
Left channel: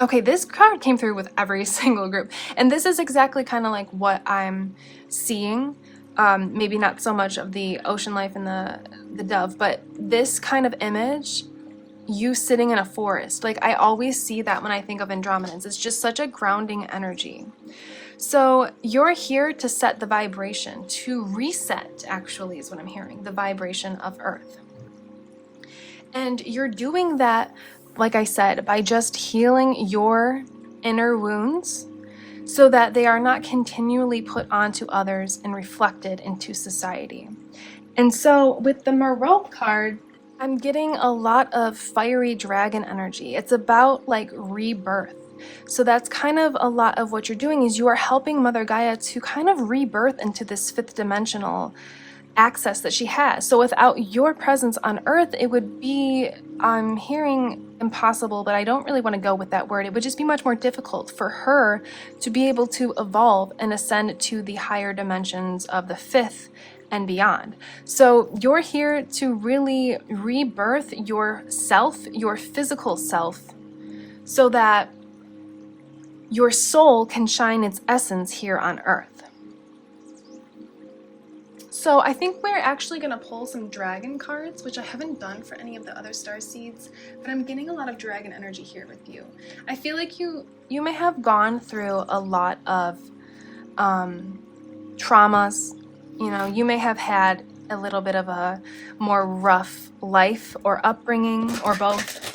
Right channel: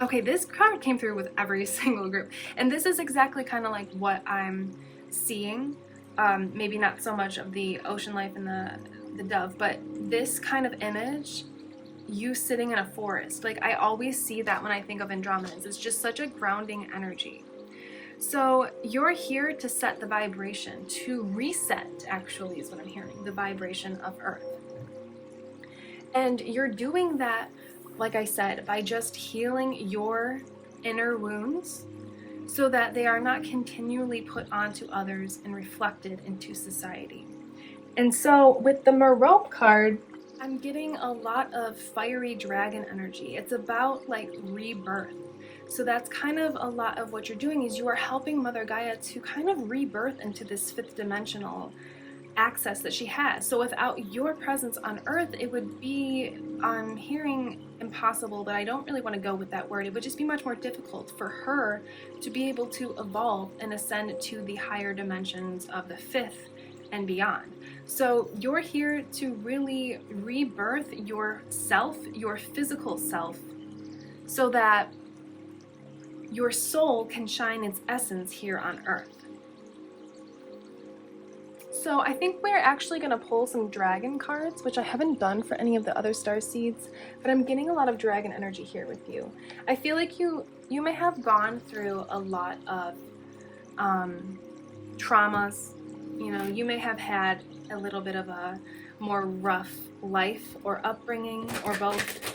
Okay, this card came through with every single group, and this is exactly kind of like what I'm seeing. Maybe not so much of the ocean life and the dove, but this kind of image, you sitting in a forest. Like I always see that when I think of Andromedans. It's just such a grounding energy. So you're here to set the vibration, to reset, actually, is what I'm hearing, the vibration of Earth. And you're doing that, like I said, by just healing your inner wounds so that they are not continually put onto others and reflected into society. And so with the Baroque card, I'm getting a lot of fiery dragon energy. It's about like rebirth. So that's kind of a lot of what you're doing, is you are helping Mother Gaia to kind of rebirth into this fifth dimensional access that she has. So without your presence on Earth, it would be, I'm hearing impossible, but I don't really want to go with that word. It would just be much more difficult for her to be able to evolve and ascend to the higher dimensions of the fifth and beyond. So you're here to really rebirth yourself, your physical self, so that your soul can shine its essence here on Earth. So I think we're actually going to pull some dragon cards, which I haven't done for any of the other Starseeds, but I'm getting a lot of dragon energy here with you. I feel like you may have gone through a lot of traumas. You know, you may have had a little bit of a more rough life or upbringing or both.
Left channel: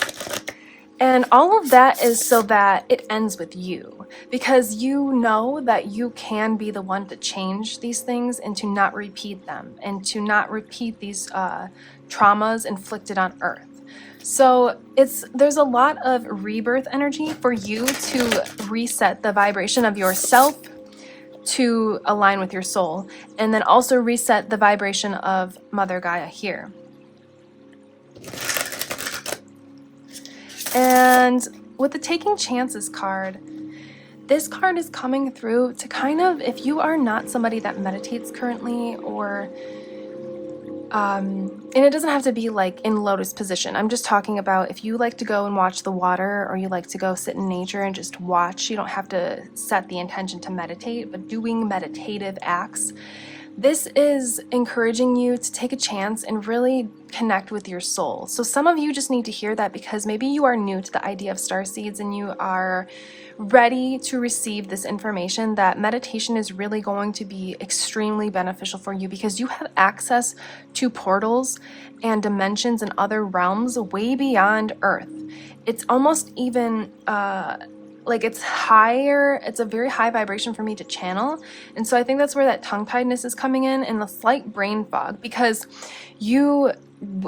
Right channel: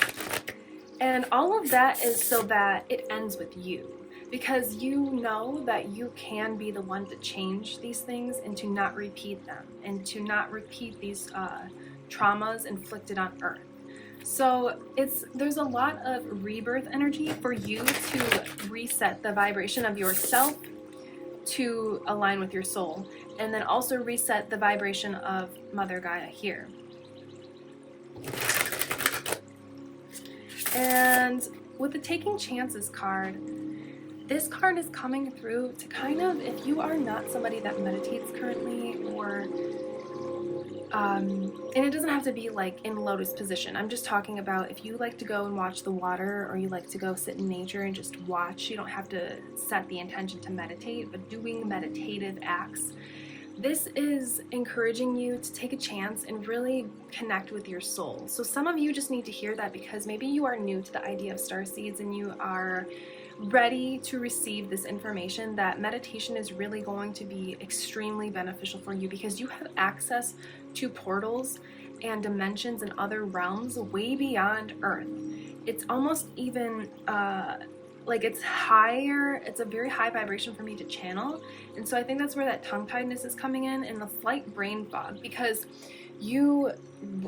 And all of that is so that it ends with you, because you know that you can be the one to change these things and to not repeat them, and to not repeat these traumas inflicted on Earth. So there's a lot of rebirth energy for you to reset the vibration of yourself to align with your soul, and then also reset the vibration of Mother Gaia here. And with the Taking Chances card, this card is coming through to kind of, if you are not somebody that meditates currently, or and it doesn't have to be like in lotus position. I'm just talking about if you like to go and watch the water, or you like to go sit in nature and just watch. You don't have to set the intention to meditate, but doing meditative acts. This is encouraging you to take a chance and really connect with your soul. So some of you just need to hear that because maybe you are new to the idea of starseeds and you are ready to receive this information that meditation is really going to be extremely beneficial for you because you have access to portals and dimensions and other realms way beyond Earth. It's almost even like it's higher, it's a very high vibration for me to channel. And so I think that's where that tongue-tiedness is coming in and the slight brain fog, because you,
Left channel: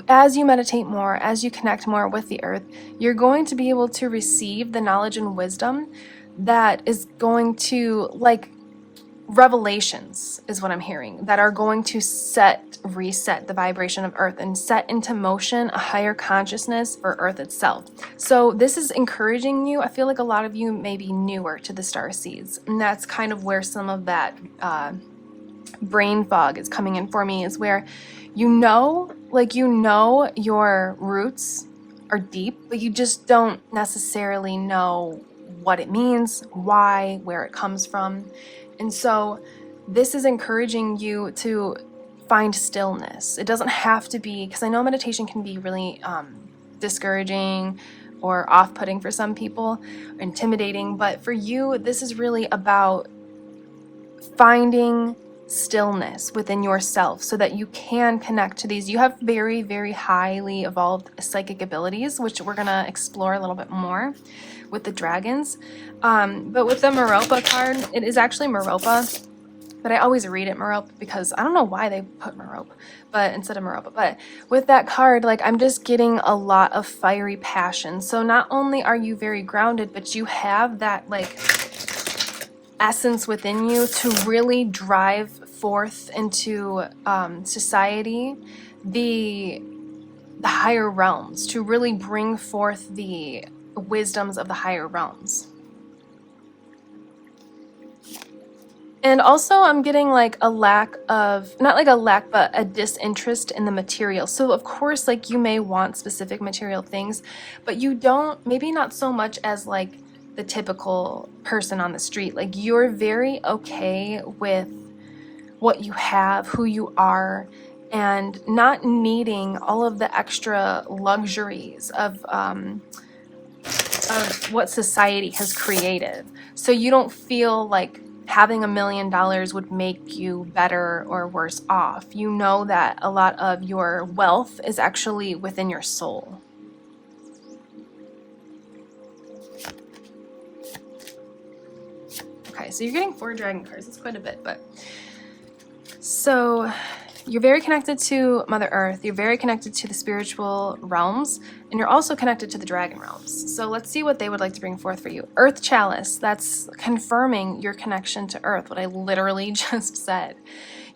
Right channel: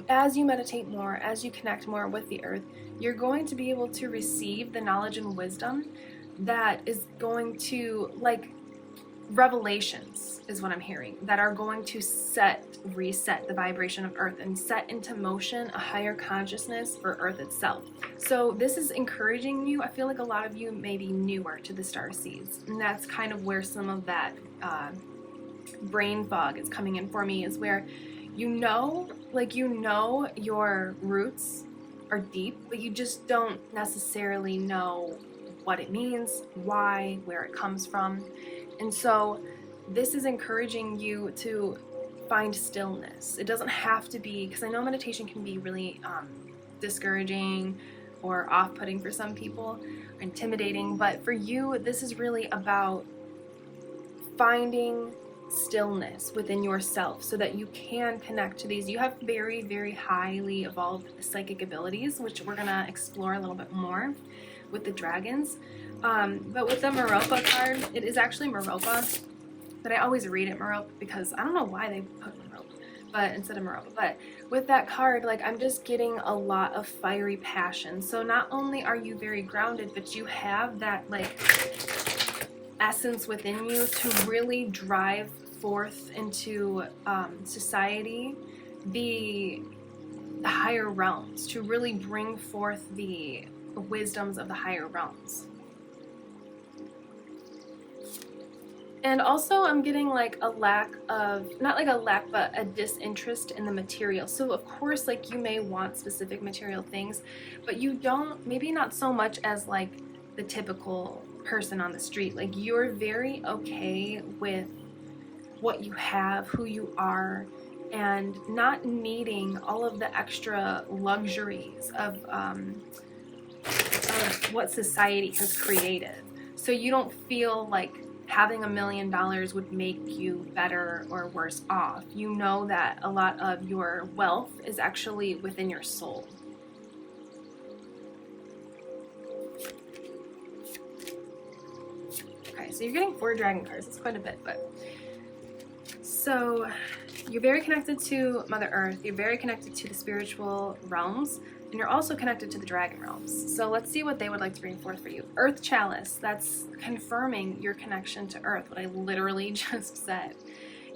as you meditate more, as you connect more with the earth, you're going to be able to receive the knowledge and wisdom that is going to, like, revelations is what I'm hearing, that are going to reset the vibration of Earth and set into motion a higher consciousness for Earth itself. So this is encouraging you. I feel like a lot of you may be newer to the Starseeds, and that's kind of where some of that brain fog is coming in for me, is where you know your roots are deep, but you just don't necessarily know what it means, why, where it comes from. And so this is encouraging you to find stillness. It doesn't have to be, because I know meditation can be really discouraging or off-putting for some people, or intimidating, but for you, this is really about finding stillness within yourself so that you can connect to these. You have very, very highly evolved psychic abilities, which we're going to explore a little bit more with the dragons. But with the Meropa card, it is actually Meropa, but I always read it Merope because I don't know why they put Merope but instead of Meropa. But with that card, like, I'm just getting a lot of fiery passion. So not only are you very grounded, but you have that, like, essence within you to really drive forth into society, the higher realms, to really bring forth the wisdoms of the higher realms. And also I'm getting like a lack of, not like a lack, but a disinterest in the material. So of course, like, you may want specific material things, but you don't, maybe not so much as like the typical person on the street. Like, you're very okay with what you have, who you are, and not needing all of the extra luxuries of what society has created. So you don't feel like having $1 million would make you better or worse off. You know that a lot of your wealth is actually within your soul. Okay, so you're getting 4 dragon cards. That's quite a bit, but so you're very connected to Mother Earth, you're very connected to the spiritual realms, and you're also connected to the dragon realms. So let's see what they would like to bring forth for you. Earth Chalice, that's confirming your connection to Earth, what I literally just said.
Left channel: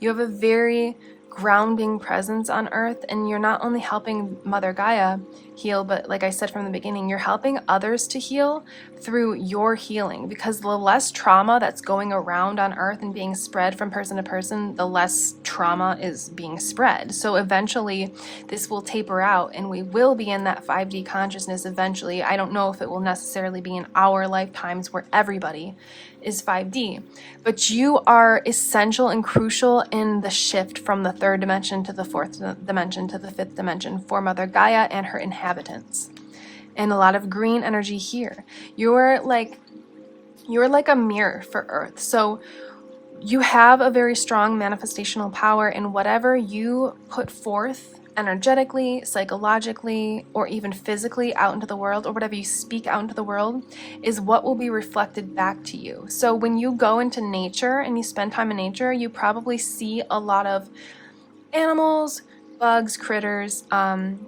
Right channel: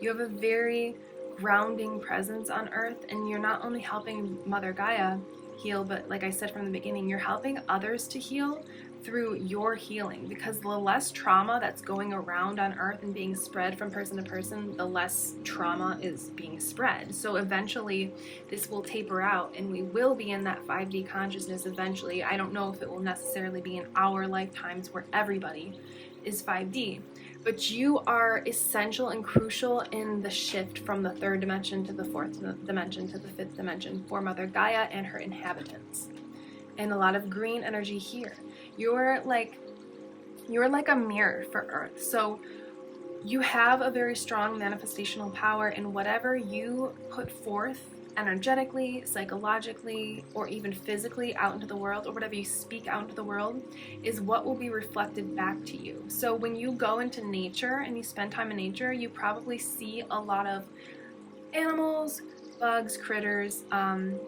You have a very grounding presence on Earth, and you're not only helping Mother Gaia heal, but like I said from the beginning, you're helping others to heal through your healing, because the less trauma that's going around on Earth and being spread from person to person, the less trauma is being spread. So eventually this will taper out and we will be in that 5D consciousness eventually. I don't know if it will necessarily be in our lifetimes where everybody is 5D, but you are essential and crucial in the shift from the 3rd dimension to the 4th dimension to the 5th dimension for Mother Gaia and her inhabitants. And a lot of green energy here. You're like a mirror for Earth. So you have a very strong manifestational power, in whatever you put forth energetically, psychologically, or even physically out into the world, or whatever you speak out into the world is what will be reflected back to you. So when you go into nature and you spend time in nature, you probably see a lot of animals, bugs, critters,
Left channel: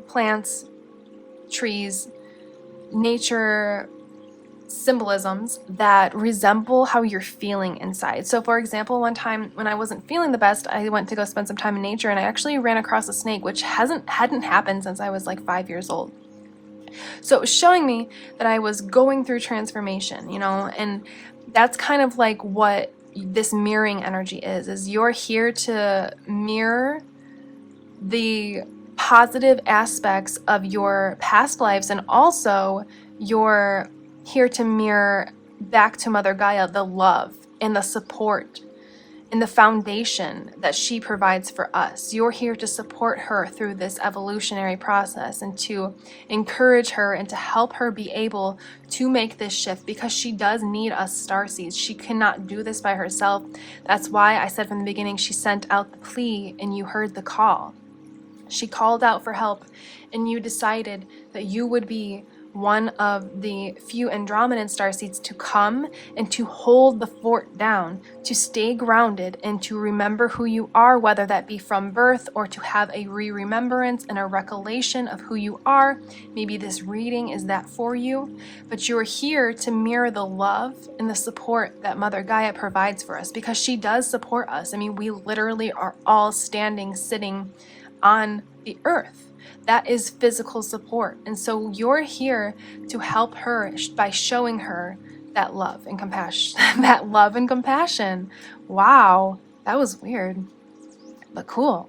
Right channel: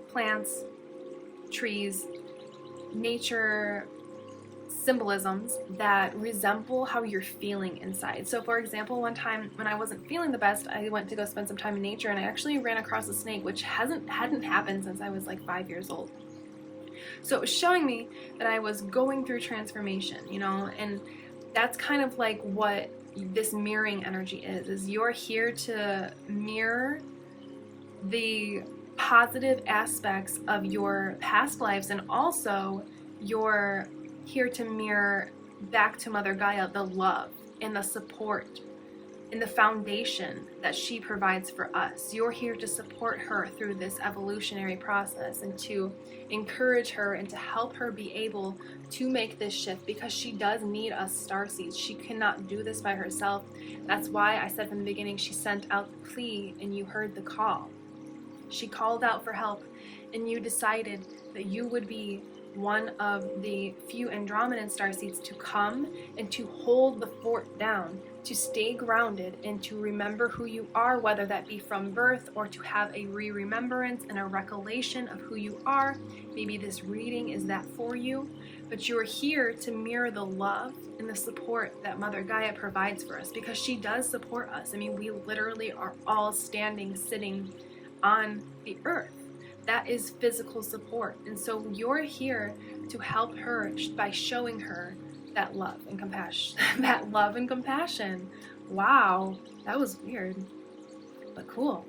plants, trees, nature symbolisms that resemble how you're feeling inside. So for example, one time when I wasn't feeling the best, I went to go spend some time in nature and I actually ran across a snake, which hadn't happened since I was like 5 years old. So it was showing me that I was going through transformation, you know, and that's kind of like what this mirroring energy is you're here to mirror the positive aspects of your past lives, and also you're here to mirror back to Mother Gaia the love and the support and the foundation that she provides for us. You're here to support her through this evolutionary process and to encourage her and to help her be able to make this shift, because she does need us starseeds. She cannot do this by herself. That's why I said from the beginning, she sent out the plea and you heard the call. She called out for help and you decided that you would be one of the few Andromedan starseeds to come and to hold the fort down, to stay grounded and to remember who you are, whether that be from birth or to have a remembrance and a recollection of who you are. Maybe this reading is that for you, but you're here to mirror the love and the support that Mother Gaia provides for us, because she does support us. I mean, we literally are all sitting on the earth. That is physical support. And so you're here to help her by showing her that love and compassion. That love and compassion. Wow, that was weird, but cool.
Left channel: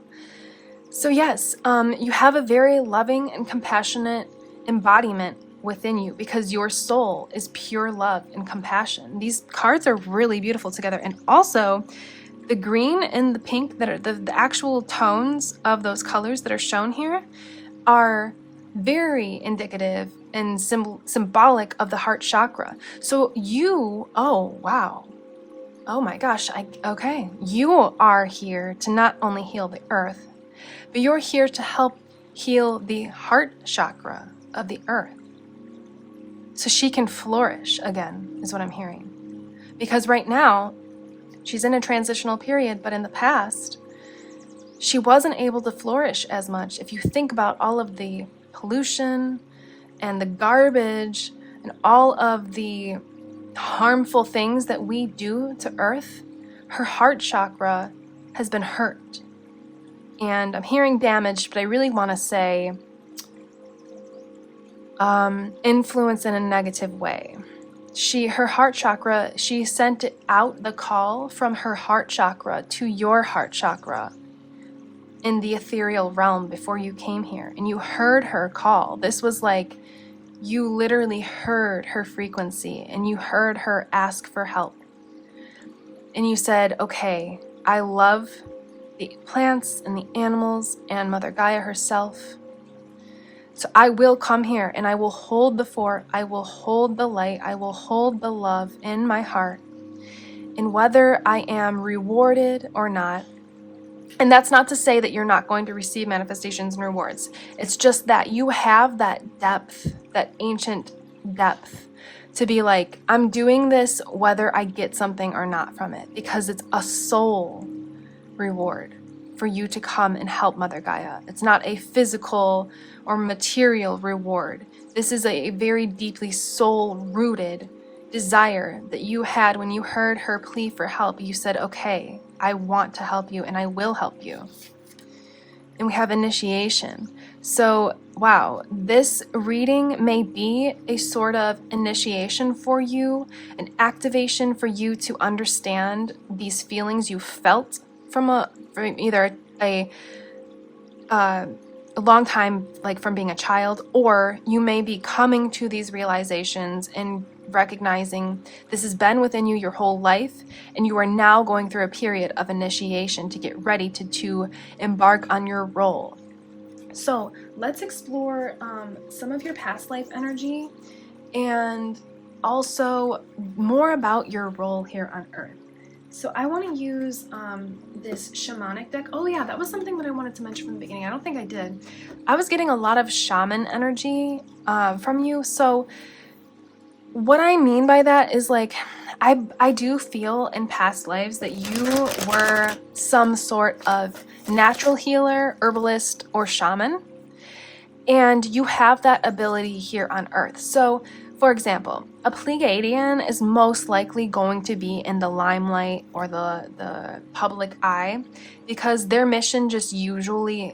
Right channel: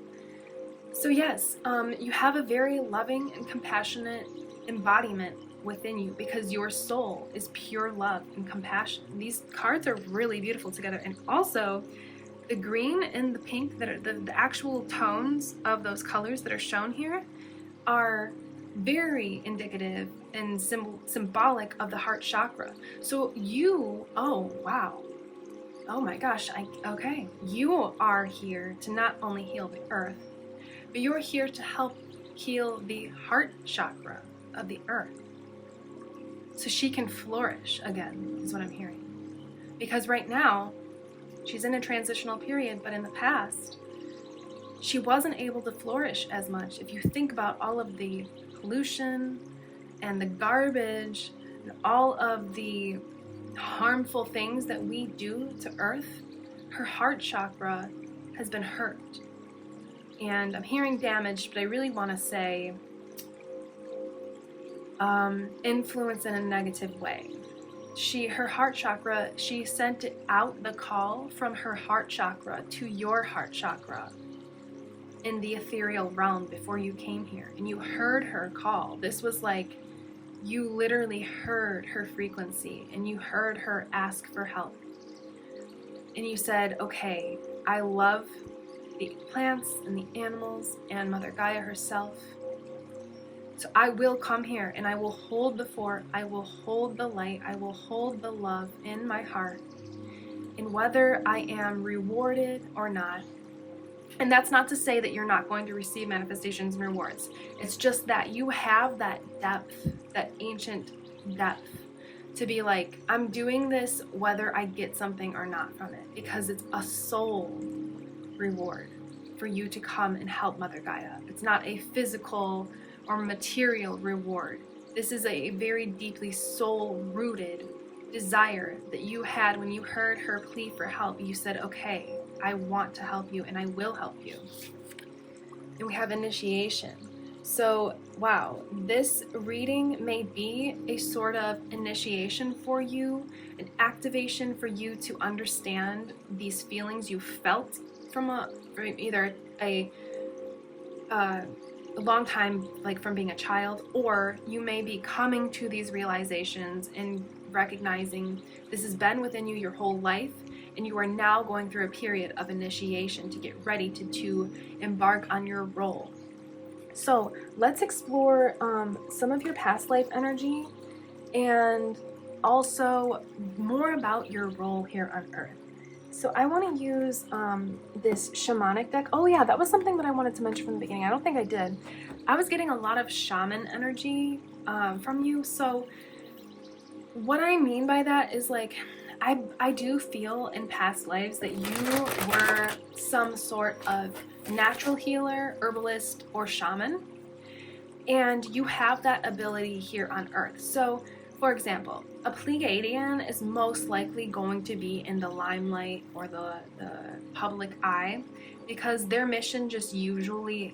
So yes, you have a very loving and compassionate embodiment within you, because your soul is pure love and compassion. These cards are really beautiful together. And also, the green and the pink, that are the actual tones of those colors that are shown here, are very indicative and symbolic of the heart chakra. So you, oh wow, oh my gosh, okay, you are here to not only heal the earth, but you're here to help heal the heart chakra of the earth, so she can flourish again, is what I'm hearing. Because right now, she's in a transitional period, but in the past, she wasn't able to flourish as much. If you think about all of the pollution and the garbage and all of the harmful things that we do to Earth, her heart chakra has been hurt. And I'm hearing damaged, but I really want to say influence in a negative way. Her heart chakra, she sent out the call from her heart chakra to your heart chakra in the ethereal realm before you came here, and you heard her call. This was like, you literally heard her frequency and you heard her ask for help. And you said, okay, I love the plants and the animals and Mother Gaia herself. So I will come here and I will hold the fort, I will hold the light, I will hold the love in my heart. And whether I am rewarded or not, and that's not to say that you're not going to receive manifestations and rewards. It's just that you have that depth, that ancient depth, to be like, I'm doing this whether I get something or not from it, because it's a soul reward for you to come and help Mother Gaia. It's not a physical or material reward. This is a very deeply soul-rooted desire that you had when you heard her plea for help. You said, okay, I want to help you and I will help you. And we have initiation. So, wow, this reading may be a sort of initiation for you, an activation for you to understand these feelings you felt from either a long time, like from being a child, or you may be coming to these realizations and recognizing this has been within you your whole life, and you are now going through a period of initiation to get ready to embark on your role. So let's explore some of your past life energy and also more about your role here on Earth. So I want to use this shamanic deck. Oh yeah, that was something that I wanted to mention from the beginning. I don't think I did. I was getting a lot of shaman energy from you. So what I mean by that is, like, I do feel in past lives that you were some sort of natural healer, herbalist, or shaman, and you have that ability here on Earth. So, for example, a Pleiadian is most likely going to be in the limelight or the public eye, because their mission just usually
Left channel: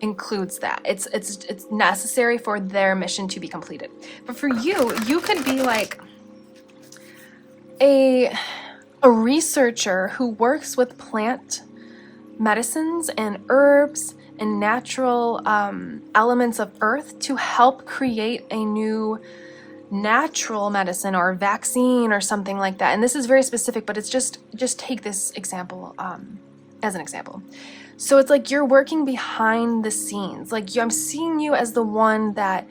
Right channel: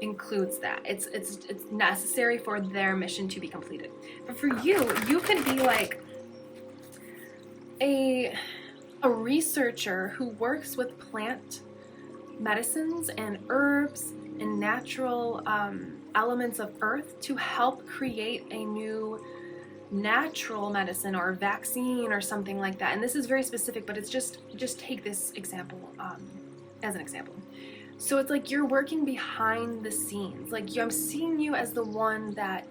includes that. It's necessary for their mission to be completed. But for you, you could be like a researcher who works with plant medicines and herbs and natural elements of Earth to help create a new natural medicine or vaccine or something like that. And this is very specific, but it's just take this example as an example. So it's like you're working behind the scenes. Like I'm seeing you as the one that,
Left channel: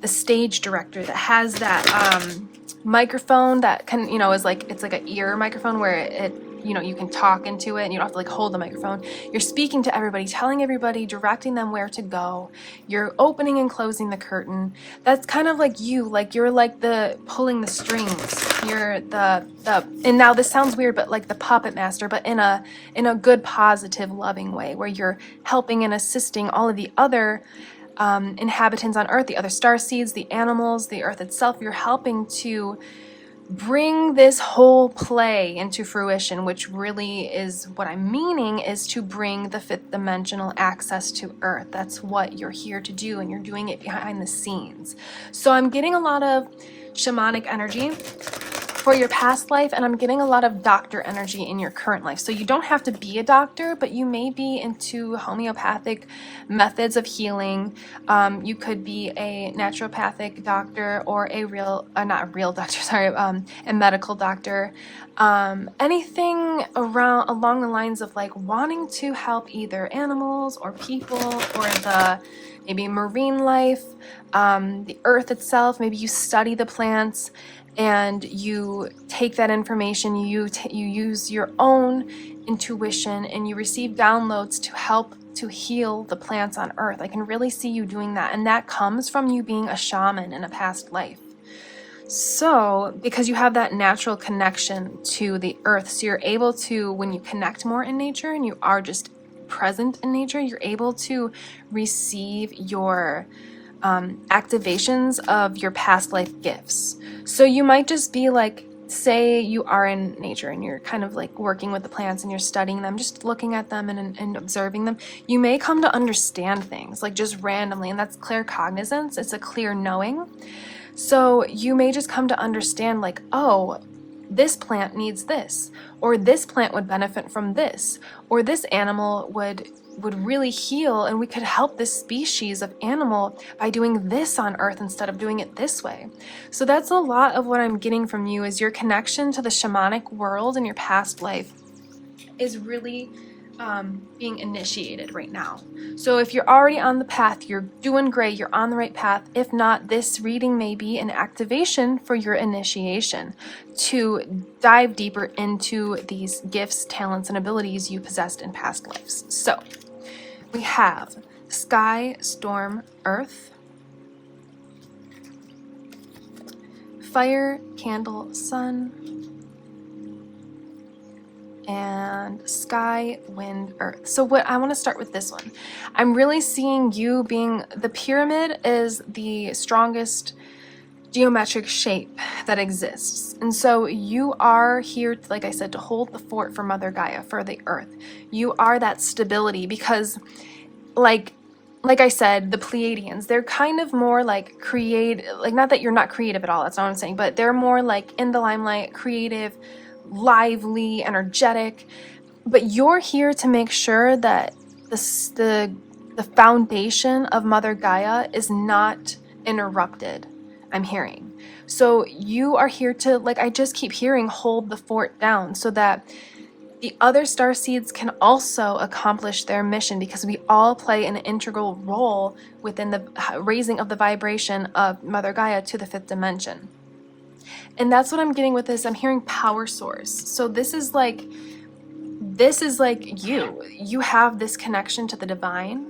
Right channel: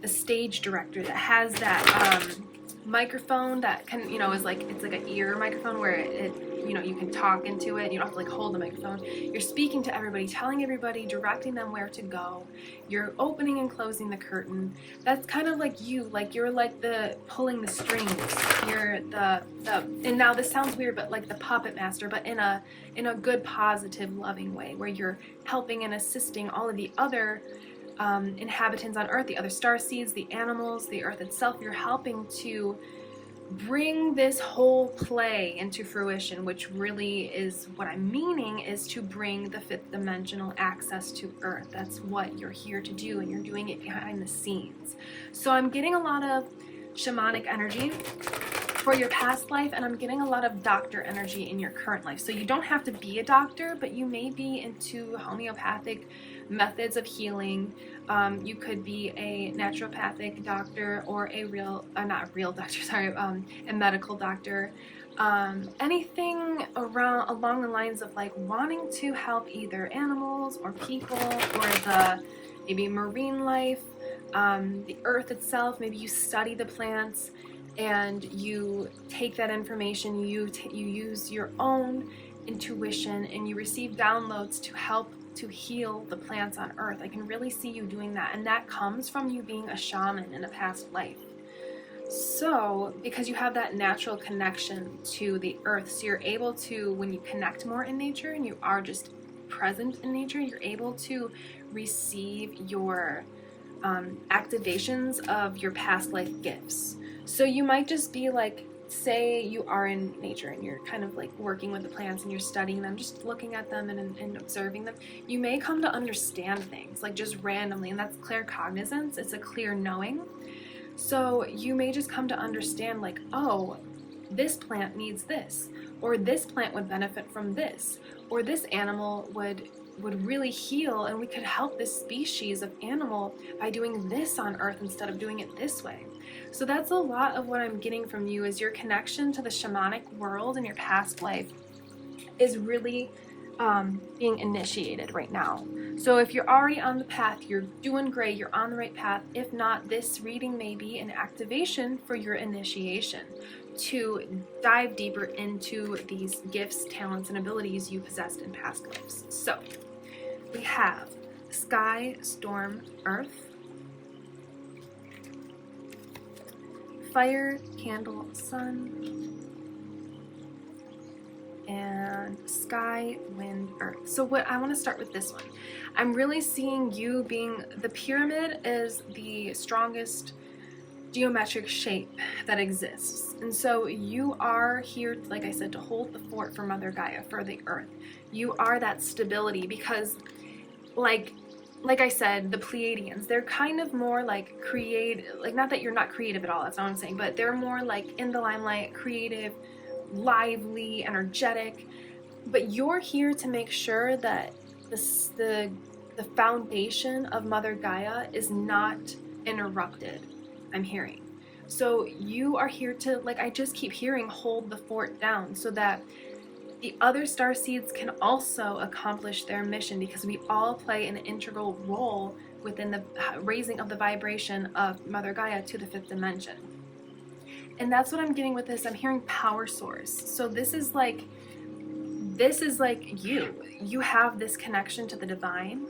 the stage director that has that microphone that can, you know, is like, it's like an ear microphone where it, you know, you can talk into it and you don't have to like hold the microphone. You're speaking to everybody, telling everybody, directing them where to go. You're opening and closing the curtain. That's kind of like you, like you're like the pulling the strings. You're the and now this sounds weird, but like the puppet master, but in a good, positive, loving way, where you're helping and assisting all of the other inhabitants on Earth, the other starseeds, the animals, the Earth itself. You're helping to bring this whole play into fruition, which really is what I'm meaning, is to bring the fifth dimensional access to Earth. That's what you're here to do, and you're doing it behind the scenes. So I'm getting a lot of shamanic energy for your past life, and I'm getting a lot of doctor energy in your current life. So you don't have to be a doctor, but you may be into homeopathic methods of healing. You could be a naturopathic doctor, or a not a real doctor, sorry, a medical doctor. Anything along the lines of like wanting to help either animals or people, or the maybe marine life, the earth itself. Maybe you study the plants and you take that information, you use your own intuition, and you receive downloads to help to heal the plants on Earth. I can really see you doing that, and that comes from you being a shaman in a past life. So, because you have that natural connection to the Earth, so you're able to, when you connect more in nature and you are just present in nature, you're able to receive your activations of your past life gifts. So you might just be like, say you are in nature and you're kind of like working with the plants and you're studying them, just looking at them and observing them. You may come to understand things like just randomly, and that's claircognizance. It's a clear knowing. So you may just come to understand like, oh, this plant needs this, or this plant would benefit from this, or this animal would really heal, and we could help this species of animal by doing this on Earth instead of doing it this way. So that's a lot of what I'm getting from you, is your connection to the shamanic world in your past life is really being initiated right now. So if you're already on the path, you're doing great, you're on the right path. If not, this reading may be an activation for your initiation to dive deeper into these gifts, talents, and abilities you possessed in past lives. So we have sky, storm, earth, fire, candle, sun, and sky, wind, earth. So what I want to start with this one. I'm really seeing you being, the pyramid is the strongest geometric shape that exists. And so you are here, like I said, to hold the fort for Mother Gaia, for the earth. You are that stability, because like I said, the Pleiadians, they're kind of more like like, not that you're not creative at all, that's not what I'm saying, but they're more like in the limelight, creative, lively, energetic. But you're here to make sure that the foundation of Mother Gaia is not interrupted, I'm hearing. So you are here to, like I just keep hearing, hold the fort down so that the other starseeds can also accomplish their mission, because we all play an integral role within the raising of the vibration of Mother Gaia to the fifth dimension. And that's what I'm getting with this. I'm hearing power source. So this is like you have this connection to the divine,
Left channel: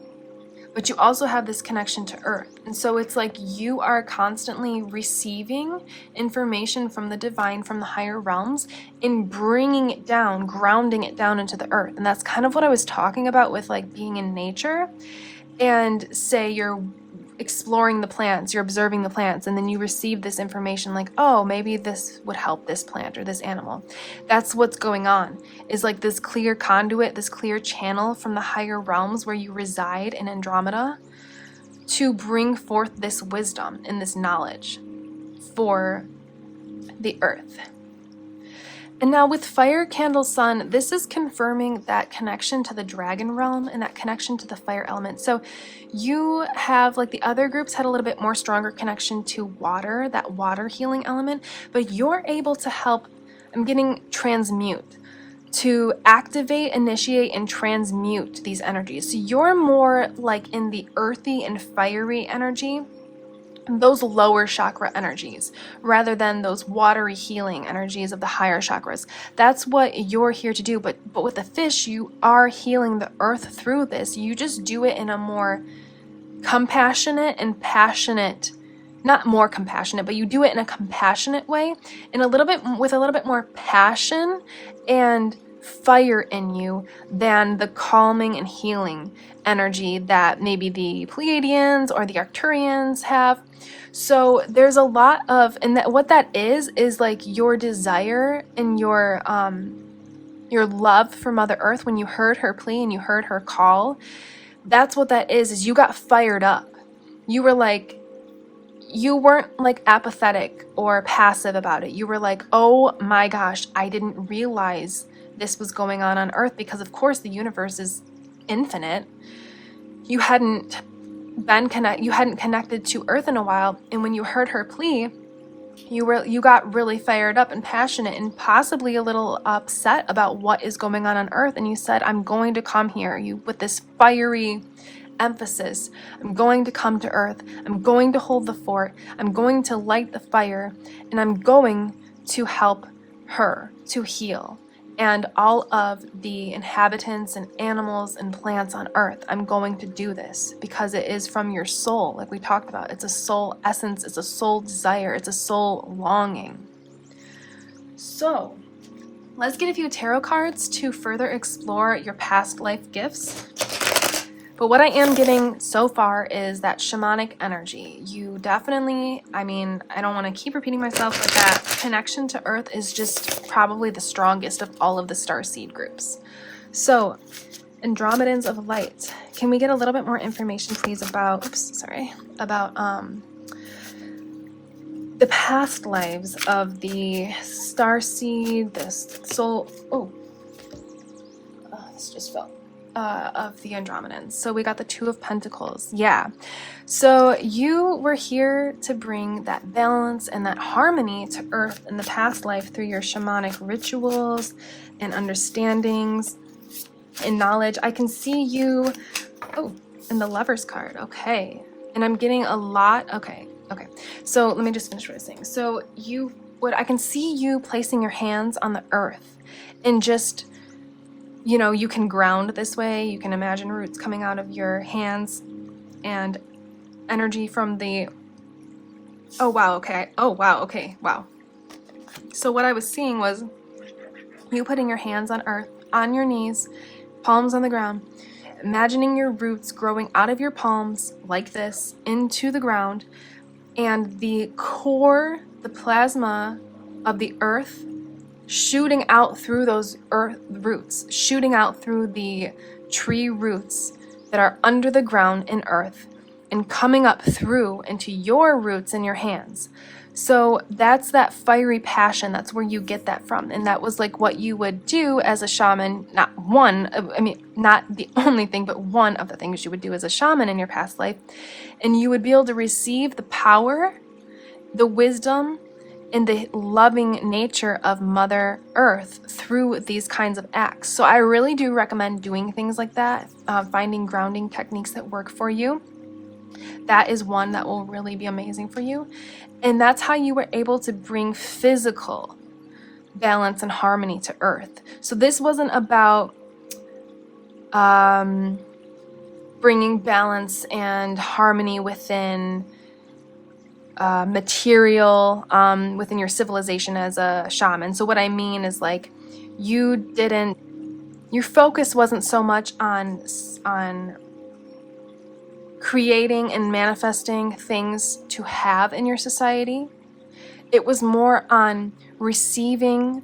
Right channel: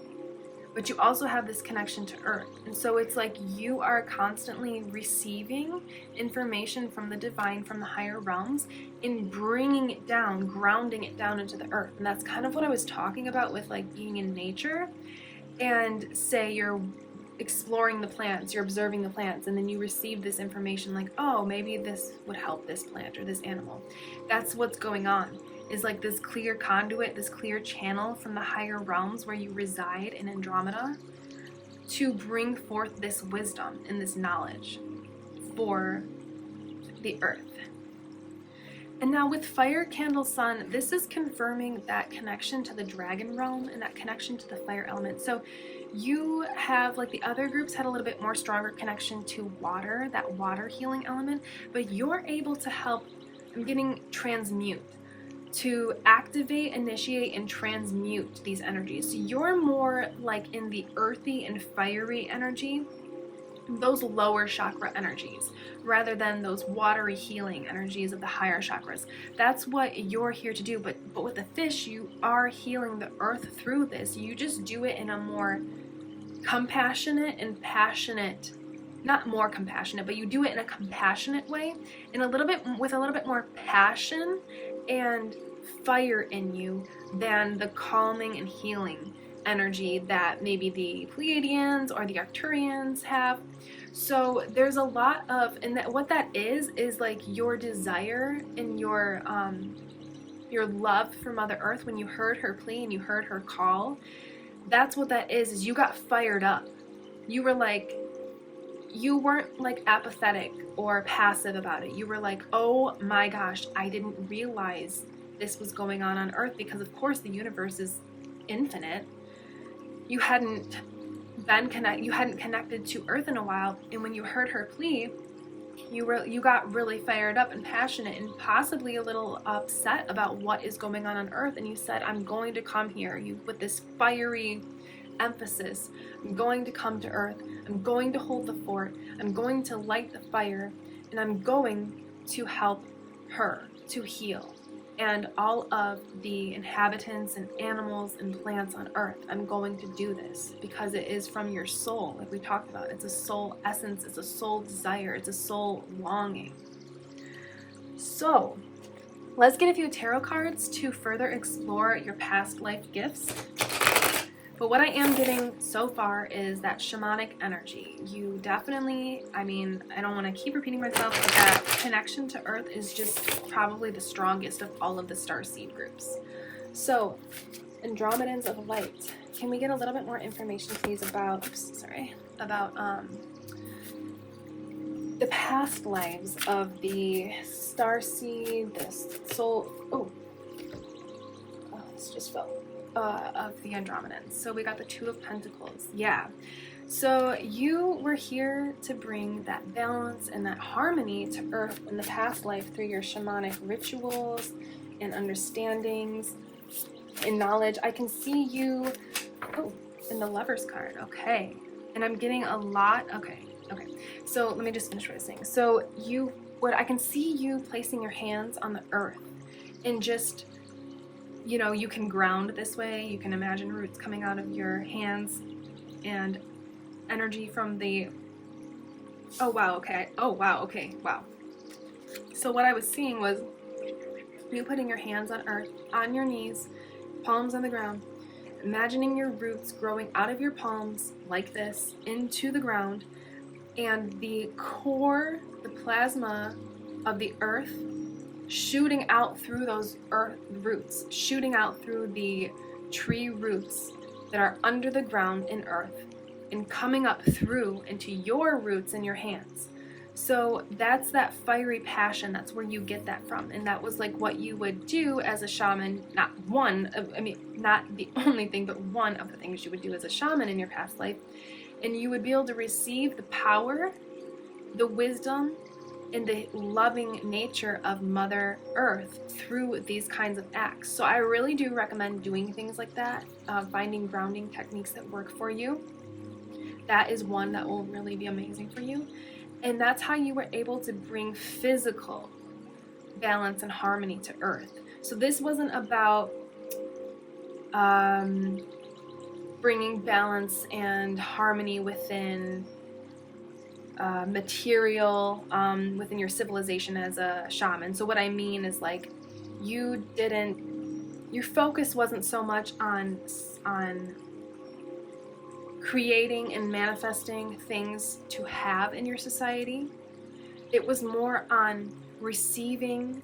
but you also have this connection to earth. And so it's like you are constantly receiving information from the divine, from the higher realms, and bringing it down, grounding it down into the earth. And that's kind of what I was talking about with like being in nature, and say you're exploring the plants, you're observing the plants, and then you receive this information like, oh, maybe this would help this plant or this animal. That's what's going on, is like this clear conduit, this clear channel from the higher realms where you reside in Andromeda, to bring forth this wisdom and this knowledge for the earth. And now with Fire Candle Sun, this is confirming that connection to the dragon realm and that connection to the fire element. So you have, like the other groups had a little bit more stronger connection to water, that water healing element, but you're able to help, I'm getting transmute, to activate, initiate, and transmute these energies. So you're more like in the earthy and fiery energy, those lower chakra energies, rather than those watery healing energies of the higher chakras. That's what you're here to do. But with the fish, you are healing the earth through this. You just do it in a more compassionate and passionate, not more compassionate, but you do it in a compassionate way, and a little bit with a little bit more passion and fire in you than the calming and healing energy that maybe the Pleiadians or the Arcturians have. So there's a lot of, and that what that is like your desire and your love for Mother Earth. When you heard her plea and you heard her call, that's what that is you got fired up. You were like, you weren't like apathetic or passive about it. You were like, oh my gosh, I didn't realize this was going on Earth, because of course the universe is infinite. You hadn't connected to Earth in a while, and when you heard her plea, you got really fired up and passionate and possibly a little upset about what is going on Earth, and you said, I'm going to come here, you with this fiery emphasis. I'm going to come to Earth. I'm going to hold the fort. I'm going to light the fire, and I'm going to help her to heal and all of the inhabitants and animals and plants on Earth. I'm going to do this because it is from your soul, like we talked about. It's a soul essence, it's a soul desire, it's a soul longing. So let's get a few tarot cards to further explore your past life gifts. But what I am getting so far is that shamanic energy. You definitely, I mean, I don't want to keep repeating myself, but that connection to Earth is just probably the strongest of all of the Starseed groups. So, Andromedans of Light. Can we get a little bit more information, please, about, about the past lives of the Starseed, the soul, this just fell. Of the Andromedans. So we got the Two of Pentacles. Yeah. So you were here to bring that balance and that harmony to Earth in the past life through your shamanic rituals and understandings and knowledge. I can see you, in the Lover's card. Okay. And I'm getting a lot. Okay. So let me just finish what I was saying. So I can see you placing your hands on the Earth and just, you know, you can ground this way. You can imagine roots coming out of your hands and energy from the, wow. So what I was seeing was you putting your hands on Earth, on your knees, palms on the ground, imagining your roots growing out of your palms like this into the ground, and the core, the plasma of the Earth shooting out through those earth roots, shooting out through the tree roots that are under the ground in Earth and coming up through into your roots in your hands. So that's that fiery passion. That's where you get that from. And that was like what you would do as a shaman. Not the only thing, but one of the things you would do as a shaman in your past life. And you would be able to receive the power, the wisdom, and the loving nature of Mother Earth through these kinds of acts. So I really do recommend doing things like that, finding grounding techniques that work for you. That is one that will really be amazing for you. And that's how you were able to bring physical balance and harmony to Earth. So this wasn't about bringing balance and harmony within material, within your civilization as a shaman. So what I mean is, like, your focus wasn't so much on creating and manifesting things to have in your society. It was more on receiving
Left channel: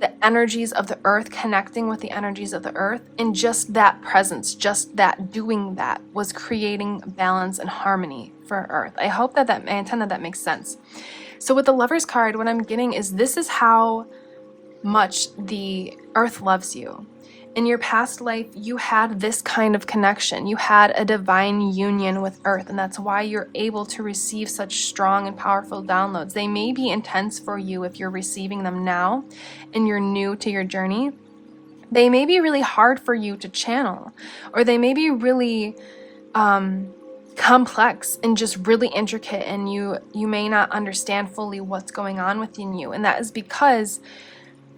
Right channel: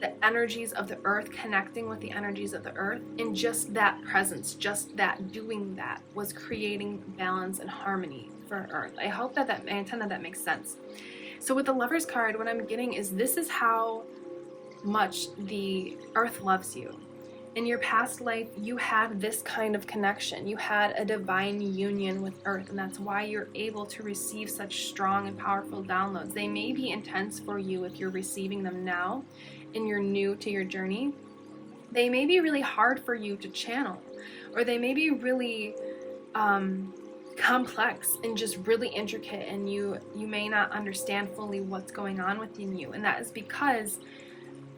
the energies of the Earth, connecting with the energies of the Earth, and just that presence, just that doing that was creating balance and harmony for Earth. I intend that makes sense. So with the Lover's card, what I'm getting is this is how much the earth loves you. In your past life, you had this kind of connection. You had a divine union with earth, and that's why you're able to receive such strong and powerful downloads. They may be intense for you if you're receiving them now and you're new to your journey. They may be really hard for you to channel, or they may be really complex and just really intricate, and you may not understand fully what's going on within you. And that is because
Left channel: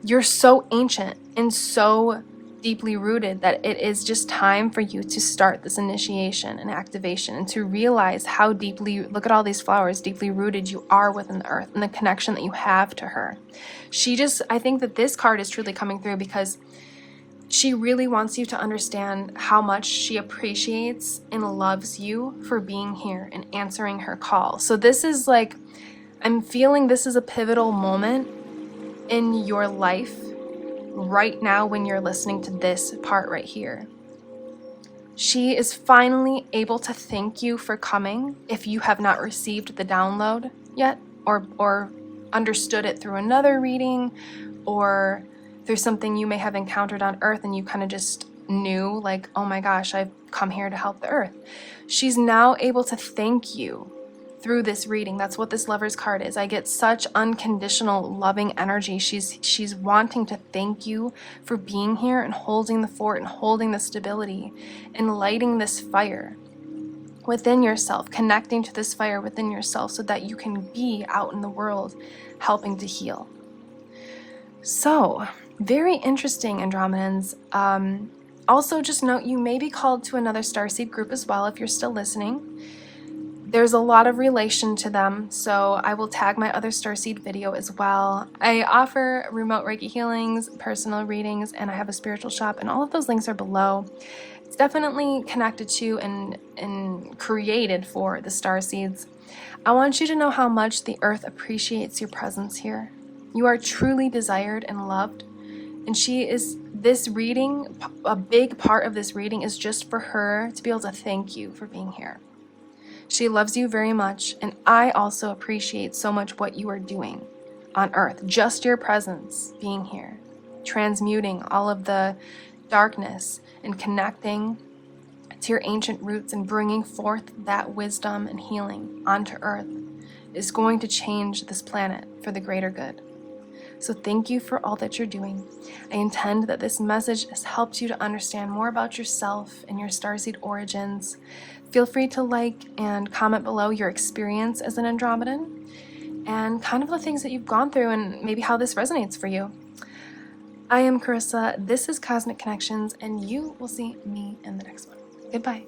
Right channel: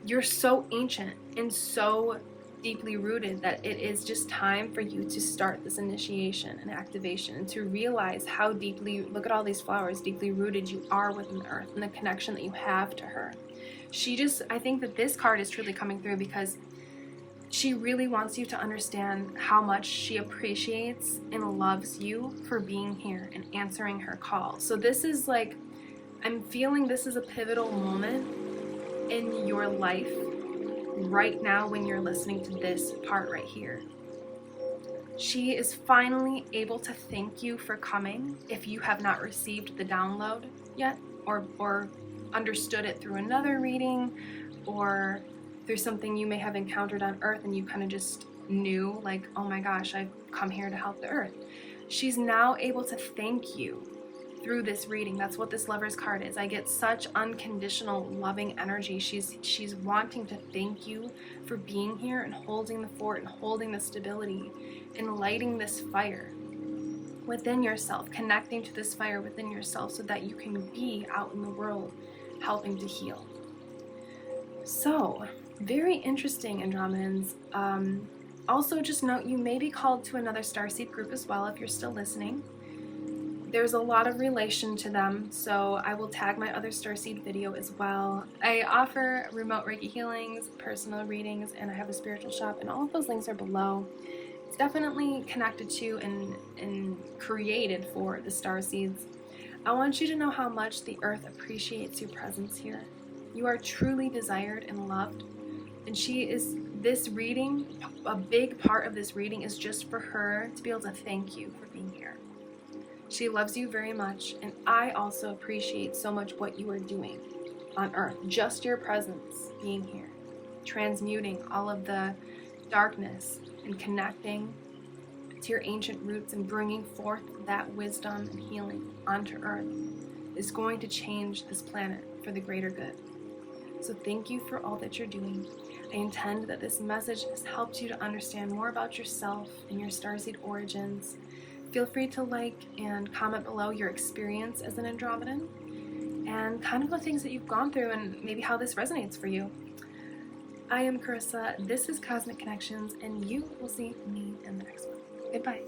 you're so ancient and so deeply rooted that it is just time for you to start this initiation and activation, and to realize how deeply, look at all these flowers, deeply rooted you are within the earth and the connection that you have to her. I think that this card is truly coming through because she really wants you to understand how much she appreciates and loves you for being here and answering her call. So this is like, I'm feeling this is a pivotal moment in your life right now when you're listening to this part right here. She is finally able to thank you for coming if you have not received the download yet, or understood it through another reading, or through something you may have encountered on earth and you kind of just knew, like, oh my gosh, I've come here to help the earth. She's now able to thank you through this reading. That's what this Lover's card is. I get such unconditional loving energy. She's wanting to thank you for being here and holding the fort and holding the stability and lighting this fire within yourself, connecting to this fire within yourself so that you can be out in the world helping to heal. So, very interesting, Andromedans. Also, just note, you may be called to another Starseed group as well if you're still listening. There's a lot of relation to them, so I will tag my other Starseed video as well. I offer remote Reiki healings, personal readings, and I have a spiritual shop, and all of those links are below. It's definitely connected to and created for the Starseeds. I want you to know how much the earth appreciates your presence here. You are truly desired and loved, and this reading, a big part of this reading is just for her to be able to thank you for being here. She loves you very much, and I also appreciate so much what you are doing on earth. Just your presence being here, transmuting all of the darkness and connecting to your ancient roots and bringing forth that wisdom and healing onto earth is going to change this planet for the greater good. So thank you for all that you're doing. I intend that this message has helped you to understand more about yourself and your Starseed origins. Feel free to like and comment below your experience as an Andromedan and kind of the things that you've gone through and maybe how this resonates for you. I am Carissa, this is Cosmic Connections, and you will see me in the next one. Goodbye.